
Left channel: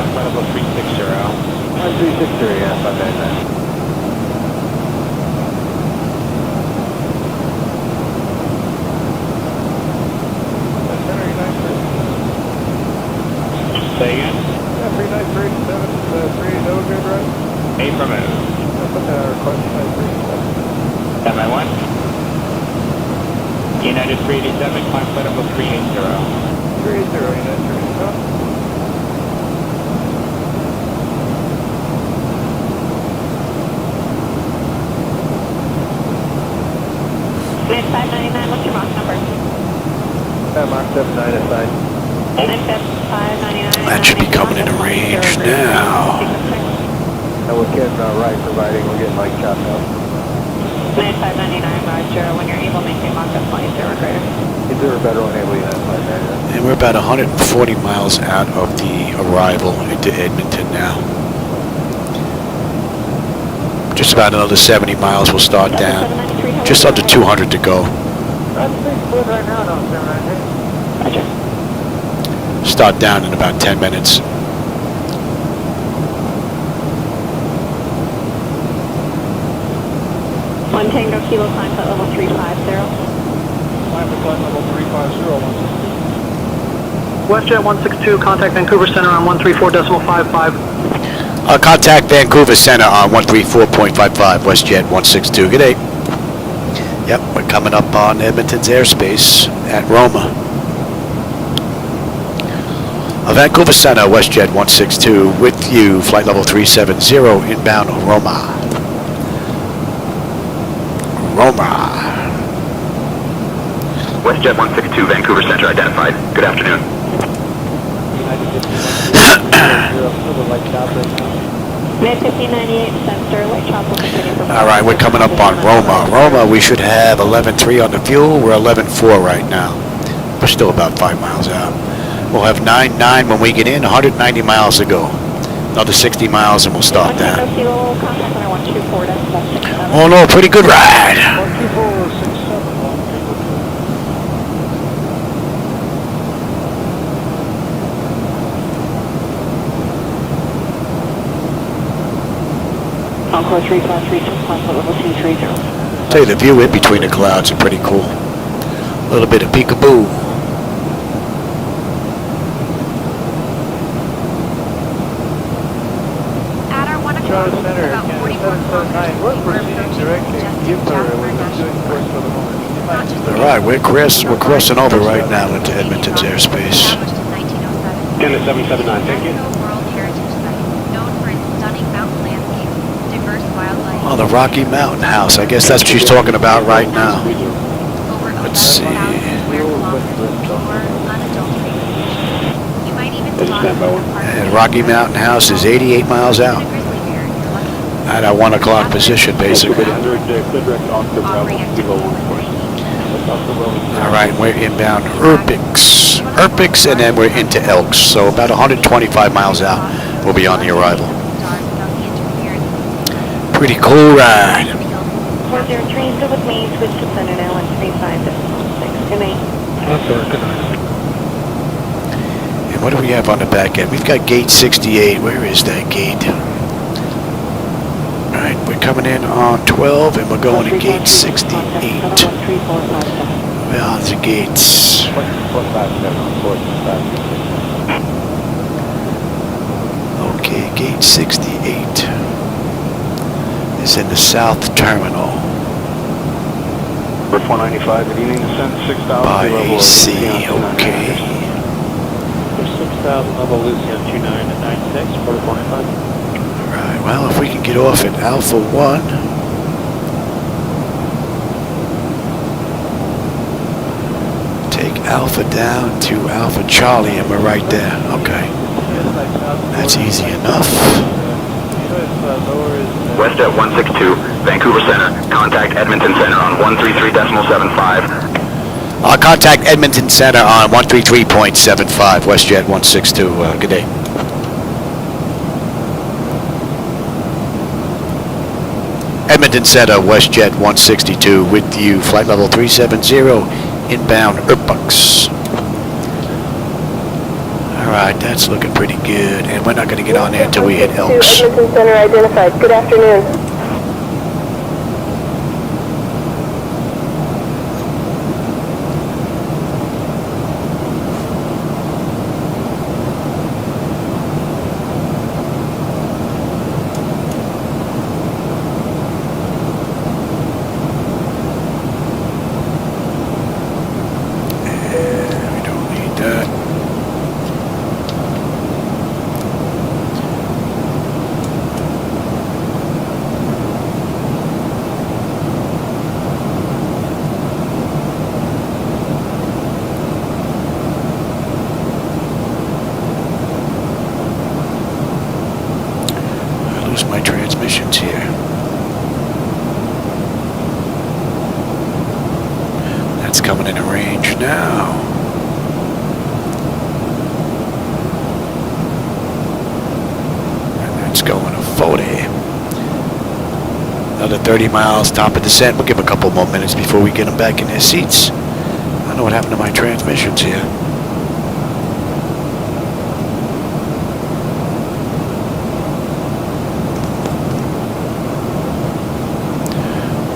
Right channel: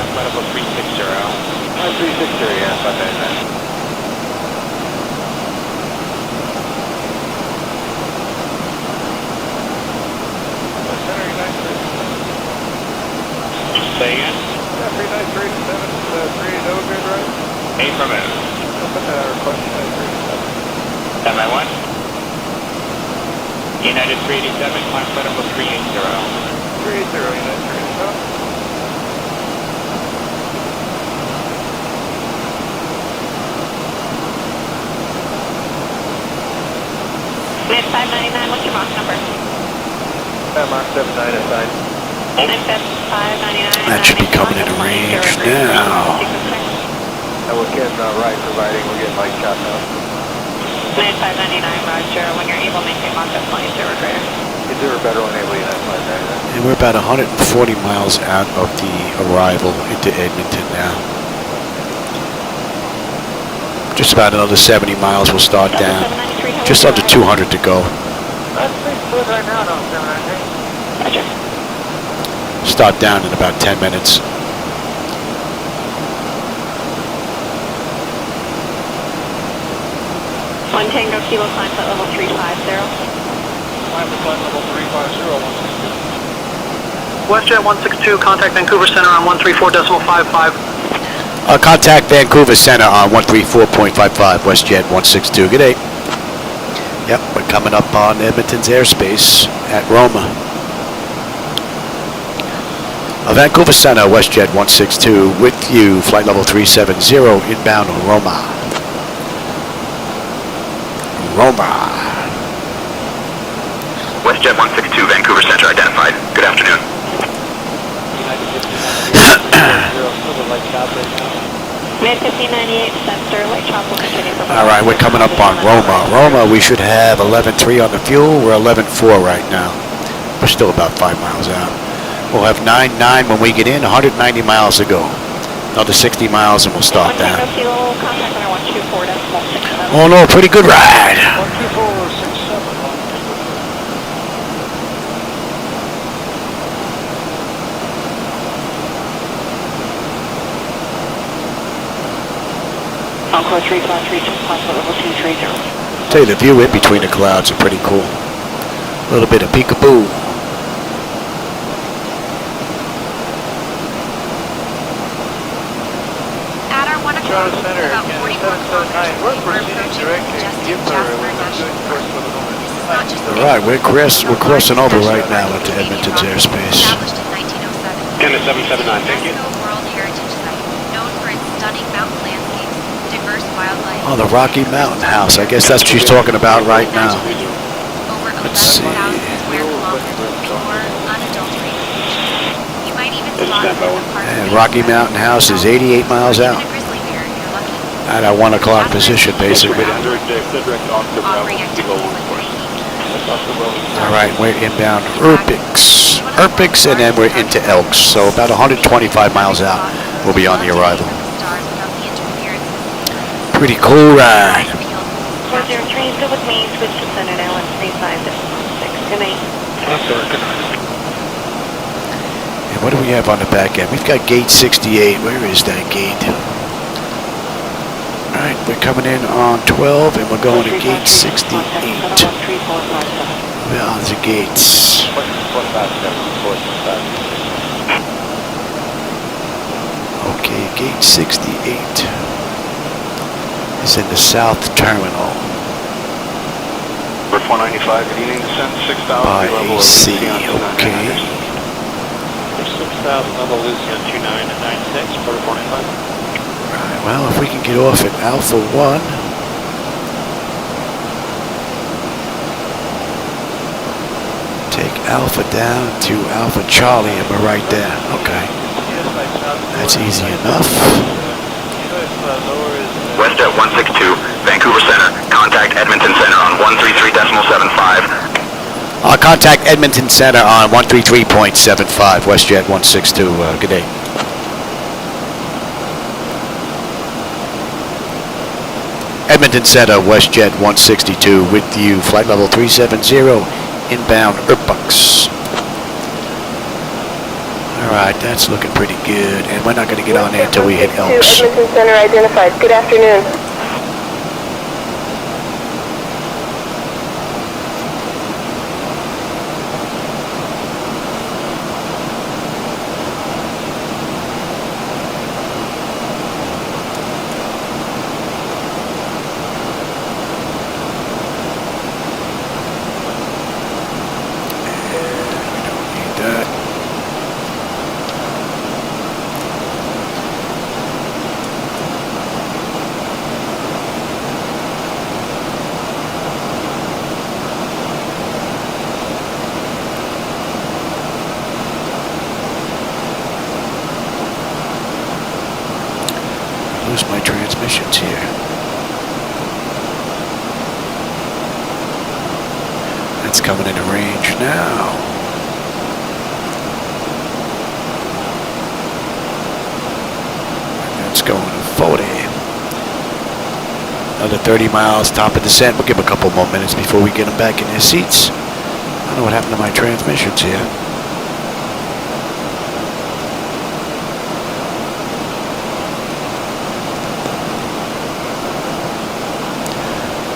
United 387, climb flight level 380. 380, United 387. We have 599, what's your Mach number? Mach 79 inside. That should be coming into range now. We're getting right providing we're getting light shot now. Land 599, roger. When you're able, maintain Mach 20, 0 greater. Is there a better enable United 599? And we're about 140 miles out of the arrival into Edmonton now. Just about another 70 miles we'll start down. Just under 200 to go. Start down in about 10 minutes. One Tango Kilo, climb flight level 350. Climb flight level 350. Westjet 162, contact Vancouver Center on 134.55. Contact Vancouver Center on 134.55, WestJet 162. Good day. Yep, we're coming up on Edmonton's airspace at Roma. Vancouver Center, WestJet 162, with you, flight level 370, inbound Roma. Westjet 162, Vancouver Center identified. Good afternoon. Mid 1598, Center, light chopper. All right, we're coming up on Roma. Roma, we should have 11.3 on the fuel. We're 11.4 right now. We're still about 5 miles out. We'll have 9.9 when we get in, 190 miles to go. Another 60 miles and we'll start down. Oh no, pretty good ride. Encore 3532, climb flight level 230. Tell you, the view in between the clouds are pretty cool. A little bit of peekaboo. Charles Center, 779, we're proceeding directly to Gibber. We're good first for the moment. All right, we're crossing over right now into Edmonton's airspace. 779, thank you. Oh, the Rocky Mountain House. I guess that's what she's talking about right now. Let's see. And Rocky Mountain House is 88 miles out. At our 1 o'clock position, basically. All right, we're inbound Erpix, and then we're into Elks. So about 125 miles out, we'll be on the arrival. Pretty cool ride. 103, still with me, switch to center now at 3556. Good night. And what do we have on the back end? We've got gate 68. Where is that gate? All right, we're coming in on 12, and we're going to gate 68. Where are the gates? Okay, gate 68 is in the south terminal. Bird 495, good evening, send 6,000. By AC, okay. 6,000 level Lucia 2996, Bird 495. Right, well, if we can get off at Alpha 1. Take Alpha down to Alpha Charlie, and we're right there. Okay. That's easy enough. Westjet 162, Vancouver Center. Contact Edmonton Center on 133.75. I'll contact Edmonton Center on 133.75, Westjet 162. Good day. Edmonton Center, Westjet 162 with you, flight level 370, inbound Erpix. All right, that's looking pretty good, and we're not going to get on there until we hit Elks. Edmonton Center identified. Good afternoon. We don't need that. I lose my transmissions here. That's coming into range now. And that's going to 40. Another 30 miles, top of descent. We'll give them a couple more minutes before we get them back in their seats. I don't know what happened to my transmissions here.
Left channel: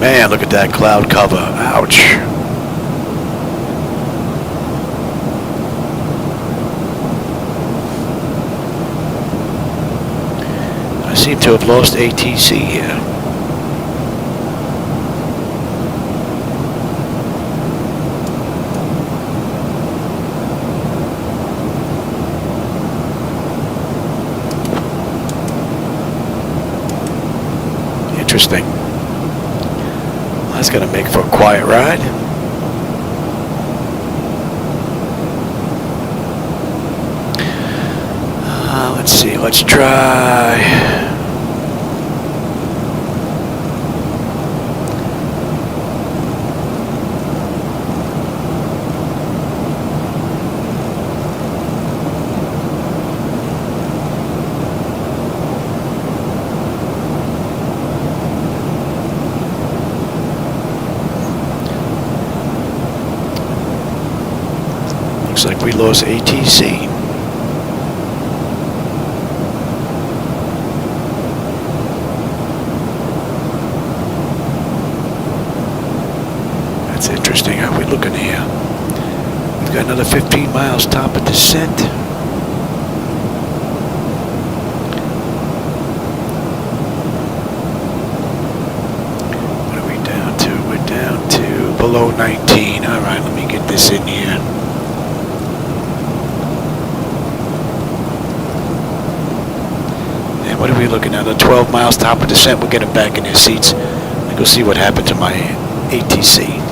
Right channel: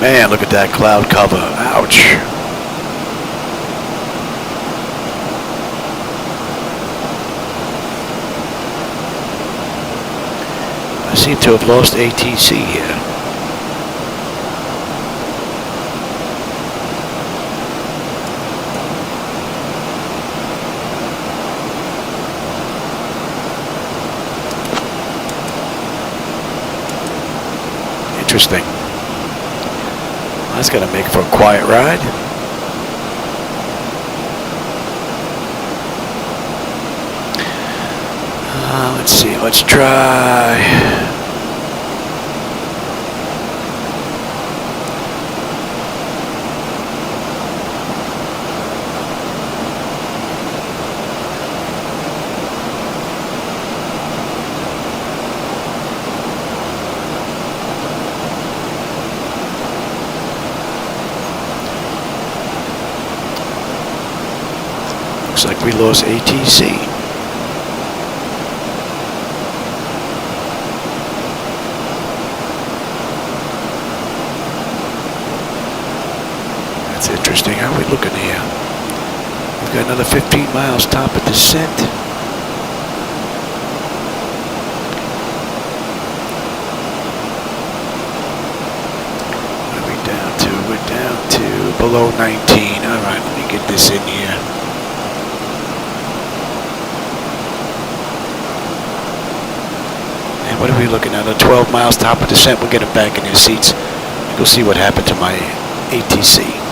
Man, look at that cloud cover. Ouch. I seem to have lost ATC here. Interesting. That's gonna make for a quiet ride. Let's see, let's try. Looks like we lost ATC. interesting. How are we looking here? We've got another 15 miles top of descent. What are we down to? We're down to below 19. All right, let me get this in here. And what are we looking at? 12 miles top of descent. We'll get them back in their seats. Go see what happened to my ATC.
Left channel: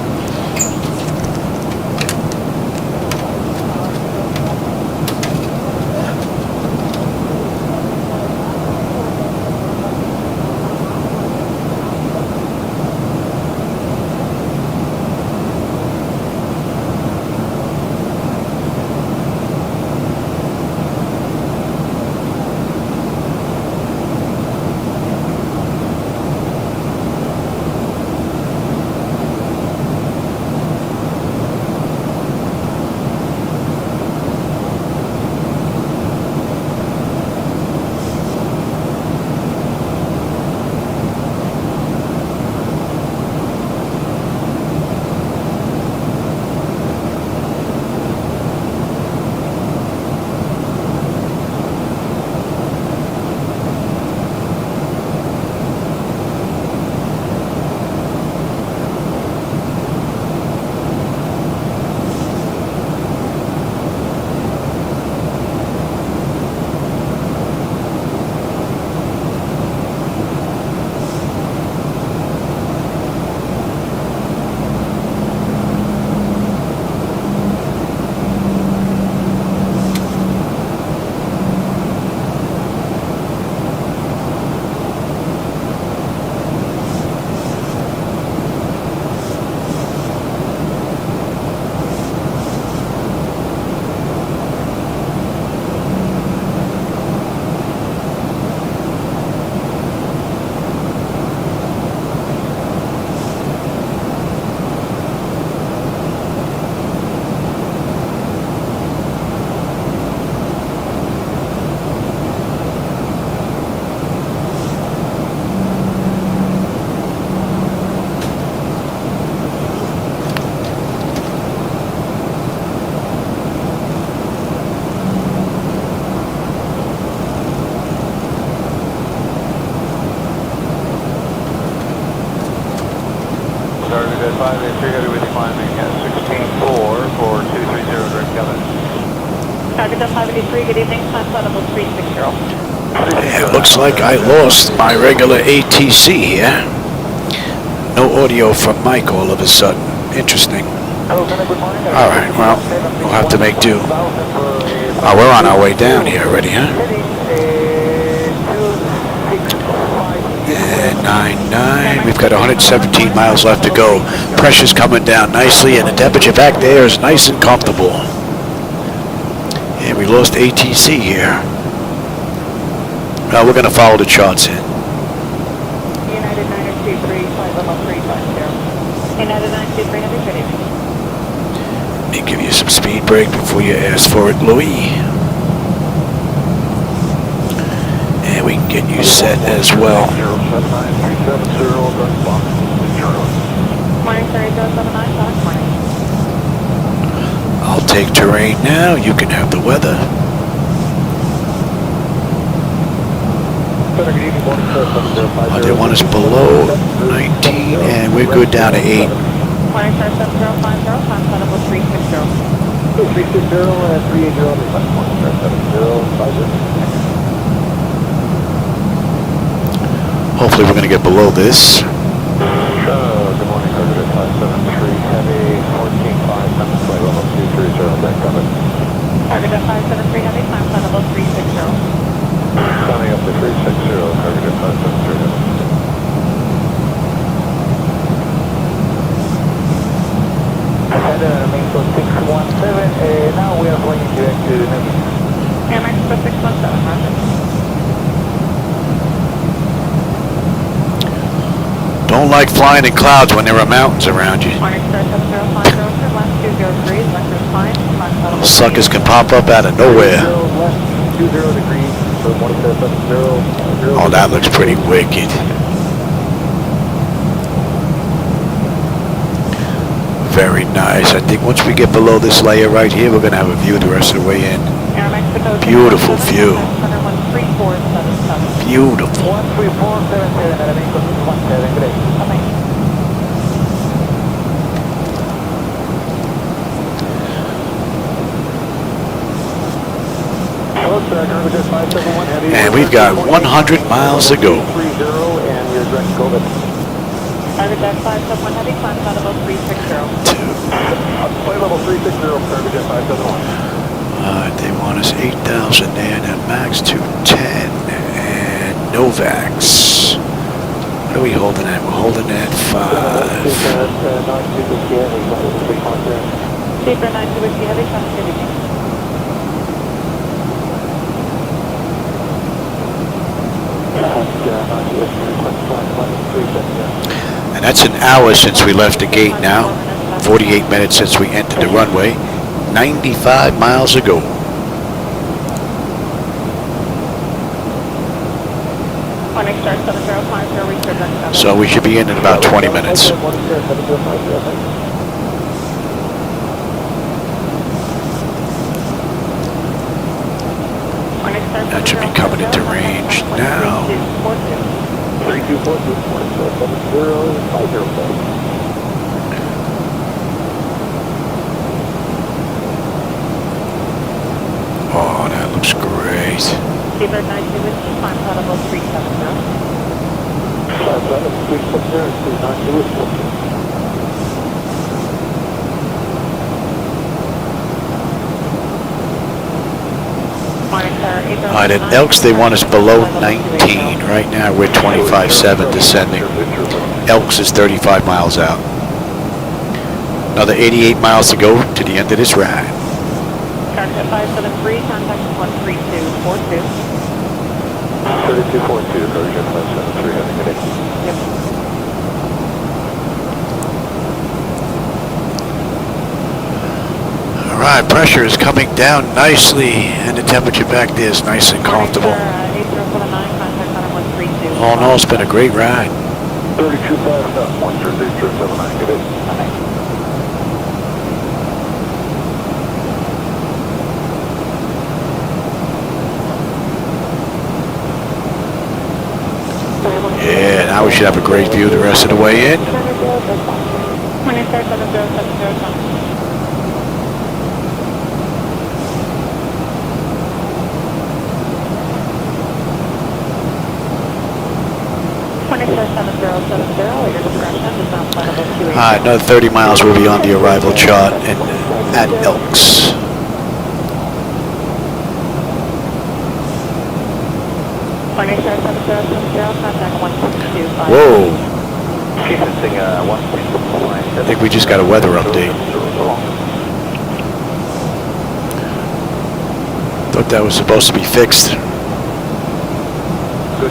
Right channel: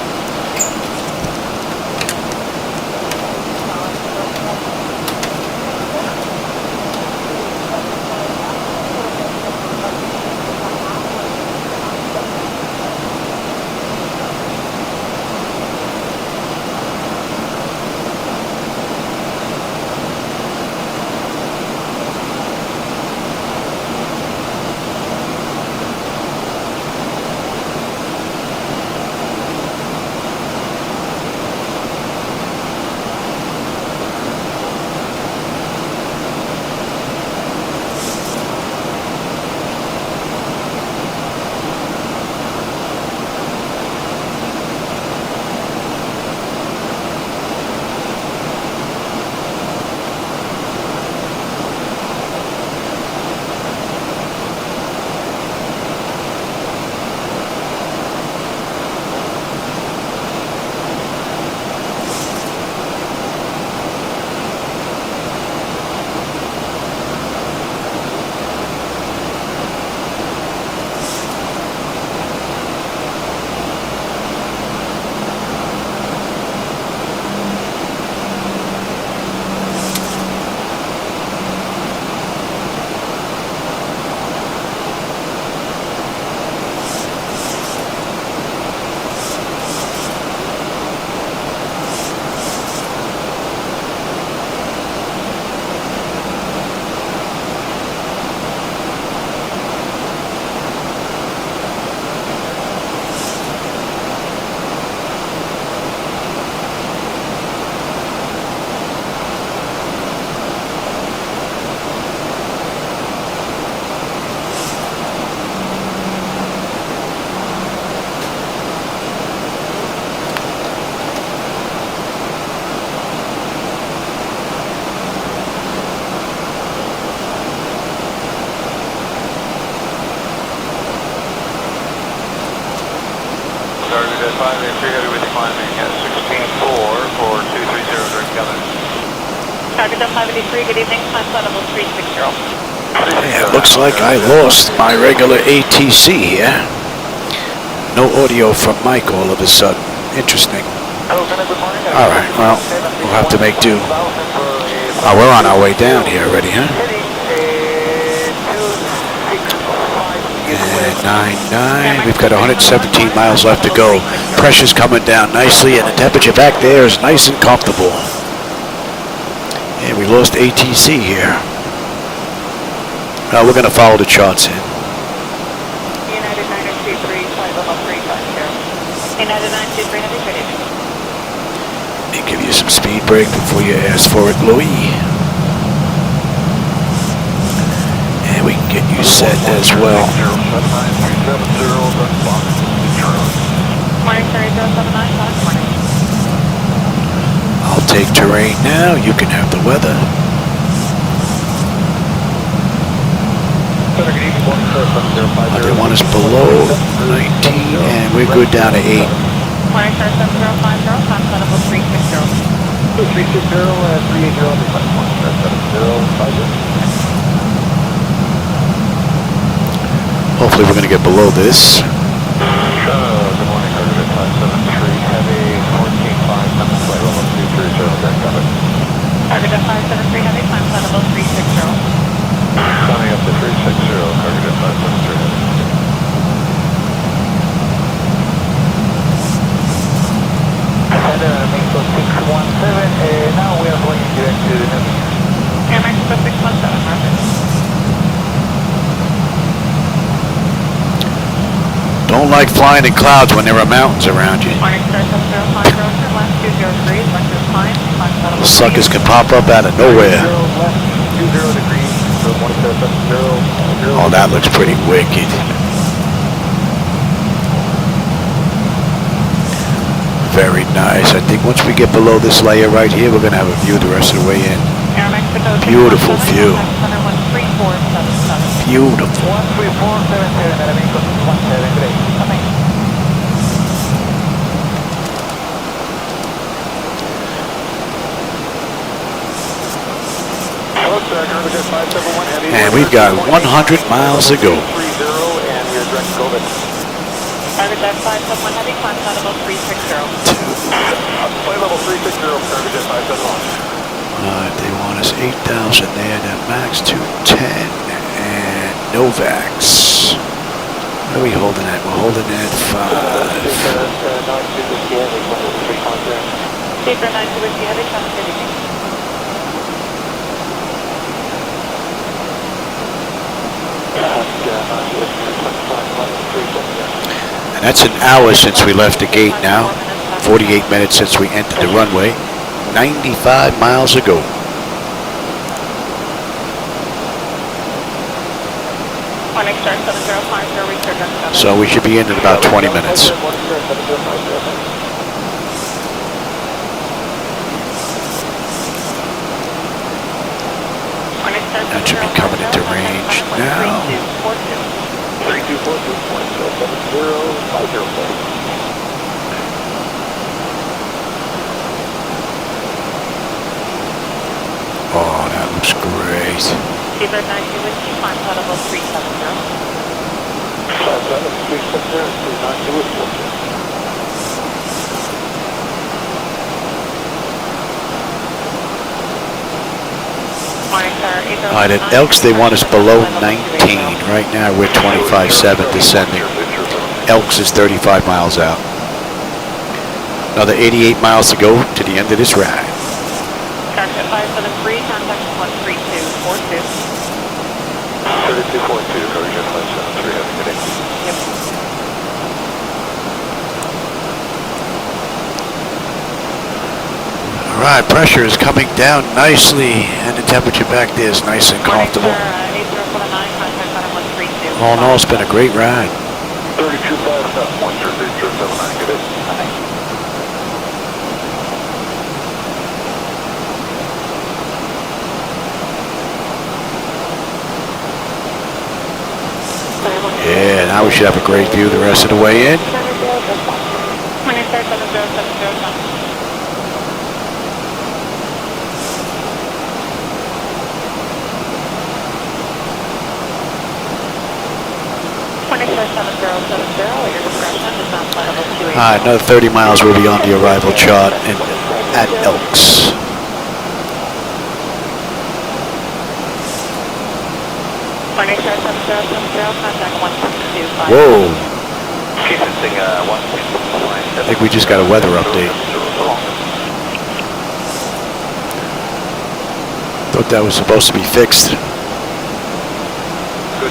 Yeah, it looks like I lost my regular ATC here. No audio from Mike all of a sudden. Interesting. Alright, well, we'll have to make do. Oh, we're on our way down here already, huh? And 9-9. We've got 117 miles left to go. Pressure's coming down nicely, and the temperature back there is nice and comfortable. And we lost ATC here. Well, we're going to follow the charts in. Let me give you some speed brake before you ask for it, Louis. And we can get you set as well. I'll take terrain now. You can have the weather. They want us below 19, and we're good down to 8. Hopefully we're going to get below this. Don't like flying in clouds when there are mountains around you. Those suckers can pop up out of nowhere. Oh, that looks pretty wicked. Very nice. I think once we get below this layer right here, we're going to have a view the rest of the way in. Beautiful view. Beautiful. And we've got 100 miles to go. They want us 8,000 there, then max 210 and Novax. What are we holding at? We're holding at 5. And that's an hour since we left the gate now. 48 minutes since we entered the runway. 95 miles ago. So we should be in about 20 minutes. That should be coming into range now. Oh, that looks great. All right, at Elks, they want us below 19. Right now, we're 25.7 descending. Elks is 35 miles out. Another 88 miles to go to the end of this ride. All right, pressure is coming down nicely, and the temperature back there is nice and comfortable. All in all, it's been a great ride. Yeah, now we should have a great view the rest of the way in. All right, another 30 miles will be on the arrival chart and at Elks. Whoa. I think we just got a weather update. Thought that was supposed to be fixed. Good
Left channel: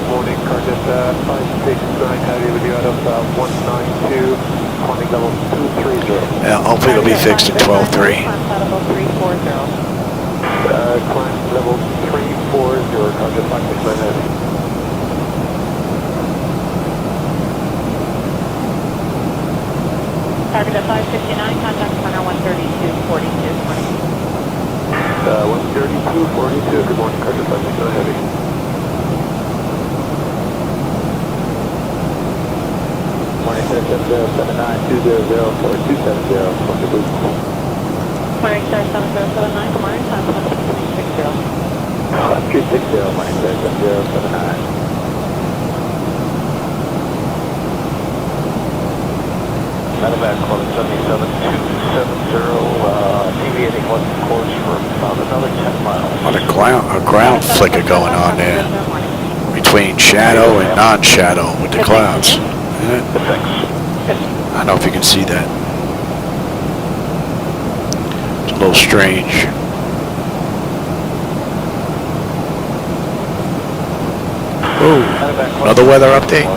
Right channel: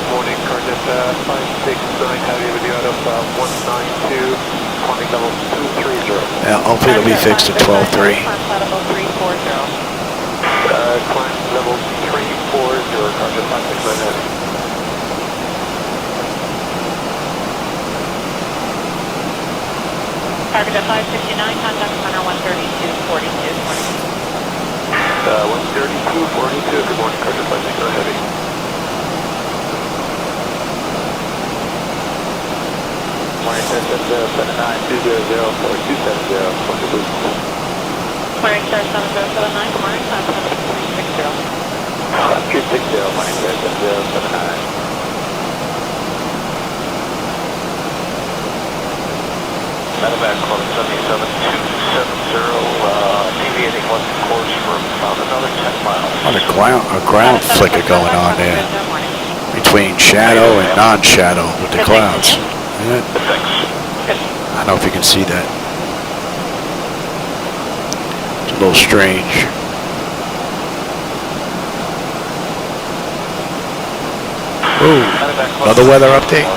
morning, Cardiff 56, have you with you out of 192, climbing level 230. Yeah, hopefully it'll be fixed in 12.3. Climb level 340, Cardiff 56. Target at 559, contact runner 132.42. 132.42, good morning, Cardiff 56, heavy. Morning, Cardiff 792004270460. Morning, sir, 7079, morning, contact 260. 260, morning, Cardiff 79. Medevac calling 77270, deviating west course for about another 10 miles. What a ground flicker going on there between shadow and non-shadow with the clouds. Yeah. I don't know if you can see that. It's a little strange. Whoa, another weather update?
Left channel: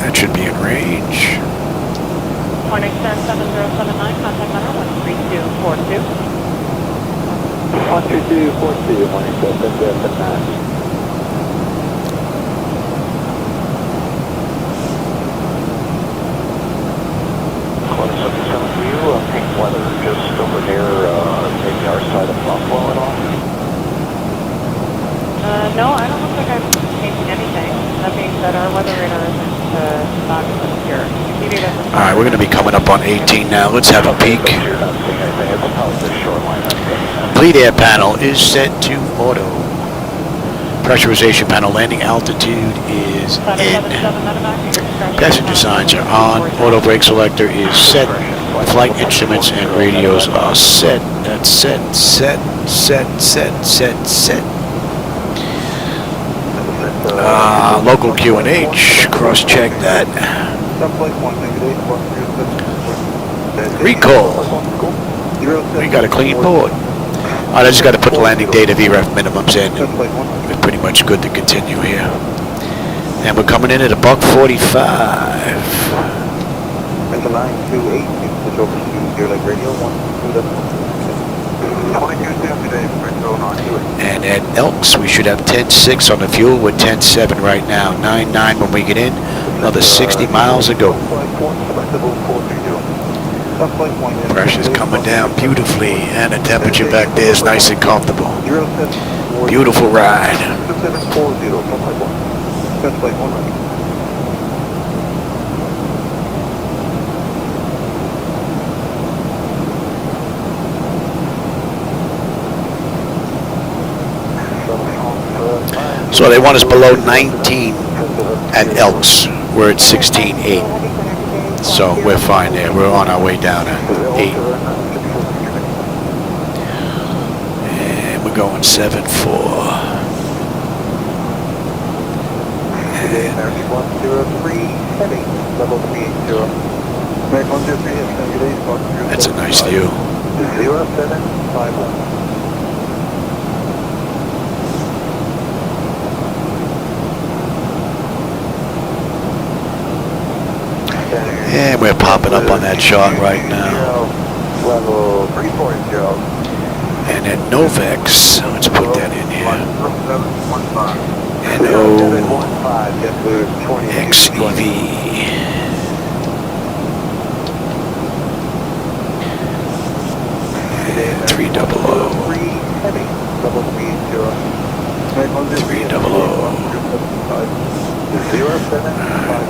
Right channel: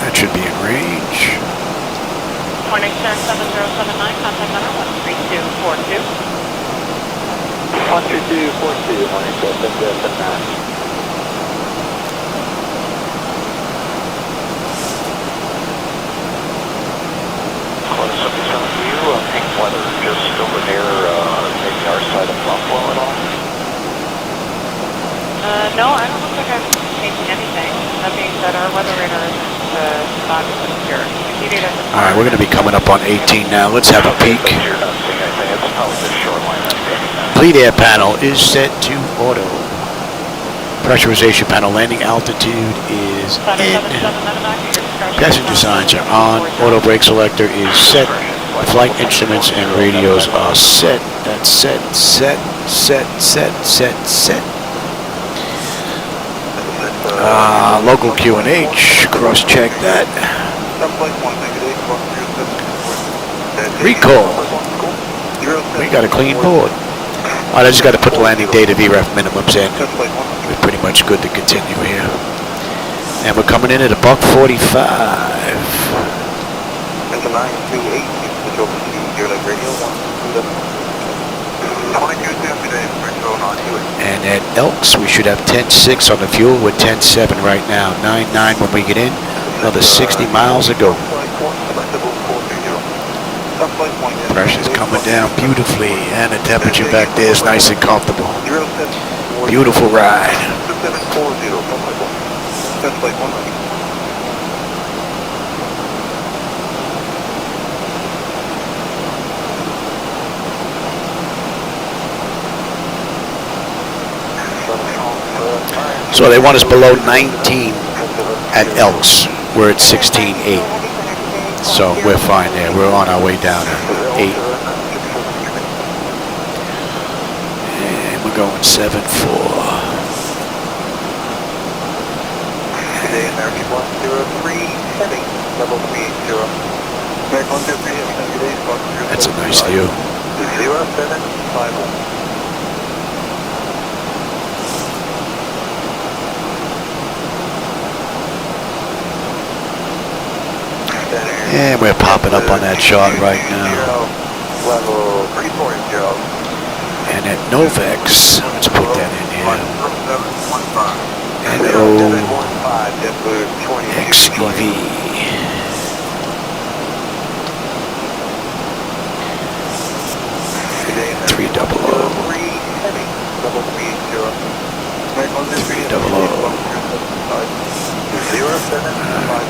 That should be in range. Morning, sir, 7079, contact number 13242. 13242, morning, sir, 7079. All right, we're going to be coming up on 18 now. Let's have a peek. Fleet air panel is set to auto. Pressurization panel landing altitude is in. Passenger signs are on. Auto brake selector is set. Flight instruments and radios are set. That's set. Local QNH, cross-check that. Recall. We got a clean board. I just got to put the landing data VREF minimums in. We're pretty much good to continue here. And we're coming in at $1:45. And at Elks, we should have 10.6 on the fuel. We're 10.7 right now. 9.9 when we get in. Another 60 miles to go. Pressure's coming down beautifully, and the temperature back there is nice and comfortable. Beautiful ride. So they want us below 19 at Elks. We're at 16.8. So we're fine there. We're on our way down to 8. And we're going 7.4. And that's a nice view. And we're popping up on that chart right now. And at Novex, let's put that in here. NOXEV. And 300. 300. Alright.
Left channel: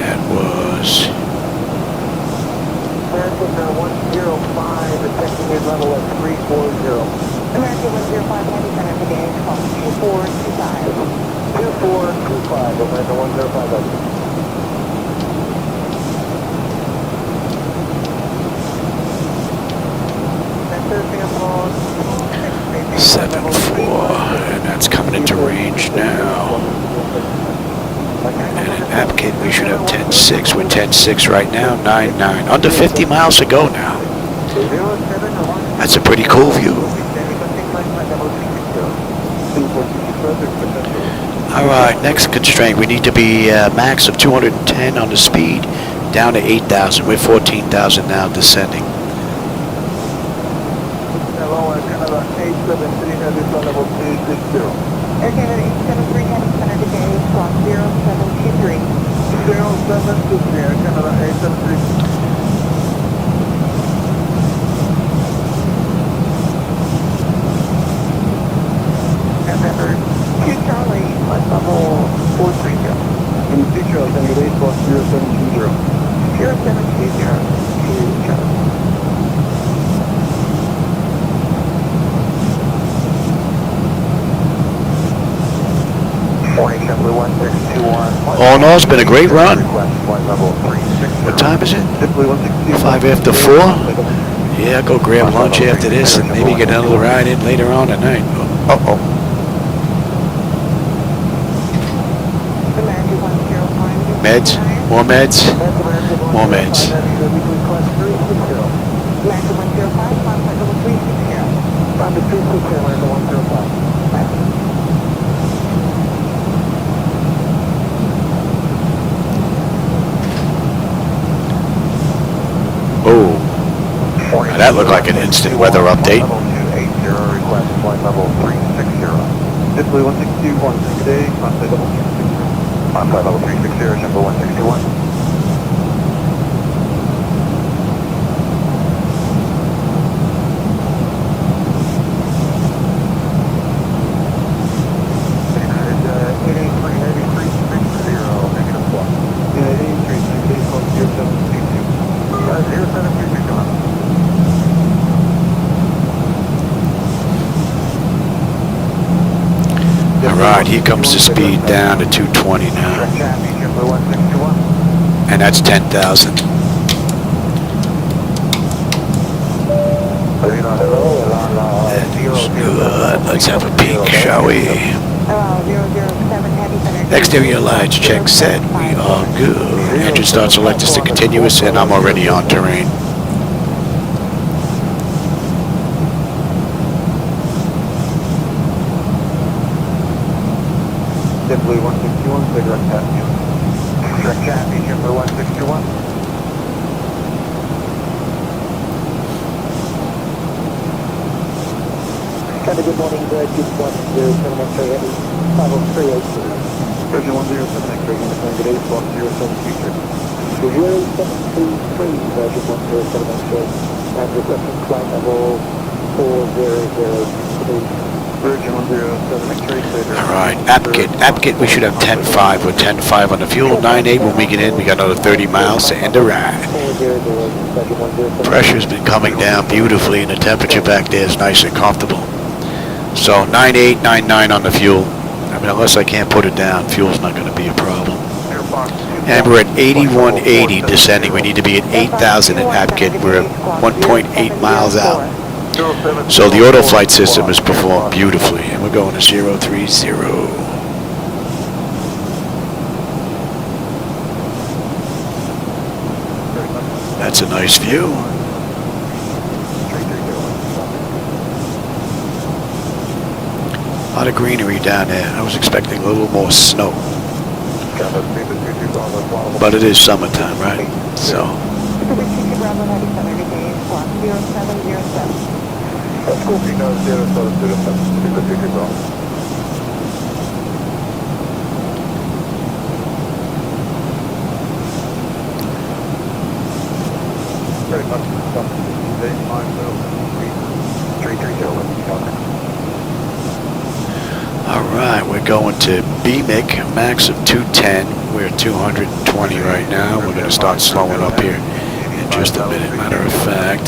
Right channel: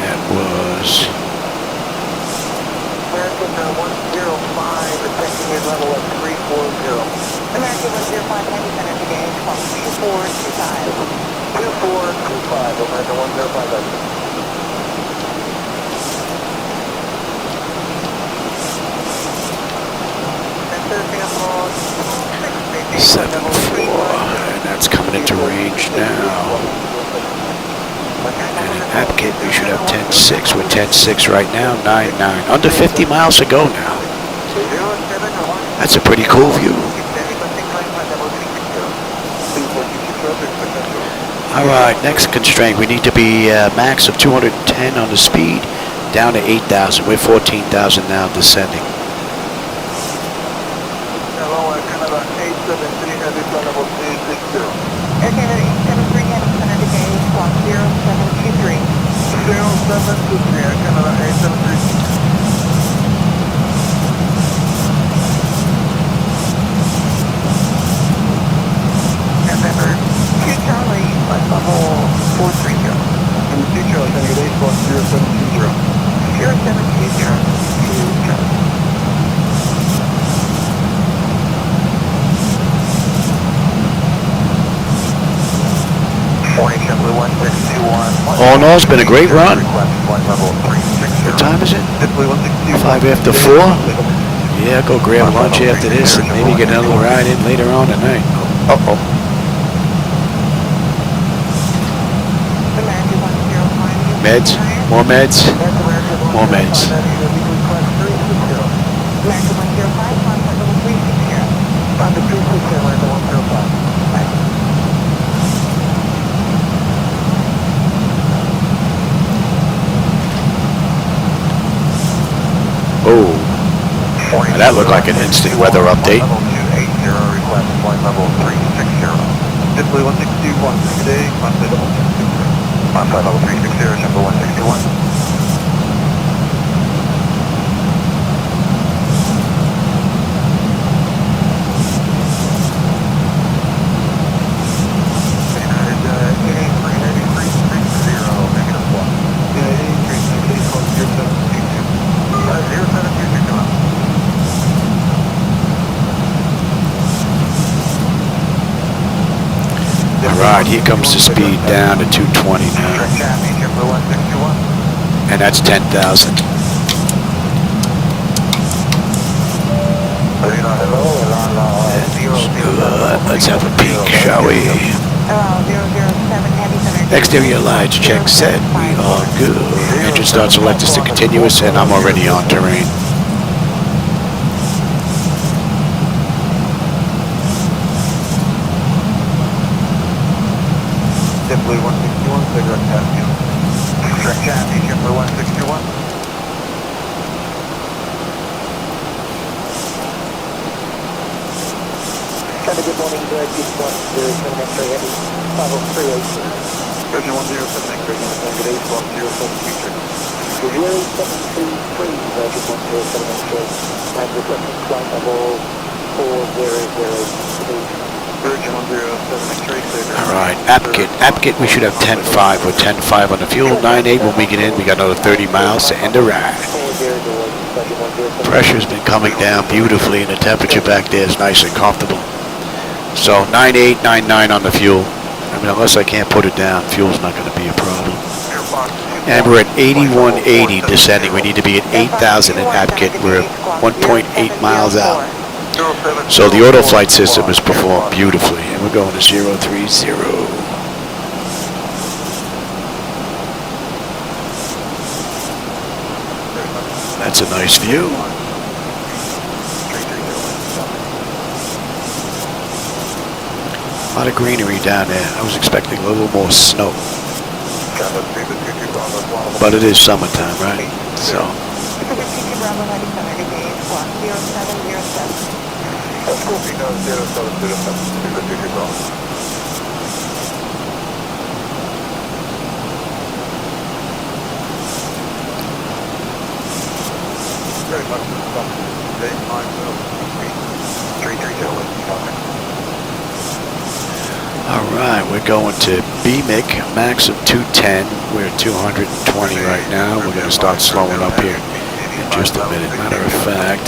That was $7.4, and that's coming into range now. And in AppKit, we should have 10.6. We're 10.6 right now, 9.9. Under 50 miles to go now. That's a pretty cool view. All right, next constraint. We need to be max of 210 on the speed, down to 8,000. We're 14,000 now, descending. All in all, it's been a great run. What time is it? 5 after 4? Yeah, go grab lunch after this and maybe get another ride in later on tonight. Uh-oh. Meds? More meds? More meds. Oh, now that looked like an instant weather update. Alright, here comes the speed down to 220 now. And that's 10,000. That is good. Let's have a peek, shall we? Exterior lights check set. We are good. Engine start selected to continuous, and I'm already on terrain. Alright, Apkit, we should have 10.5. We're 10.5 on the fuel, 9.8 when we get in. We got another 30 miles to end the ride. Pressure's been coming down beautifully, and the temperature back there is nice and comfortable. So 9.8, 9.9 on the fuel. I mean, unless I can't put it down, fuel's not going to be a problem. And we're at 8180 descending. We need to be at 8,000 at Apkit. We're at 1.8 miles out. So the auto flight system has performed beautifully, and we're going to 030. That's a nice view. A lot of greenery down there. I was expecting a little more snow. But it is summertime, right? So. Alright, we're going to BMIC, max of 210. We're at 220 right now. We're going to start slowing up here in just a minute. Matter of fact,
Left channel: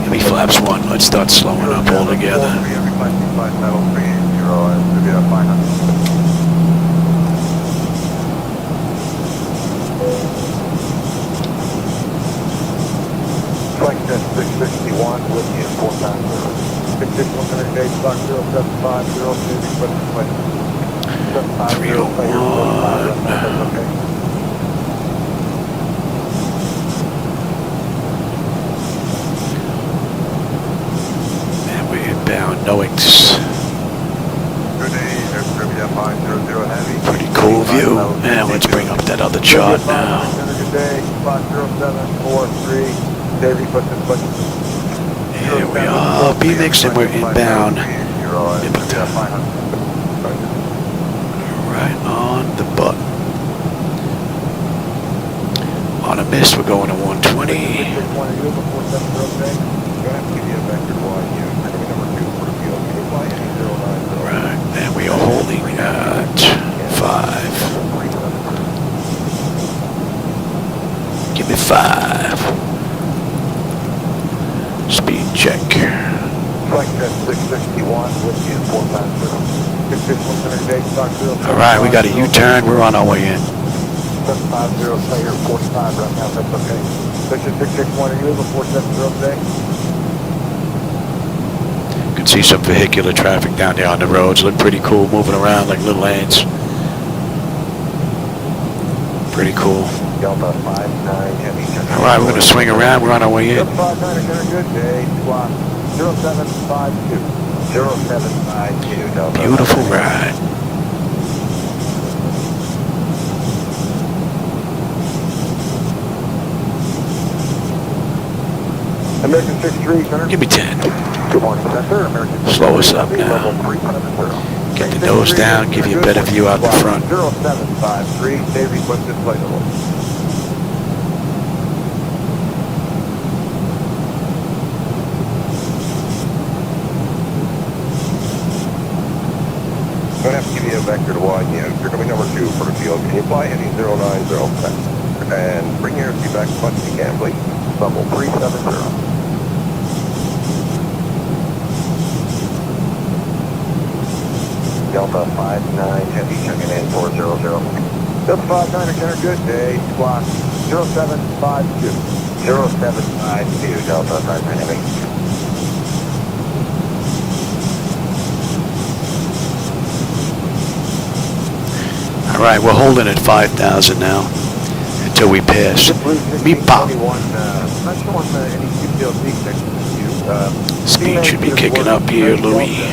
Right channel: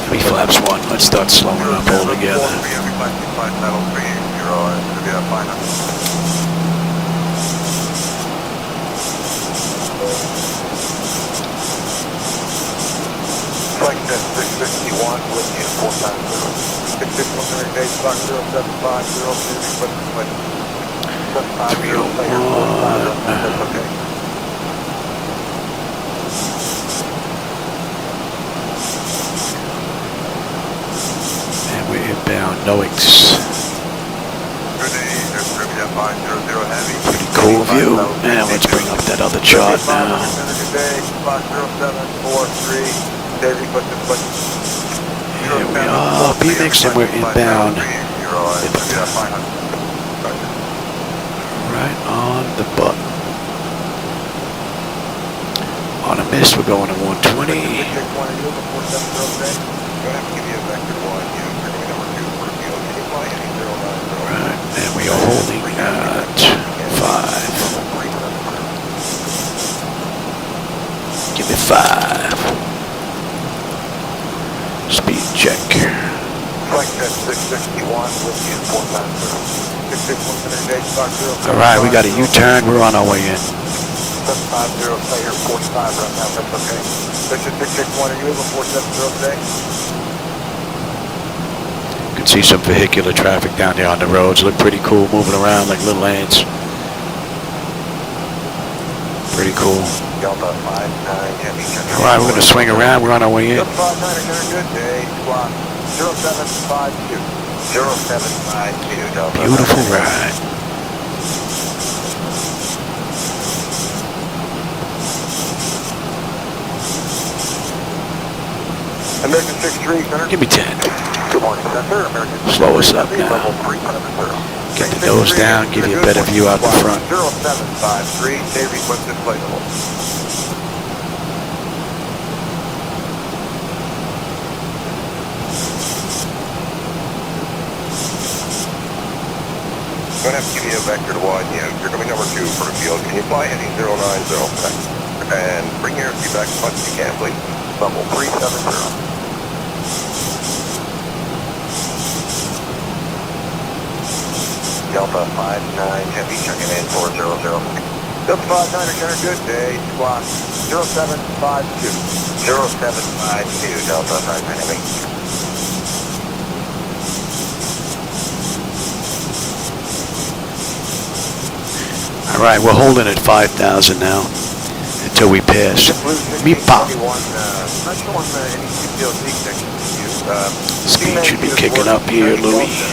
give me flaps 1. Let's start slowing up all together. And we're inbound Noix. Pretty cool view. And let's bring up that other chart now. Here we are, BMIX, and we're inbound. Right on the button. On a miss, we're going to 120. Right, and we are holding at 5. Give me 5. Speed check. Alright, we got a U-turn. We're on our way in. You can see some vehicular traffic down there on the roads. Look pretty cool, moving around like little ants. Pretty cool. Alright, we're going to swing around. We're on our way in. Beautiful ride. Give me 10. Slow us up now. Get the nose down, give you a better view out the front. I'm going to have to give you a vector wide. Yeah, you're going to be number 2 for the field. Can you fly any 090? And bring your feedback as much as you can, please. Level 370. Delta 59 Heavy, checking in 400. Delta 59, got a good day, squawk 0752. 0752, Delta 59 Heavy. All right, we're holding at 5,000 now until we pass. Meepa. Speed should be kicking up here, Louis.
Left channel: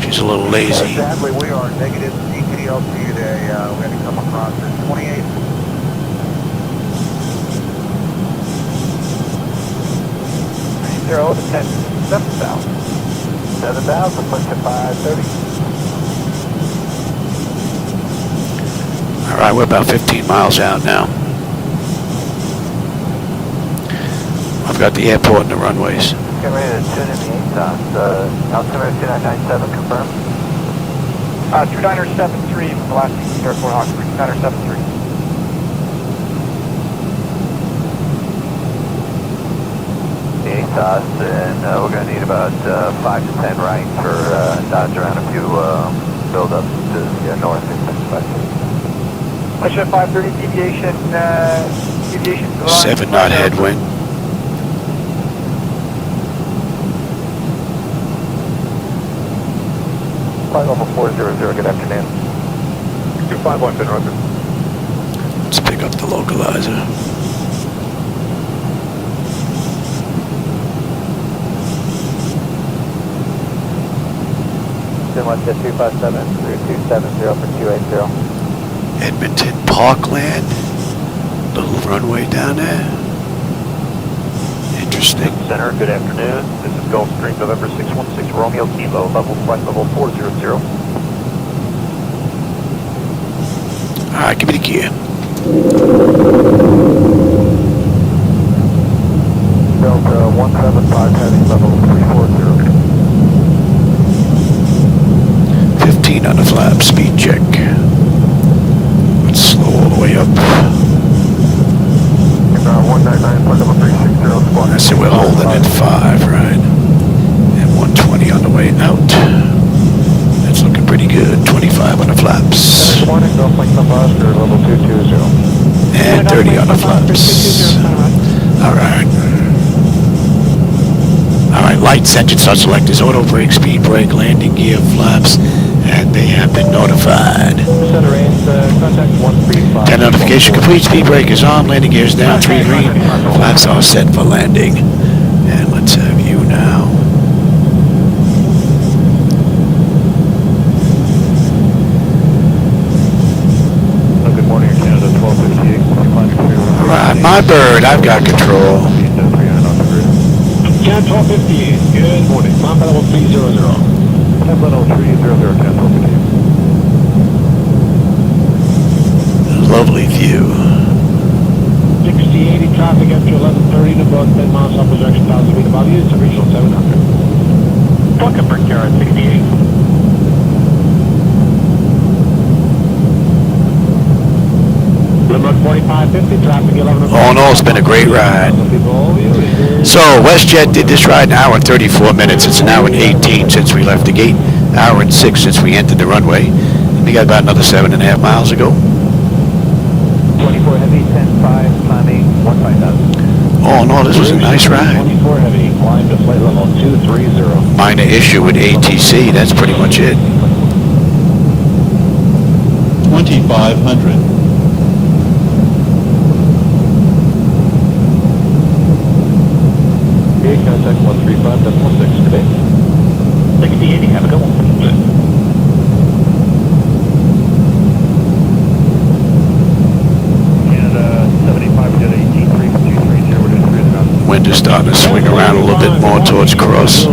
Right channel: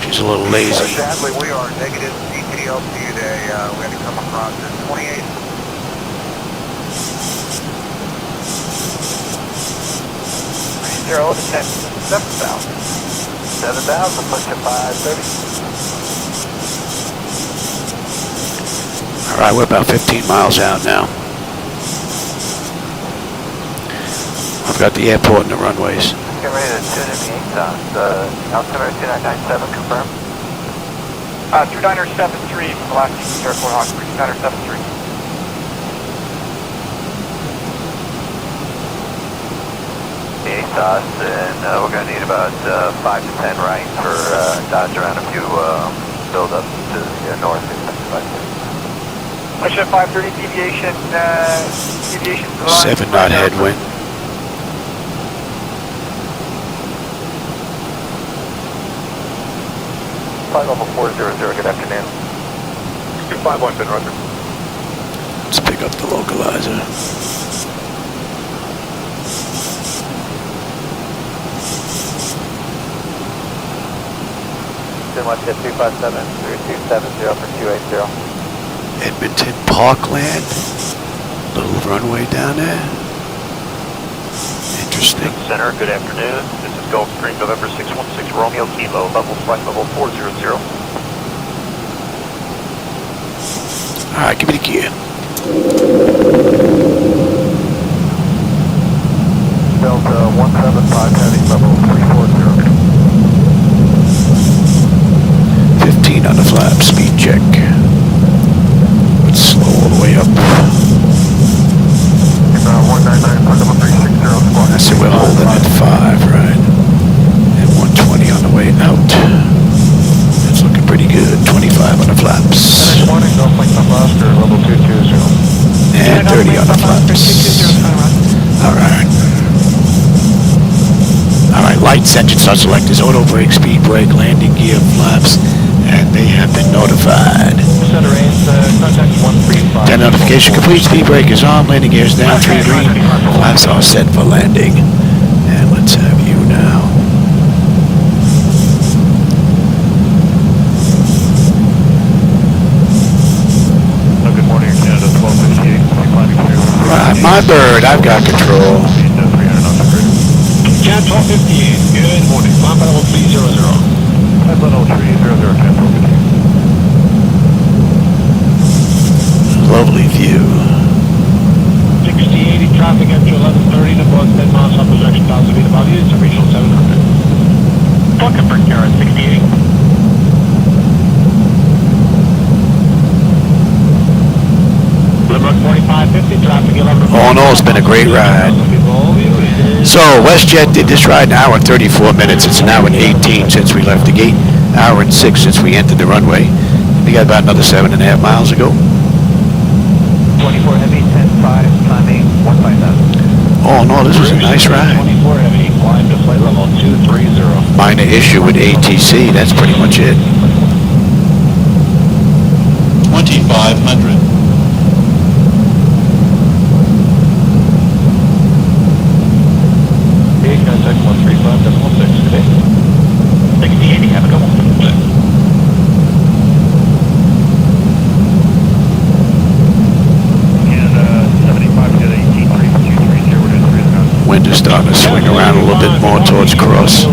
She's a little lazy. Exactly, we are negative DCT today. We're going to come across at 28. Zero, 10, 7,000. 7,000, push to 530. All right, we're about 15 miles out now. I've got the airport and the runways. Get ready to tune in the 8 knots. Altimeter 2997, confirm. 2973, Alaska Airport Hawk 2973. The 8 knots, and we're going to need about 5 to 10 right for dodge around a few build-ups to the north. Push at 530, deviation, deviation. 7 knot headwind. Flight level 400, good afternoon. 251, good roger. Let's pick up the localizer. Westjet 257, 270 for 280. Edmonton Parkland. Little runway down there. Interesting. Center, good afternoon. This is Gulfstream November 616 Romeo Kilo, flight level 400. All right, give me the gear. Delta 175 heading level 340. 15 on the flap, speed check. Let's slow all the way up. I said we're holding at 5, right? And 120 on the way out. That's looking pretty good. 25 on the flaps. And 30 on the flaps. All right. All right, lights, engine start selectors, auto brake, speed brake, landing gear, flaps, and they have been notified. 10 notification complete, speed brake is on, landing gear is down, 3 green, flaps are set for landing. And let's have you now. Good morning, Canada 1258. All right, my bird, I've got control. Cat 1258, good morning. Climb level 300. Lovely view. 6080 traffic at 1130 to board 10 miles off the direction path speed above you. It's a regional 700. Fucking for Karen 6080. Limit 4550, traffic 11. All in all, it's been a great ride. So, WestJet did this ride in an hour and 34 minutes. It's an hour and 18 since we left the gate. Hour and 6 since we entered the runway. And we got about another 7.5 miles to go. 24 heavy, 10-5, climbing 159. All in all, this was a nice ride. 24 heavy, climb to flight level 230. Minor issue with ATC, that's pretty much it. 2,500. Wind is starting to swing around a little bit more towards cross.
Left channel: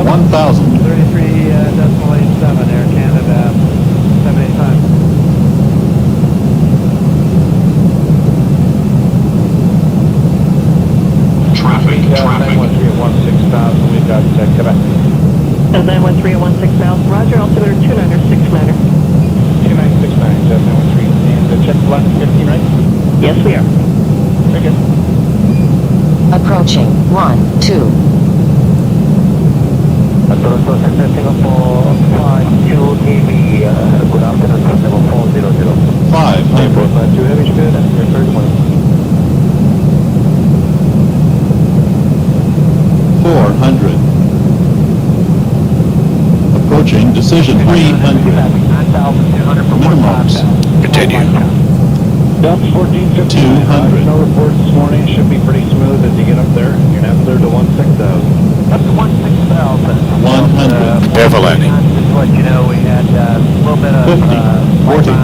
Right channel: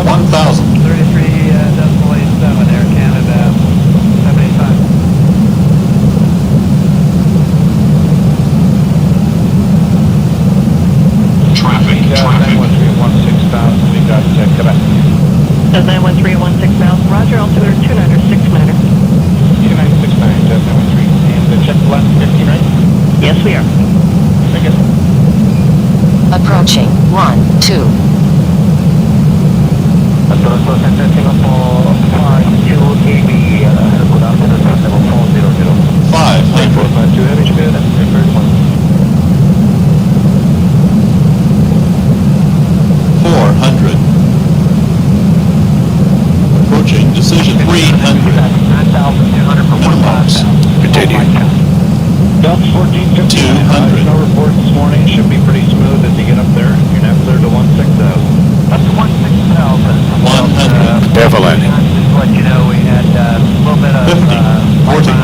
1,000. 33.87 Air Canada, 75. Traffic. 91316,000, we got Quebec. 91316 miles, Roger, altimeter 2969. 2969, Jet 93. And the jet left 59? Yes, we are. Thank you. Approaching 12. Approaching decision 300. Numbers. Continue. Delta 1459, 200. no report this morning, should be pretty smooth as you get up there. You're now clear to 16,000. That's 16,000. 100. Prepare for landing. Just let you know, we had a little bit of 50, 40,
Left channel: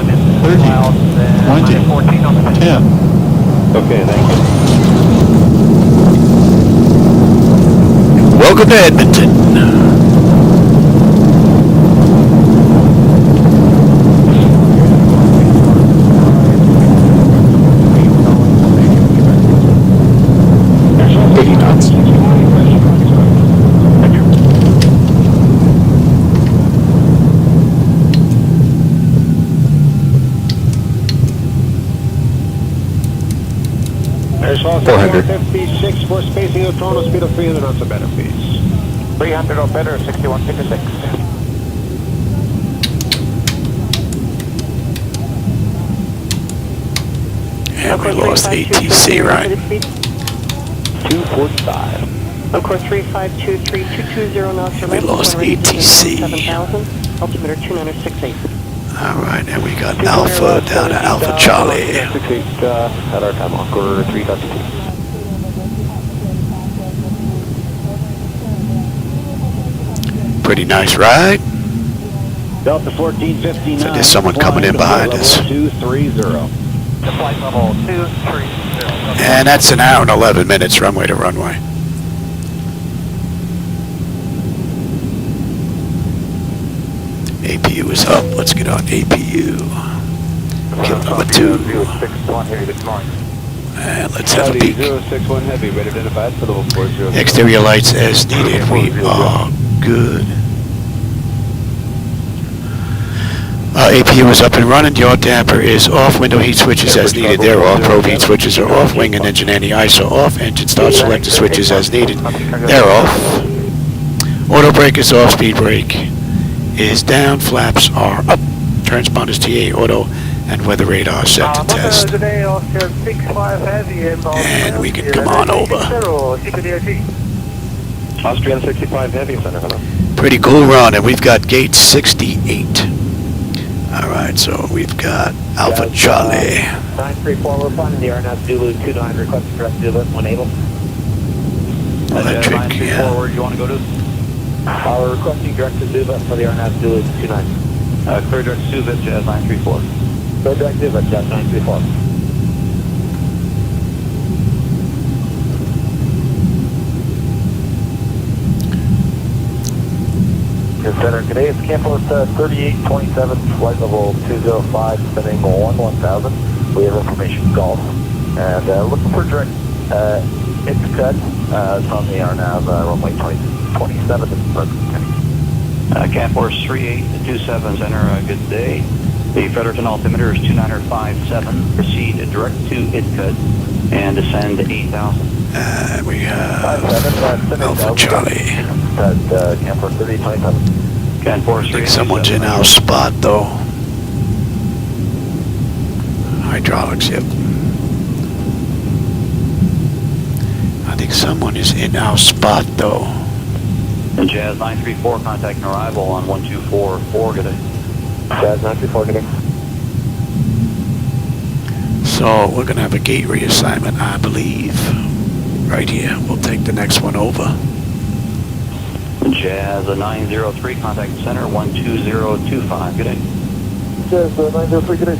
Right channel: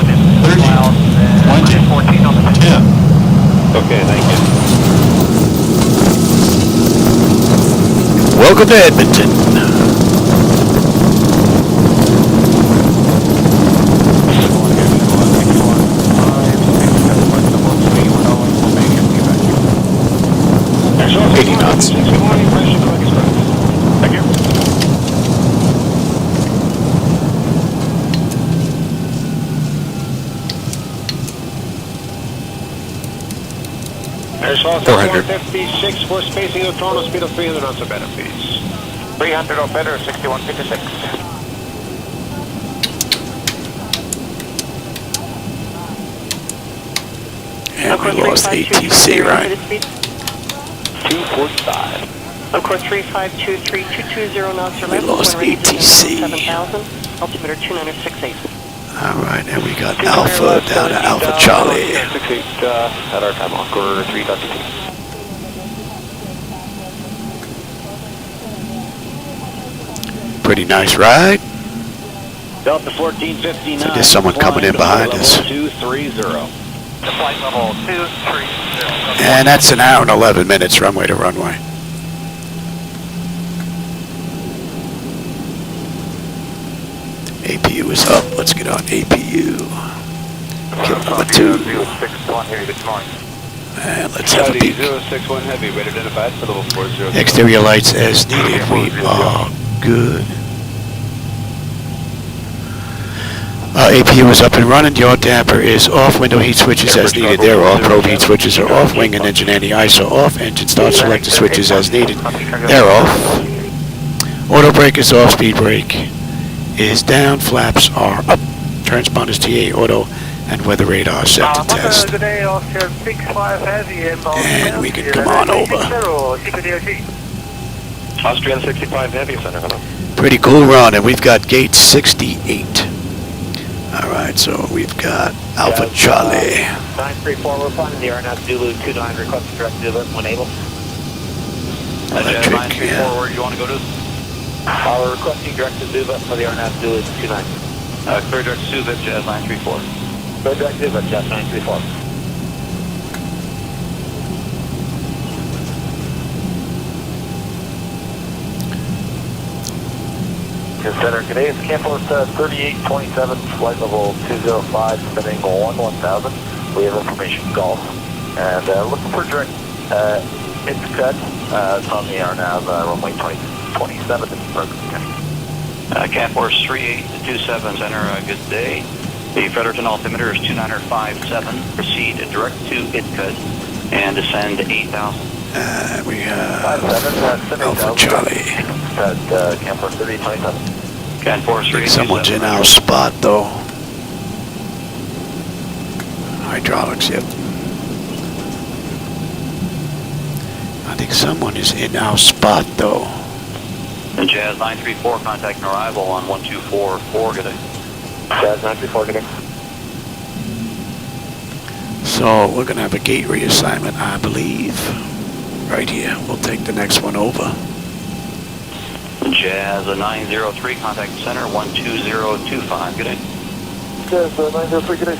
30, 20, 10. Okay, thank you. Welcome to Edmonton. Airshots 400. 56 for spacing of throttle speed of 300 knots of better, please. 300 or better, 6156. And we lost ATC, right? 245. Of course, 3523220 knots. And we lost ATC. 7000, altimeter 2968. All right, and we got Alpha down to Alpha Charlie. 68 at our time off, quarter 3.2. Pretty nice ride. Delta 1459. So there's someone coming in behind us. 230. Flight level 230. And that's an hour and 11 minutes runway to runway. APU is up. Let's get on APU. Kill number 2. And let's have a peek. 061 heavy, ready to divide for level 40. Exterior lights as needed. We are good. APU is up and running. Yaw damper is off. Window heat switches as needed. They're off. Probe heat switches are off. Wing and engine anti-ice are off. Engine start selector switches as needed. They're off. Auto brake is off. Speed brake is down. Flaps are up. Transponders TA auto and weather radar set to test. And we can come on over. Austrian 65 heavy, center, hello. Pretty cool run, and we've got gate 68. All right, so we've got Alpha Charlie. 934, we're flying the RNAV Zulu 29, requesting direct Zulu when able. Electric, yeah. Where do you want to go to? We're requesting direct to Zulu for the RNAV Zulu 29. Clear direct to Zulu, Jet 934. Clear direct to Zulu, Jet 934. Center, today is Campus 3827, flight level 205, descending 1000. We have information Golf. And looking for direct Ithaca, it's on the RNAV runway 2027 in Berkeley. Campus 3827, center, good day. The Fredericton altimeter is 2957. Proceed direct to Ithaca and descend 8,000. We have Alpha Charlie. Campus 3827. I think someone's in our spot, though. Hydraulics, yep. I think someone is in our spot, though. Jazz 934, contacting arrival on 1244, good day. Jazz 934, good day. So we're going to have a gate reassignment, I believe. Right here. We'll take the next one over. Jazz 903, contact center 12025, good day. Jazz 903, good day.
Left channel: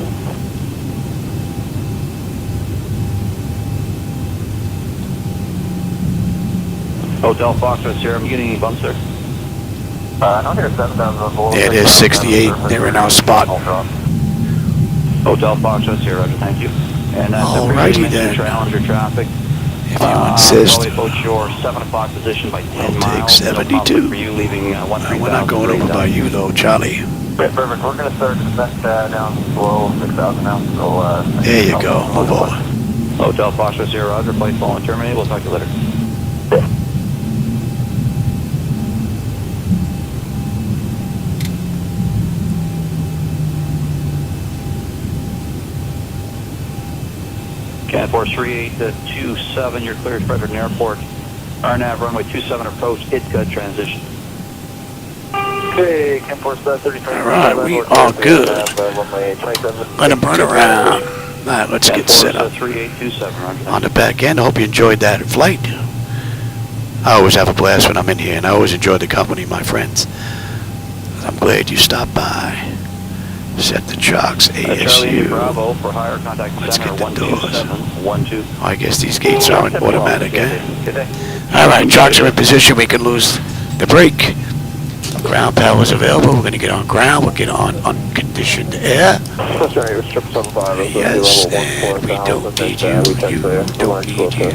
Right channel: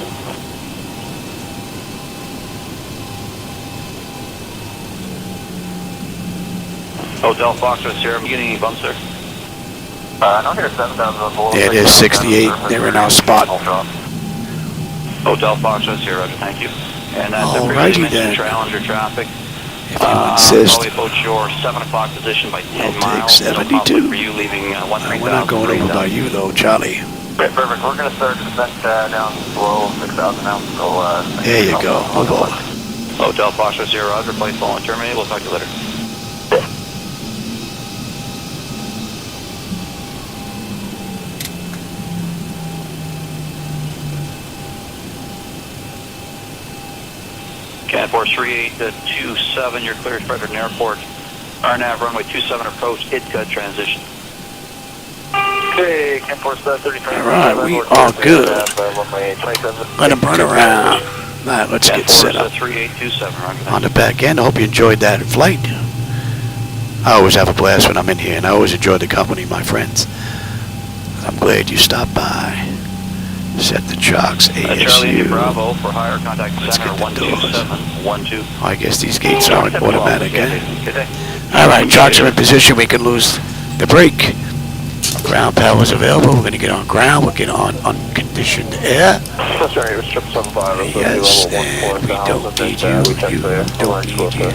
Hotel Foxtrot, Sierra, I'm getting any bumps there? No, here's 7,000. There it is, 68. They're in our spot. Hotel Foxtrot, Sierra, thank you. And, Alrighty then. Challenger traffic. If you insist, Approach your 7 o'clock position by we'll 20 take miles. 72. For you leaving, We're not going over by you though, Charlie. Okay, perfect. We're going to start descent down below 6,000 now. So, There you go. Move over. Hotel Foxtrot, Sierra, Roger, flight fall and terminate. We'll talk to you later. Canforce 3827, you're cleared Fredericton Airport. RNAV runway 27 approach, ITCA transition. Okay, Canforce 33. Alright, we are good. Let him burn around. Alright, let's get set up. 3827, On the back end, I hope you enjoyed that flight. I always have a blast when I'm in here, and I always enjoy the company of my friends. I'm glad you stopped by. Set the chocks, ASU. Let's get the doors. Oh, I guess these gates aren't automatic, eh? Alright, chocks are in position. We can lose the brake. Ground power is available. We're going to get on ground. We'll get on unconditioned air. Yes, and we don't need you. You don't need you.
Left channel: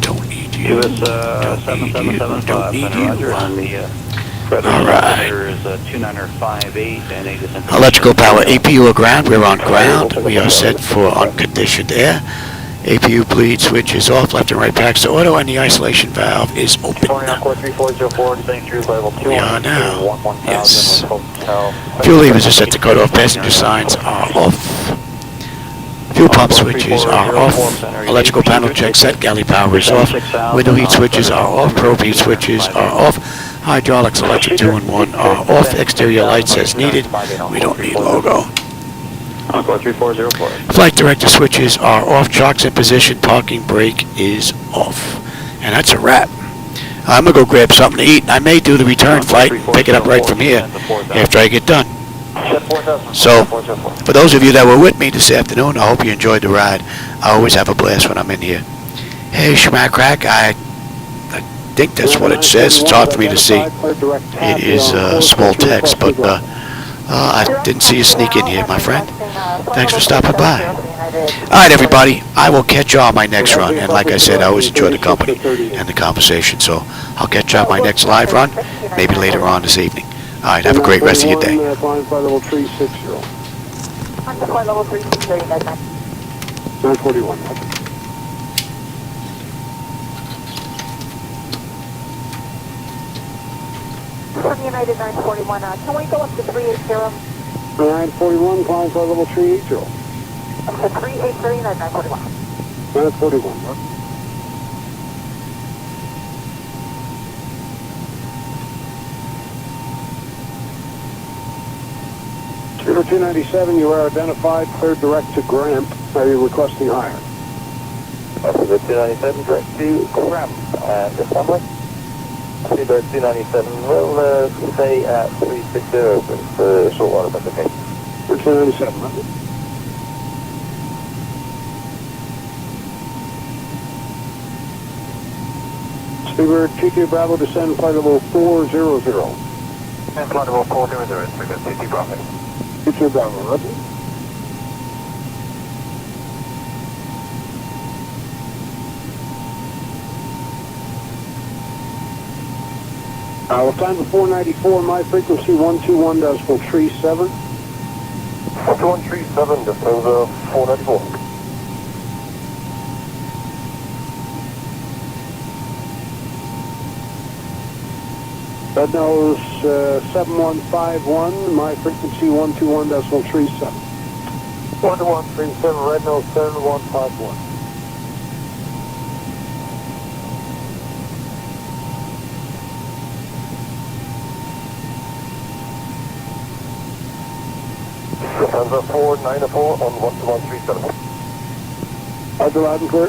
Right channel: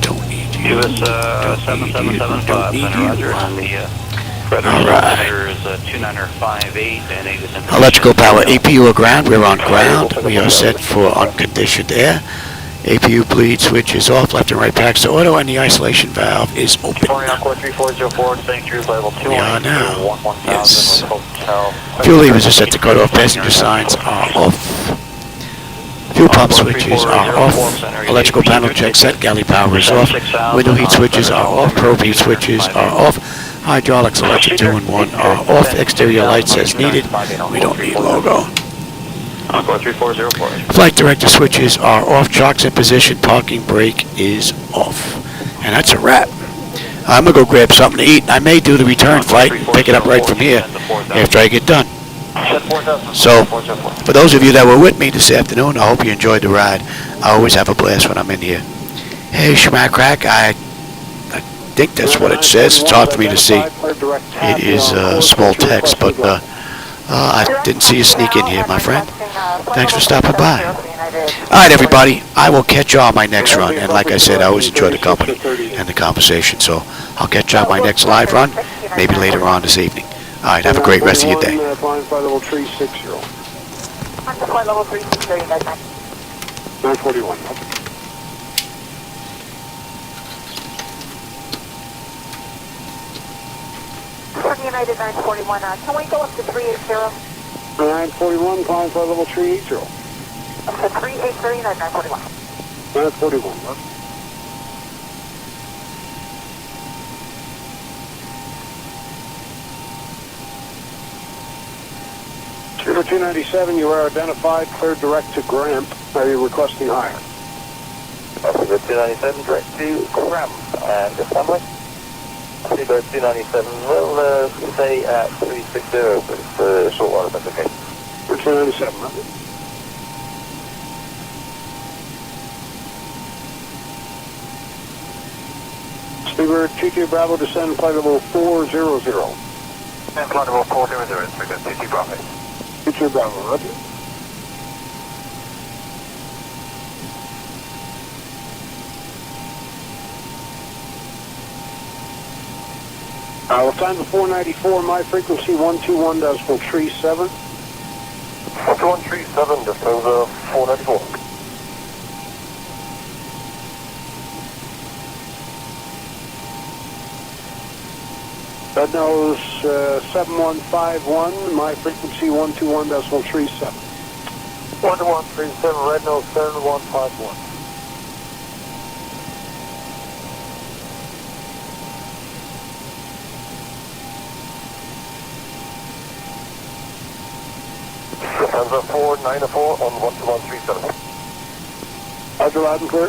Don't need you. Don't need you. Don't need you. Alright. Electrical power, APU or ground. We're on ground. We are set for unconditioned air. APU bleed switch is off. Left and right packs to auto, and the isolation valve is open. We are now. Yes. Fuel levers are set to cut off. Passenger signs are off. Fuel pump switches are off. Electrical panel check set. Galley power is off. Window heat switches are off. Probe heat switches are off. Hydraulics, electric 2 and 1 are off. Exterior lights as needed. We don't need logo. Flight director switches are off. Chocks in position. Parking brake is off. And that's a wrap. I'm going to go grab something to eat. I may do the return flight and pick it up right from here after I get done. So, for those of you that were with me this afternoon, I hope you enjoyed the ride. I always have a blast when I'm in here. Hey, Schmack Crack, I think that's what it says. It's hard for me to see. It is small text, but I didn't see you sneak in here, my friend. Thanks for stopping by. Alright, everybody, I will catch you on my next run. And like I said, I always enjoy the company and the conversation. So I'll catch you on my next live run, maybe later on this evening. Alright, have a great rest of your day. United 941, can we go up to 380? 941, calling for level 380. Up to 380, United 941. 941. River 297, you are identified, cleared direct to Gramp. Are you requesting higher? River 297, direct to Gramp. And December. River 297, we'll stay at 360 for short water, that's okay. River 297, Speedbird 22 Bravo, descend flight level 400. And flight level 400, so good, 50 Bravo. 22 Bravo, roger. What time to 494, my frequency 121.37. 12137, just over 494. Red nose 7151, my frequency 121.37. 12137, red nose 7151. Lufthansa 494 on 12137. Roger, loud and clear.